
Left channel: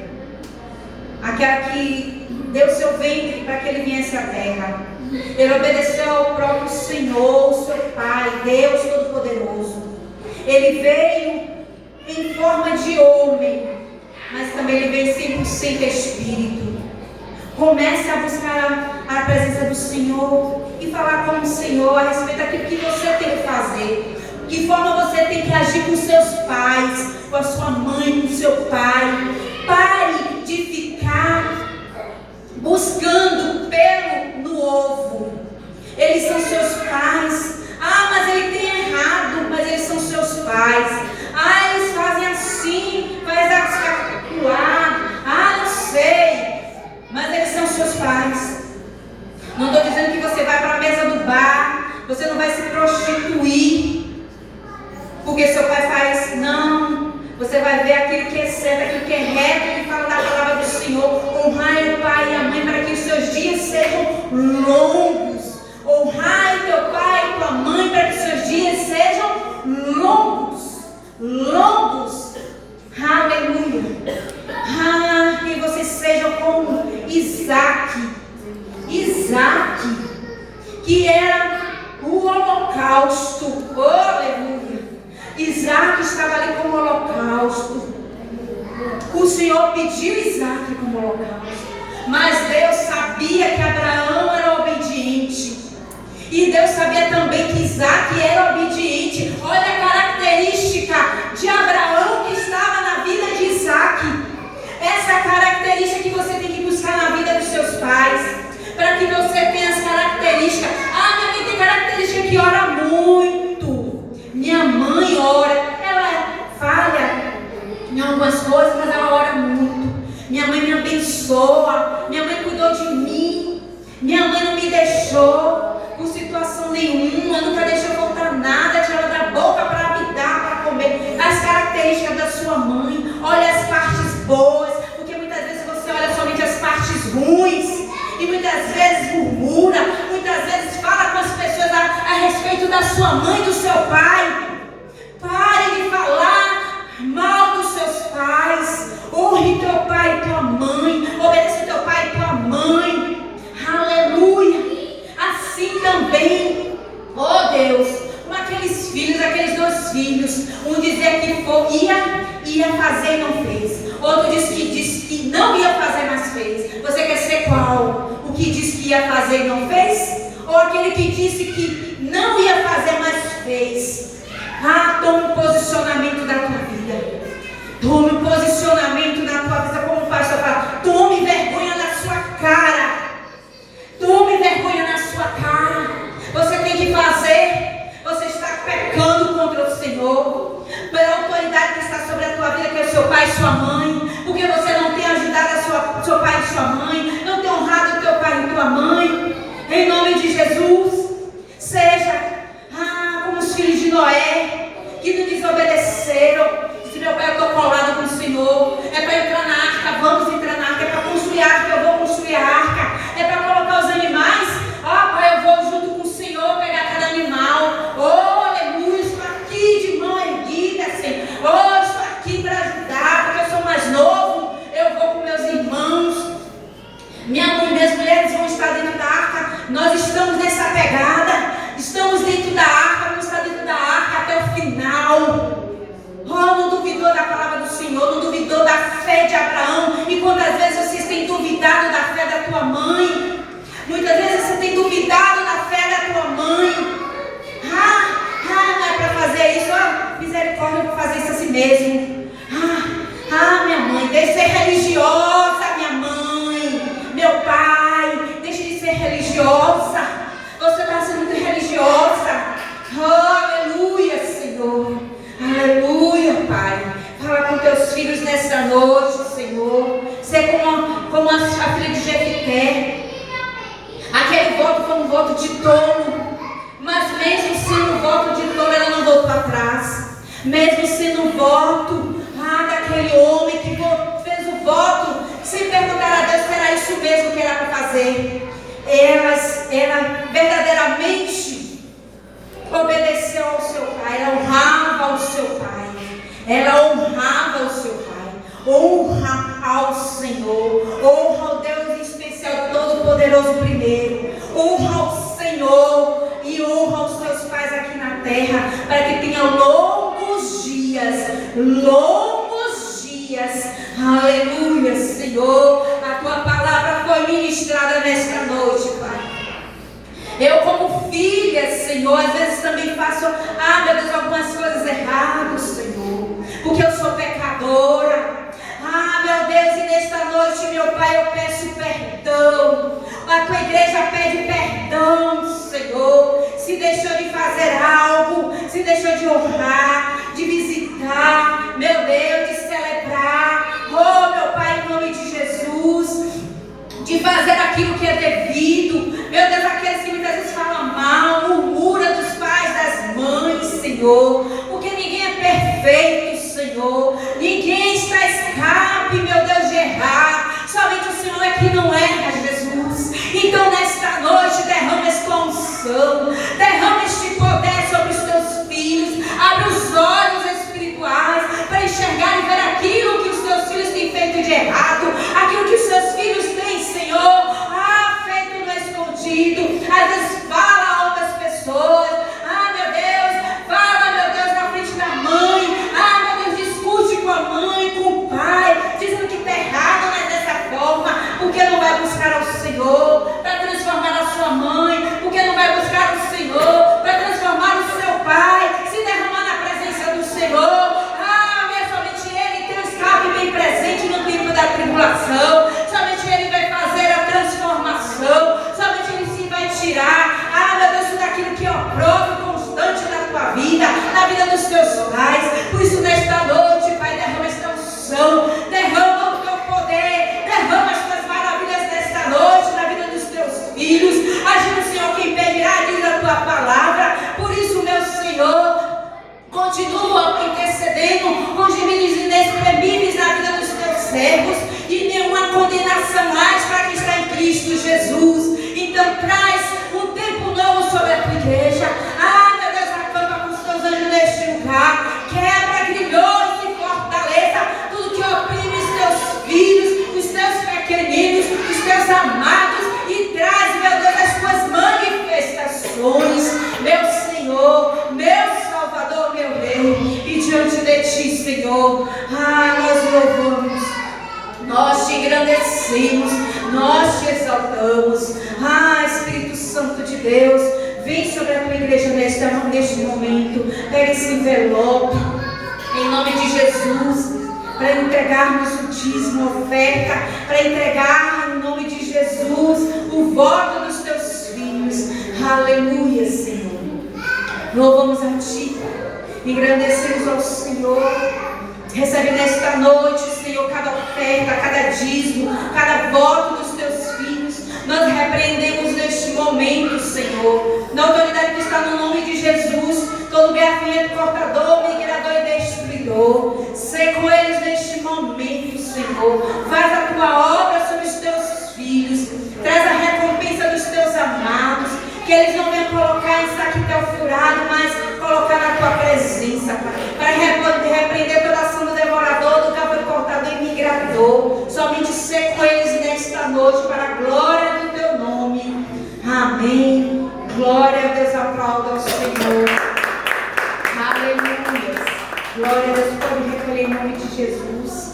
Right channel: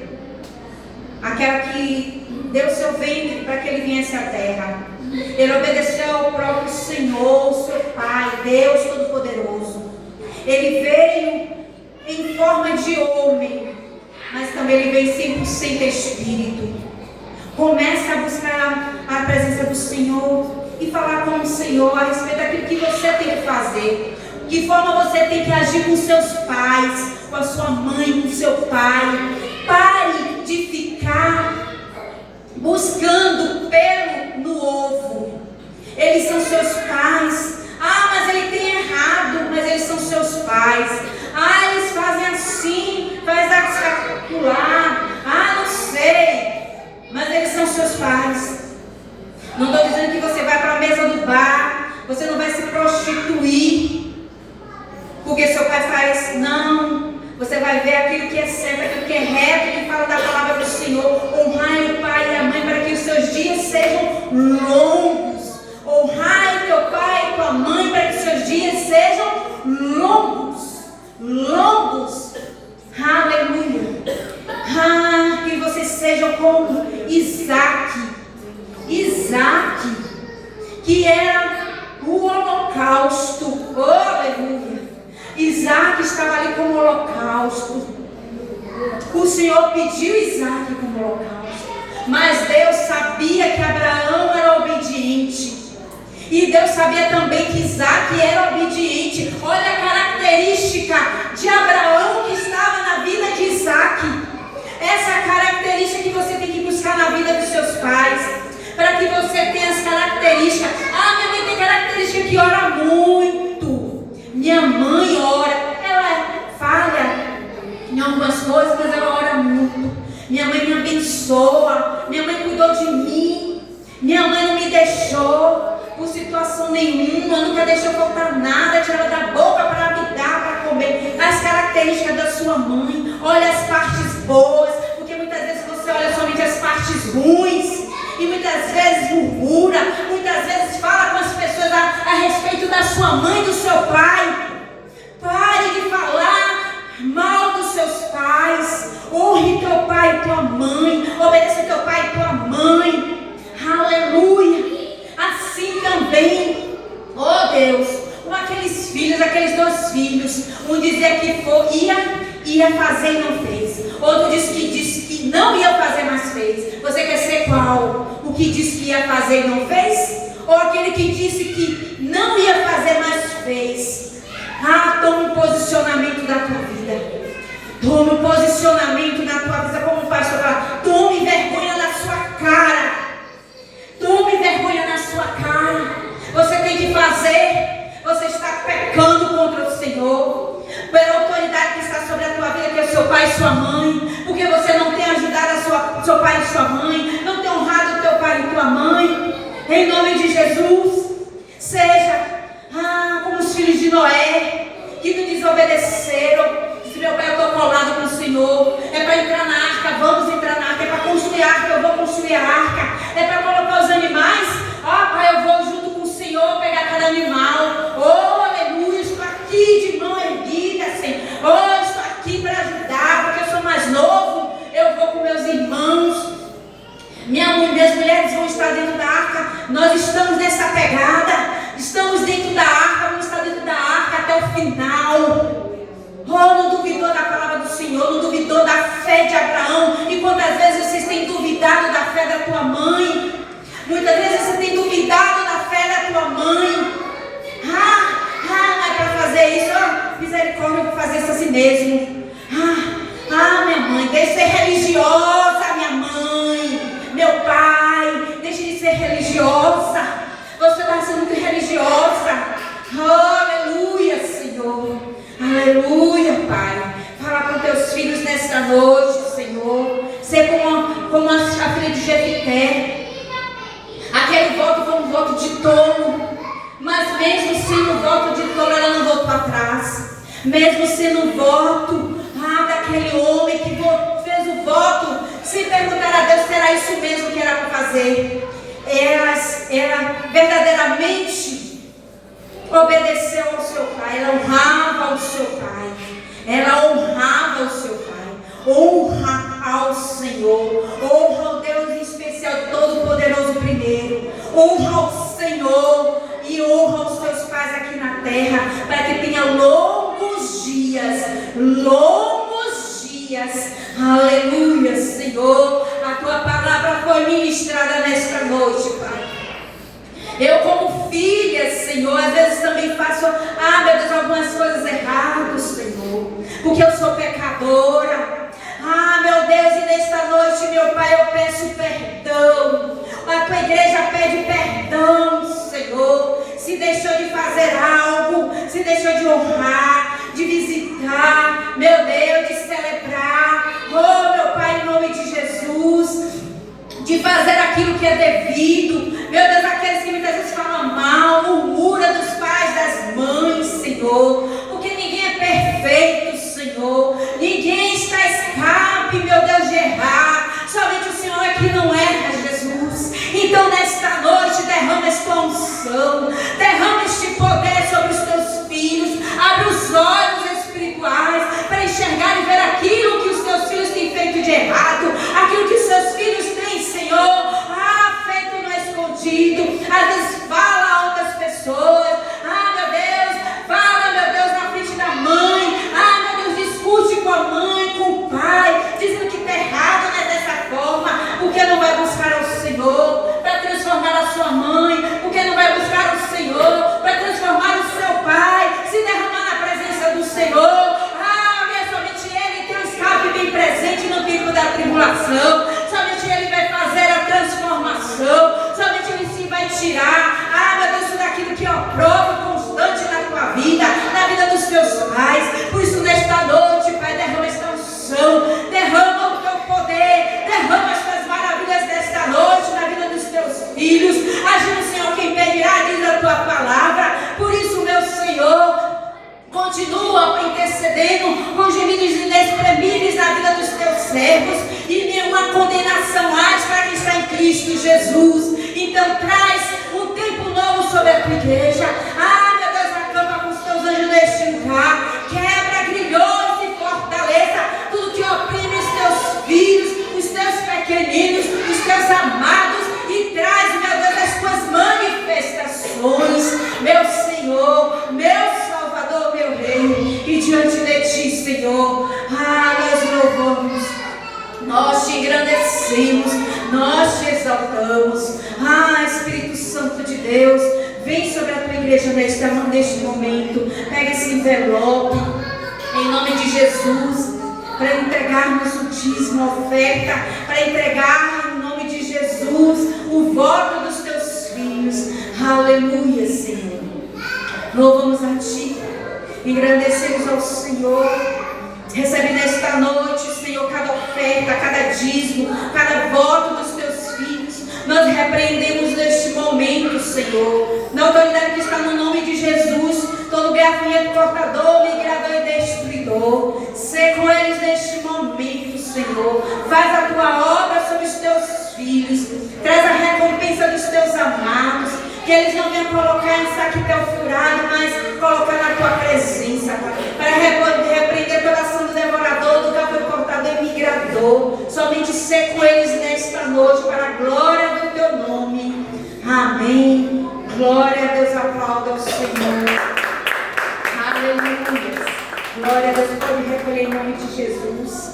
aquela que deu seu ventre para que ele viesse à terra. Ele obedeceu ao próprio Senhor, seu Pai, Deus Todo-Poderoso. Ele veio em forma de homem, mas também ele veio 100% espírito. Comece a buscar a presença do Senhor e falar com o Senhor a respeito daquilo que você tem que fazer. De que forma você tem que agir com seus pais, com a sua mãe, com o seu pai. Pare de ficar buscando pelo no ovo. Eles são seus pais. Mas ele tem errado, mas eles são seus pais. Eles fazem assim, faz articular. Não sei. Mas eles são seus pais. Não estou dizendo que você vai para a mesa do bar, você não vai se prostituir porque seu pai faz. Não. Você vai ver aquilo que é certo, aquilo que é reto, que fala da palavra do Senhor. Honrai o pai e a mãe para que os seus dias sejam longos. que era o holocausto. Oh, aleluia! Isaac estava ali como holocausto. O Senhor pediu Isaac como holocausto, mas Deus sabia que Abraão era obediente. E Deus sabia também que Isaac era obediente. Olha a característica de Abraão que estava na vida de Isaac. Essa é a característica que você tem que buscar na vida dos seus pais, para que você tenha as características. Minha mãe tem característica que ora muito. Minha mãe ora, ela falha em algumas coisas, mas ela ora muito. Minha mãe me abençoa. Minha mãe cuidou de mim. Minha mãe não me deixou por situação nenhuma, nunca deixou faltar nada, tirou da boca para me dar, para comer. As características da sua mãe. Olha as partes boas, porque muitas vezes você olha somente as partes ruins e muitas vezes murmura, muitas vezes fala com as pessoas a respeito da sua mãe e do seu pai. Pare de falar mal dos seus pais. Honre teu pai e tua mãe. Obedeça teu pai e tua mãe. Aleluia. Assim também, oh Deus, com aqueles filhos, aqueles 2 filhos, um dizia que ia fazer e não fez. Outro disse que não ia fazer, mas fez. Você quer ser qual? O que disse que ia fazer e não fez? Ou aquele que disse que não ia fazer, mas fez? Tome um posicionamento da tua vida. Tome um posicionamento na tua vida, como o pastor fala. Tome vergonha na sua cara. Tome vergonha na sua cara. Você tem que fazer. Você está pecando contra o Senhor, pela autoridade que está sobre a tua vida, que é o seu pai e sua mãe. Porque você não tem ajudado seu pai e sua mãe, não tem honrado o teu pai e tua mãe. Em nome de Jesus, seja como os filhos de Noé, que não desobedeceram. Disse: meu pai, eu estou colado com o Senhor. É para entrar na arca, vamos entrar na arca. É para construir a arca, eu vou construir a arca. É para colocar os animais. Pai, eu vou junto com o Senhor pegar cada animal. Oh, aleluia, estou aqui de mão erguida, Senhor. Oh, estou aqui para ajudar, porque eu sou mais novo. Eu vou com meus irmãos. Minhas mulheres vão estar dentro da arca. Nós estamos nessa pegada. Estamos dentro da arca, vamos estar dentro da arca até o final. Não duvidou da palavra do Senhor, não duvidou da fé de Abraão. E quantas vezes vocês têm duvidado da fé da tua mãe? Muitas vezes você tem duvidado da fé da tua mãe. Não é para fazer isso. Misericórdia, eu vou fazer isso assim mesmo. Minha mãe, deixa de ser religiosa, minha mãe. Meu pai, deixa de ser religiosa. Você está sendo muito religiosa. Aleluia, Senhor. Aleluia, Pai. Fala com teus filhos nesta noite, Senhor. Ser como a filha de Jefité. Aquele voto foi um voto de tolo. Mas mesmo sendo um voto de tolo, ela não voltou atrás. Mesmo sendo um voto daquele homem que fez o voto sem perguntar a Deus, será isso mesmo que era para fazer? Ela verdadeiramente obedeceu ao seu pai. Ela honrava o seu pai. Ela honrava o seu pai. Honra ao Senhor. Honra ao Deus em especial, Todo-Poderoso primeiro. Honra ao Senhor e honra aos teus pais aqui na terra, para que tenha longos dias. Longos dias. Aleluia, Senhor. A tua palavra foi ministrada nesta noite, Pai. Eu como filha, Senhor, às vezes também faço, meu Deus, algumas coisas erradas, Senhor, porque eu sou pecadora. Meu Deus, e nesta noite, meu Pai, eu peço perdão. A tua igreja pede perdão, Senhor. Se deixou de fazer algo, se deixou de honrar, de visitar, meu Deus, de celebrar. Meu Pai, em nome de Jesus, de fazer aquilo que é devido. Meu Deus, aqueles que muitas vezes falam mal, murmura dos pais, das mães, Senhor, porque ninguém é perfeito, Senhor. Ninguém está escape, meu Deus, de errar. Somente o Senhor é que não erra, Jesus. Então nesta noite derrama esta unção, derrama este poder sobre os teus filhos. Abre os olhos espirituais para enxergar e ver aquilo que os teus filhos têm feito de errado, aquilo que os teus filhos têm, Senhor, feito no escondido. Às vezes fala continua intercedendo com gemidos inexprimíveis na vida dos teus servos, e nenhuma condenação há para quem está em Cristo Jesus. Então traz um tempo novo sobre a tua igreja. Meu Deus, acampa com os teus anjos neste lugar, quebra grilhões e fortaleza tudo que oprime os teus filhos, os teus pequeninos, os teus amados, e traz, meu Deus, as tuas manifestações, meu Senhor, meu Salvador, meu Rei. E diante de ti, Senhor, nós louvamos, nós te engrandecemos, nós te exaltamos. Espírito Santo de Deus, vem sobre a tua igreja neste momento. Pega esse envelope, em nome de Jesus, para entregarmos o dízimo, a oferta, para entregar em nome de Jesus o voto dos teus filhos. Aleluia, Senhor. Louvamos a ti, engrandecemos ao Senhor. Recebe nesta noite, Senhor, cada oferta, cada dízimo, cada voto dos teus filhos. Nós repreendemos neste momento, Senhor, na autoridade que está no nome de Jesus, todo gafanhoto, cortador, migrador e destruidor. Sê com eles neste momento, Senhor. Faz a tua obra sobre os teus filhos. Traz a recompensa dos teus amados. Que eles não venham colocar em saquetel furado, mas colocar na tua presença, para repreender toda ação do devorador, do gafanhoto, cortador e migrador. Somente ser com eles nesta noite, para a glória do teu nome. Amém. Glória a Deus, aplauda ao Senhor. Aleluia. Glória a Deus, pode recolher em nome de Jesus.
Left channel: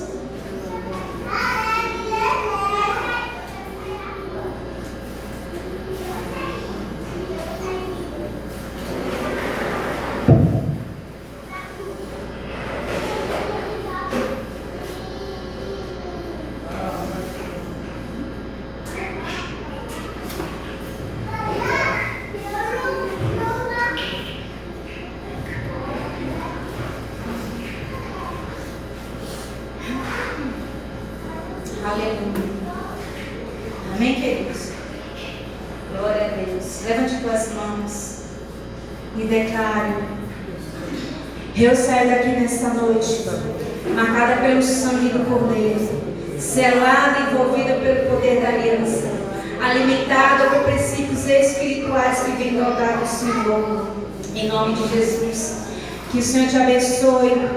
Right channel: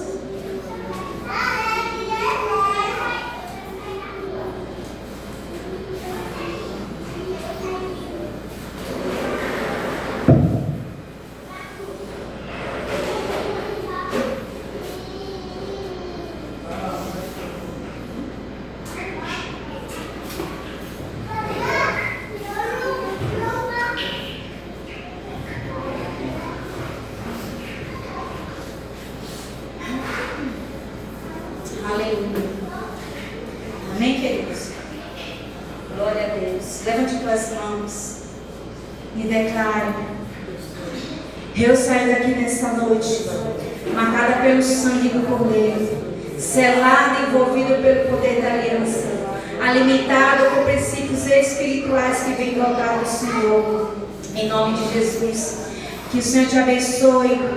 Aleluia. Amém, queridos? Glória a Deus. Levante tuas mãos e declare: eu saio daqui nesta noite, marcada pelo sangue do Cordeiro, selada e envolvida pelo poder da aliança, alimentada com princípios espirituais que vêm do altar do Senhor. Em nome de Jesus. Que o Senhor te abençoe.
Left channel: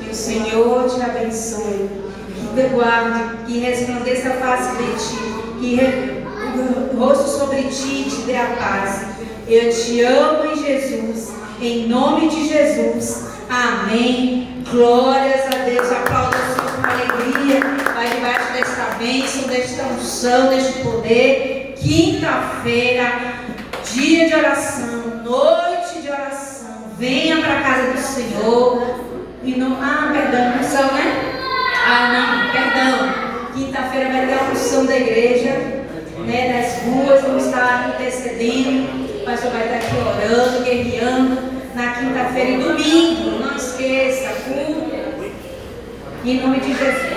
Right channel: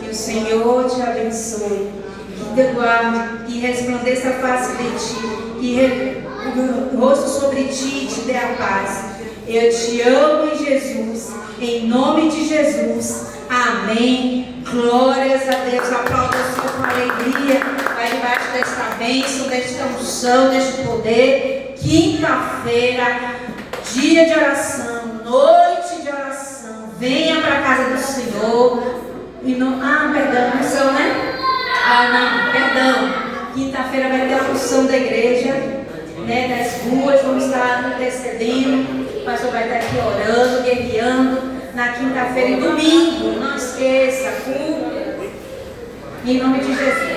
Que o Senhor te abençoe. Que te guarde, que resplandeça a face de ti, que o rosto sobre ti te dê a paz. Eu te amo em Jesus, em nome de Jesus. Amém. Glórias a Deus. Aplauda o Senhor com alegria. Vai debaixo desta bênção, desta unção, deste poder. Quinta-feira, dia de oração, noite de oração. Venha para a casa do Senhor. E não, perdão, unção, né? Não, perdão. Quinta-feira vai ter a unção da igreja, né? Nas ruas, vamos estar intercedendo. O pastor vai estar aqui orando, guerreando. Na quinta-feira e domingo, não esqueça, culto. Em nome de Jesus.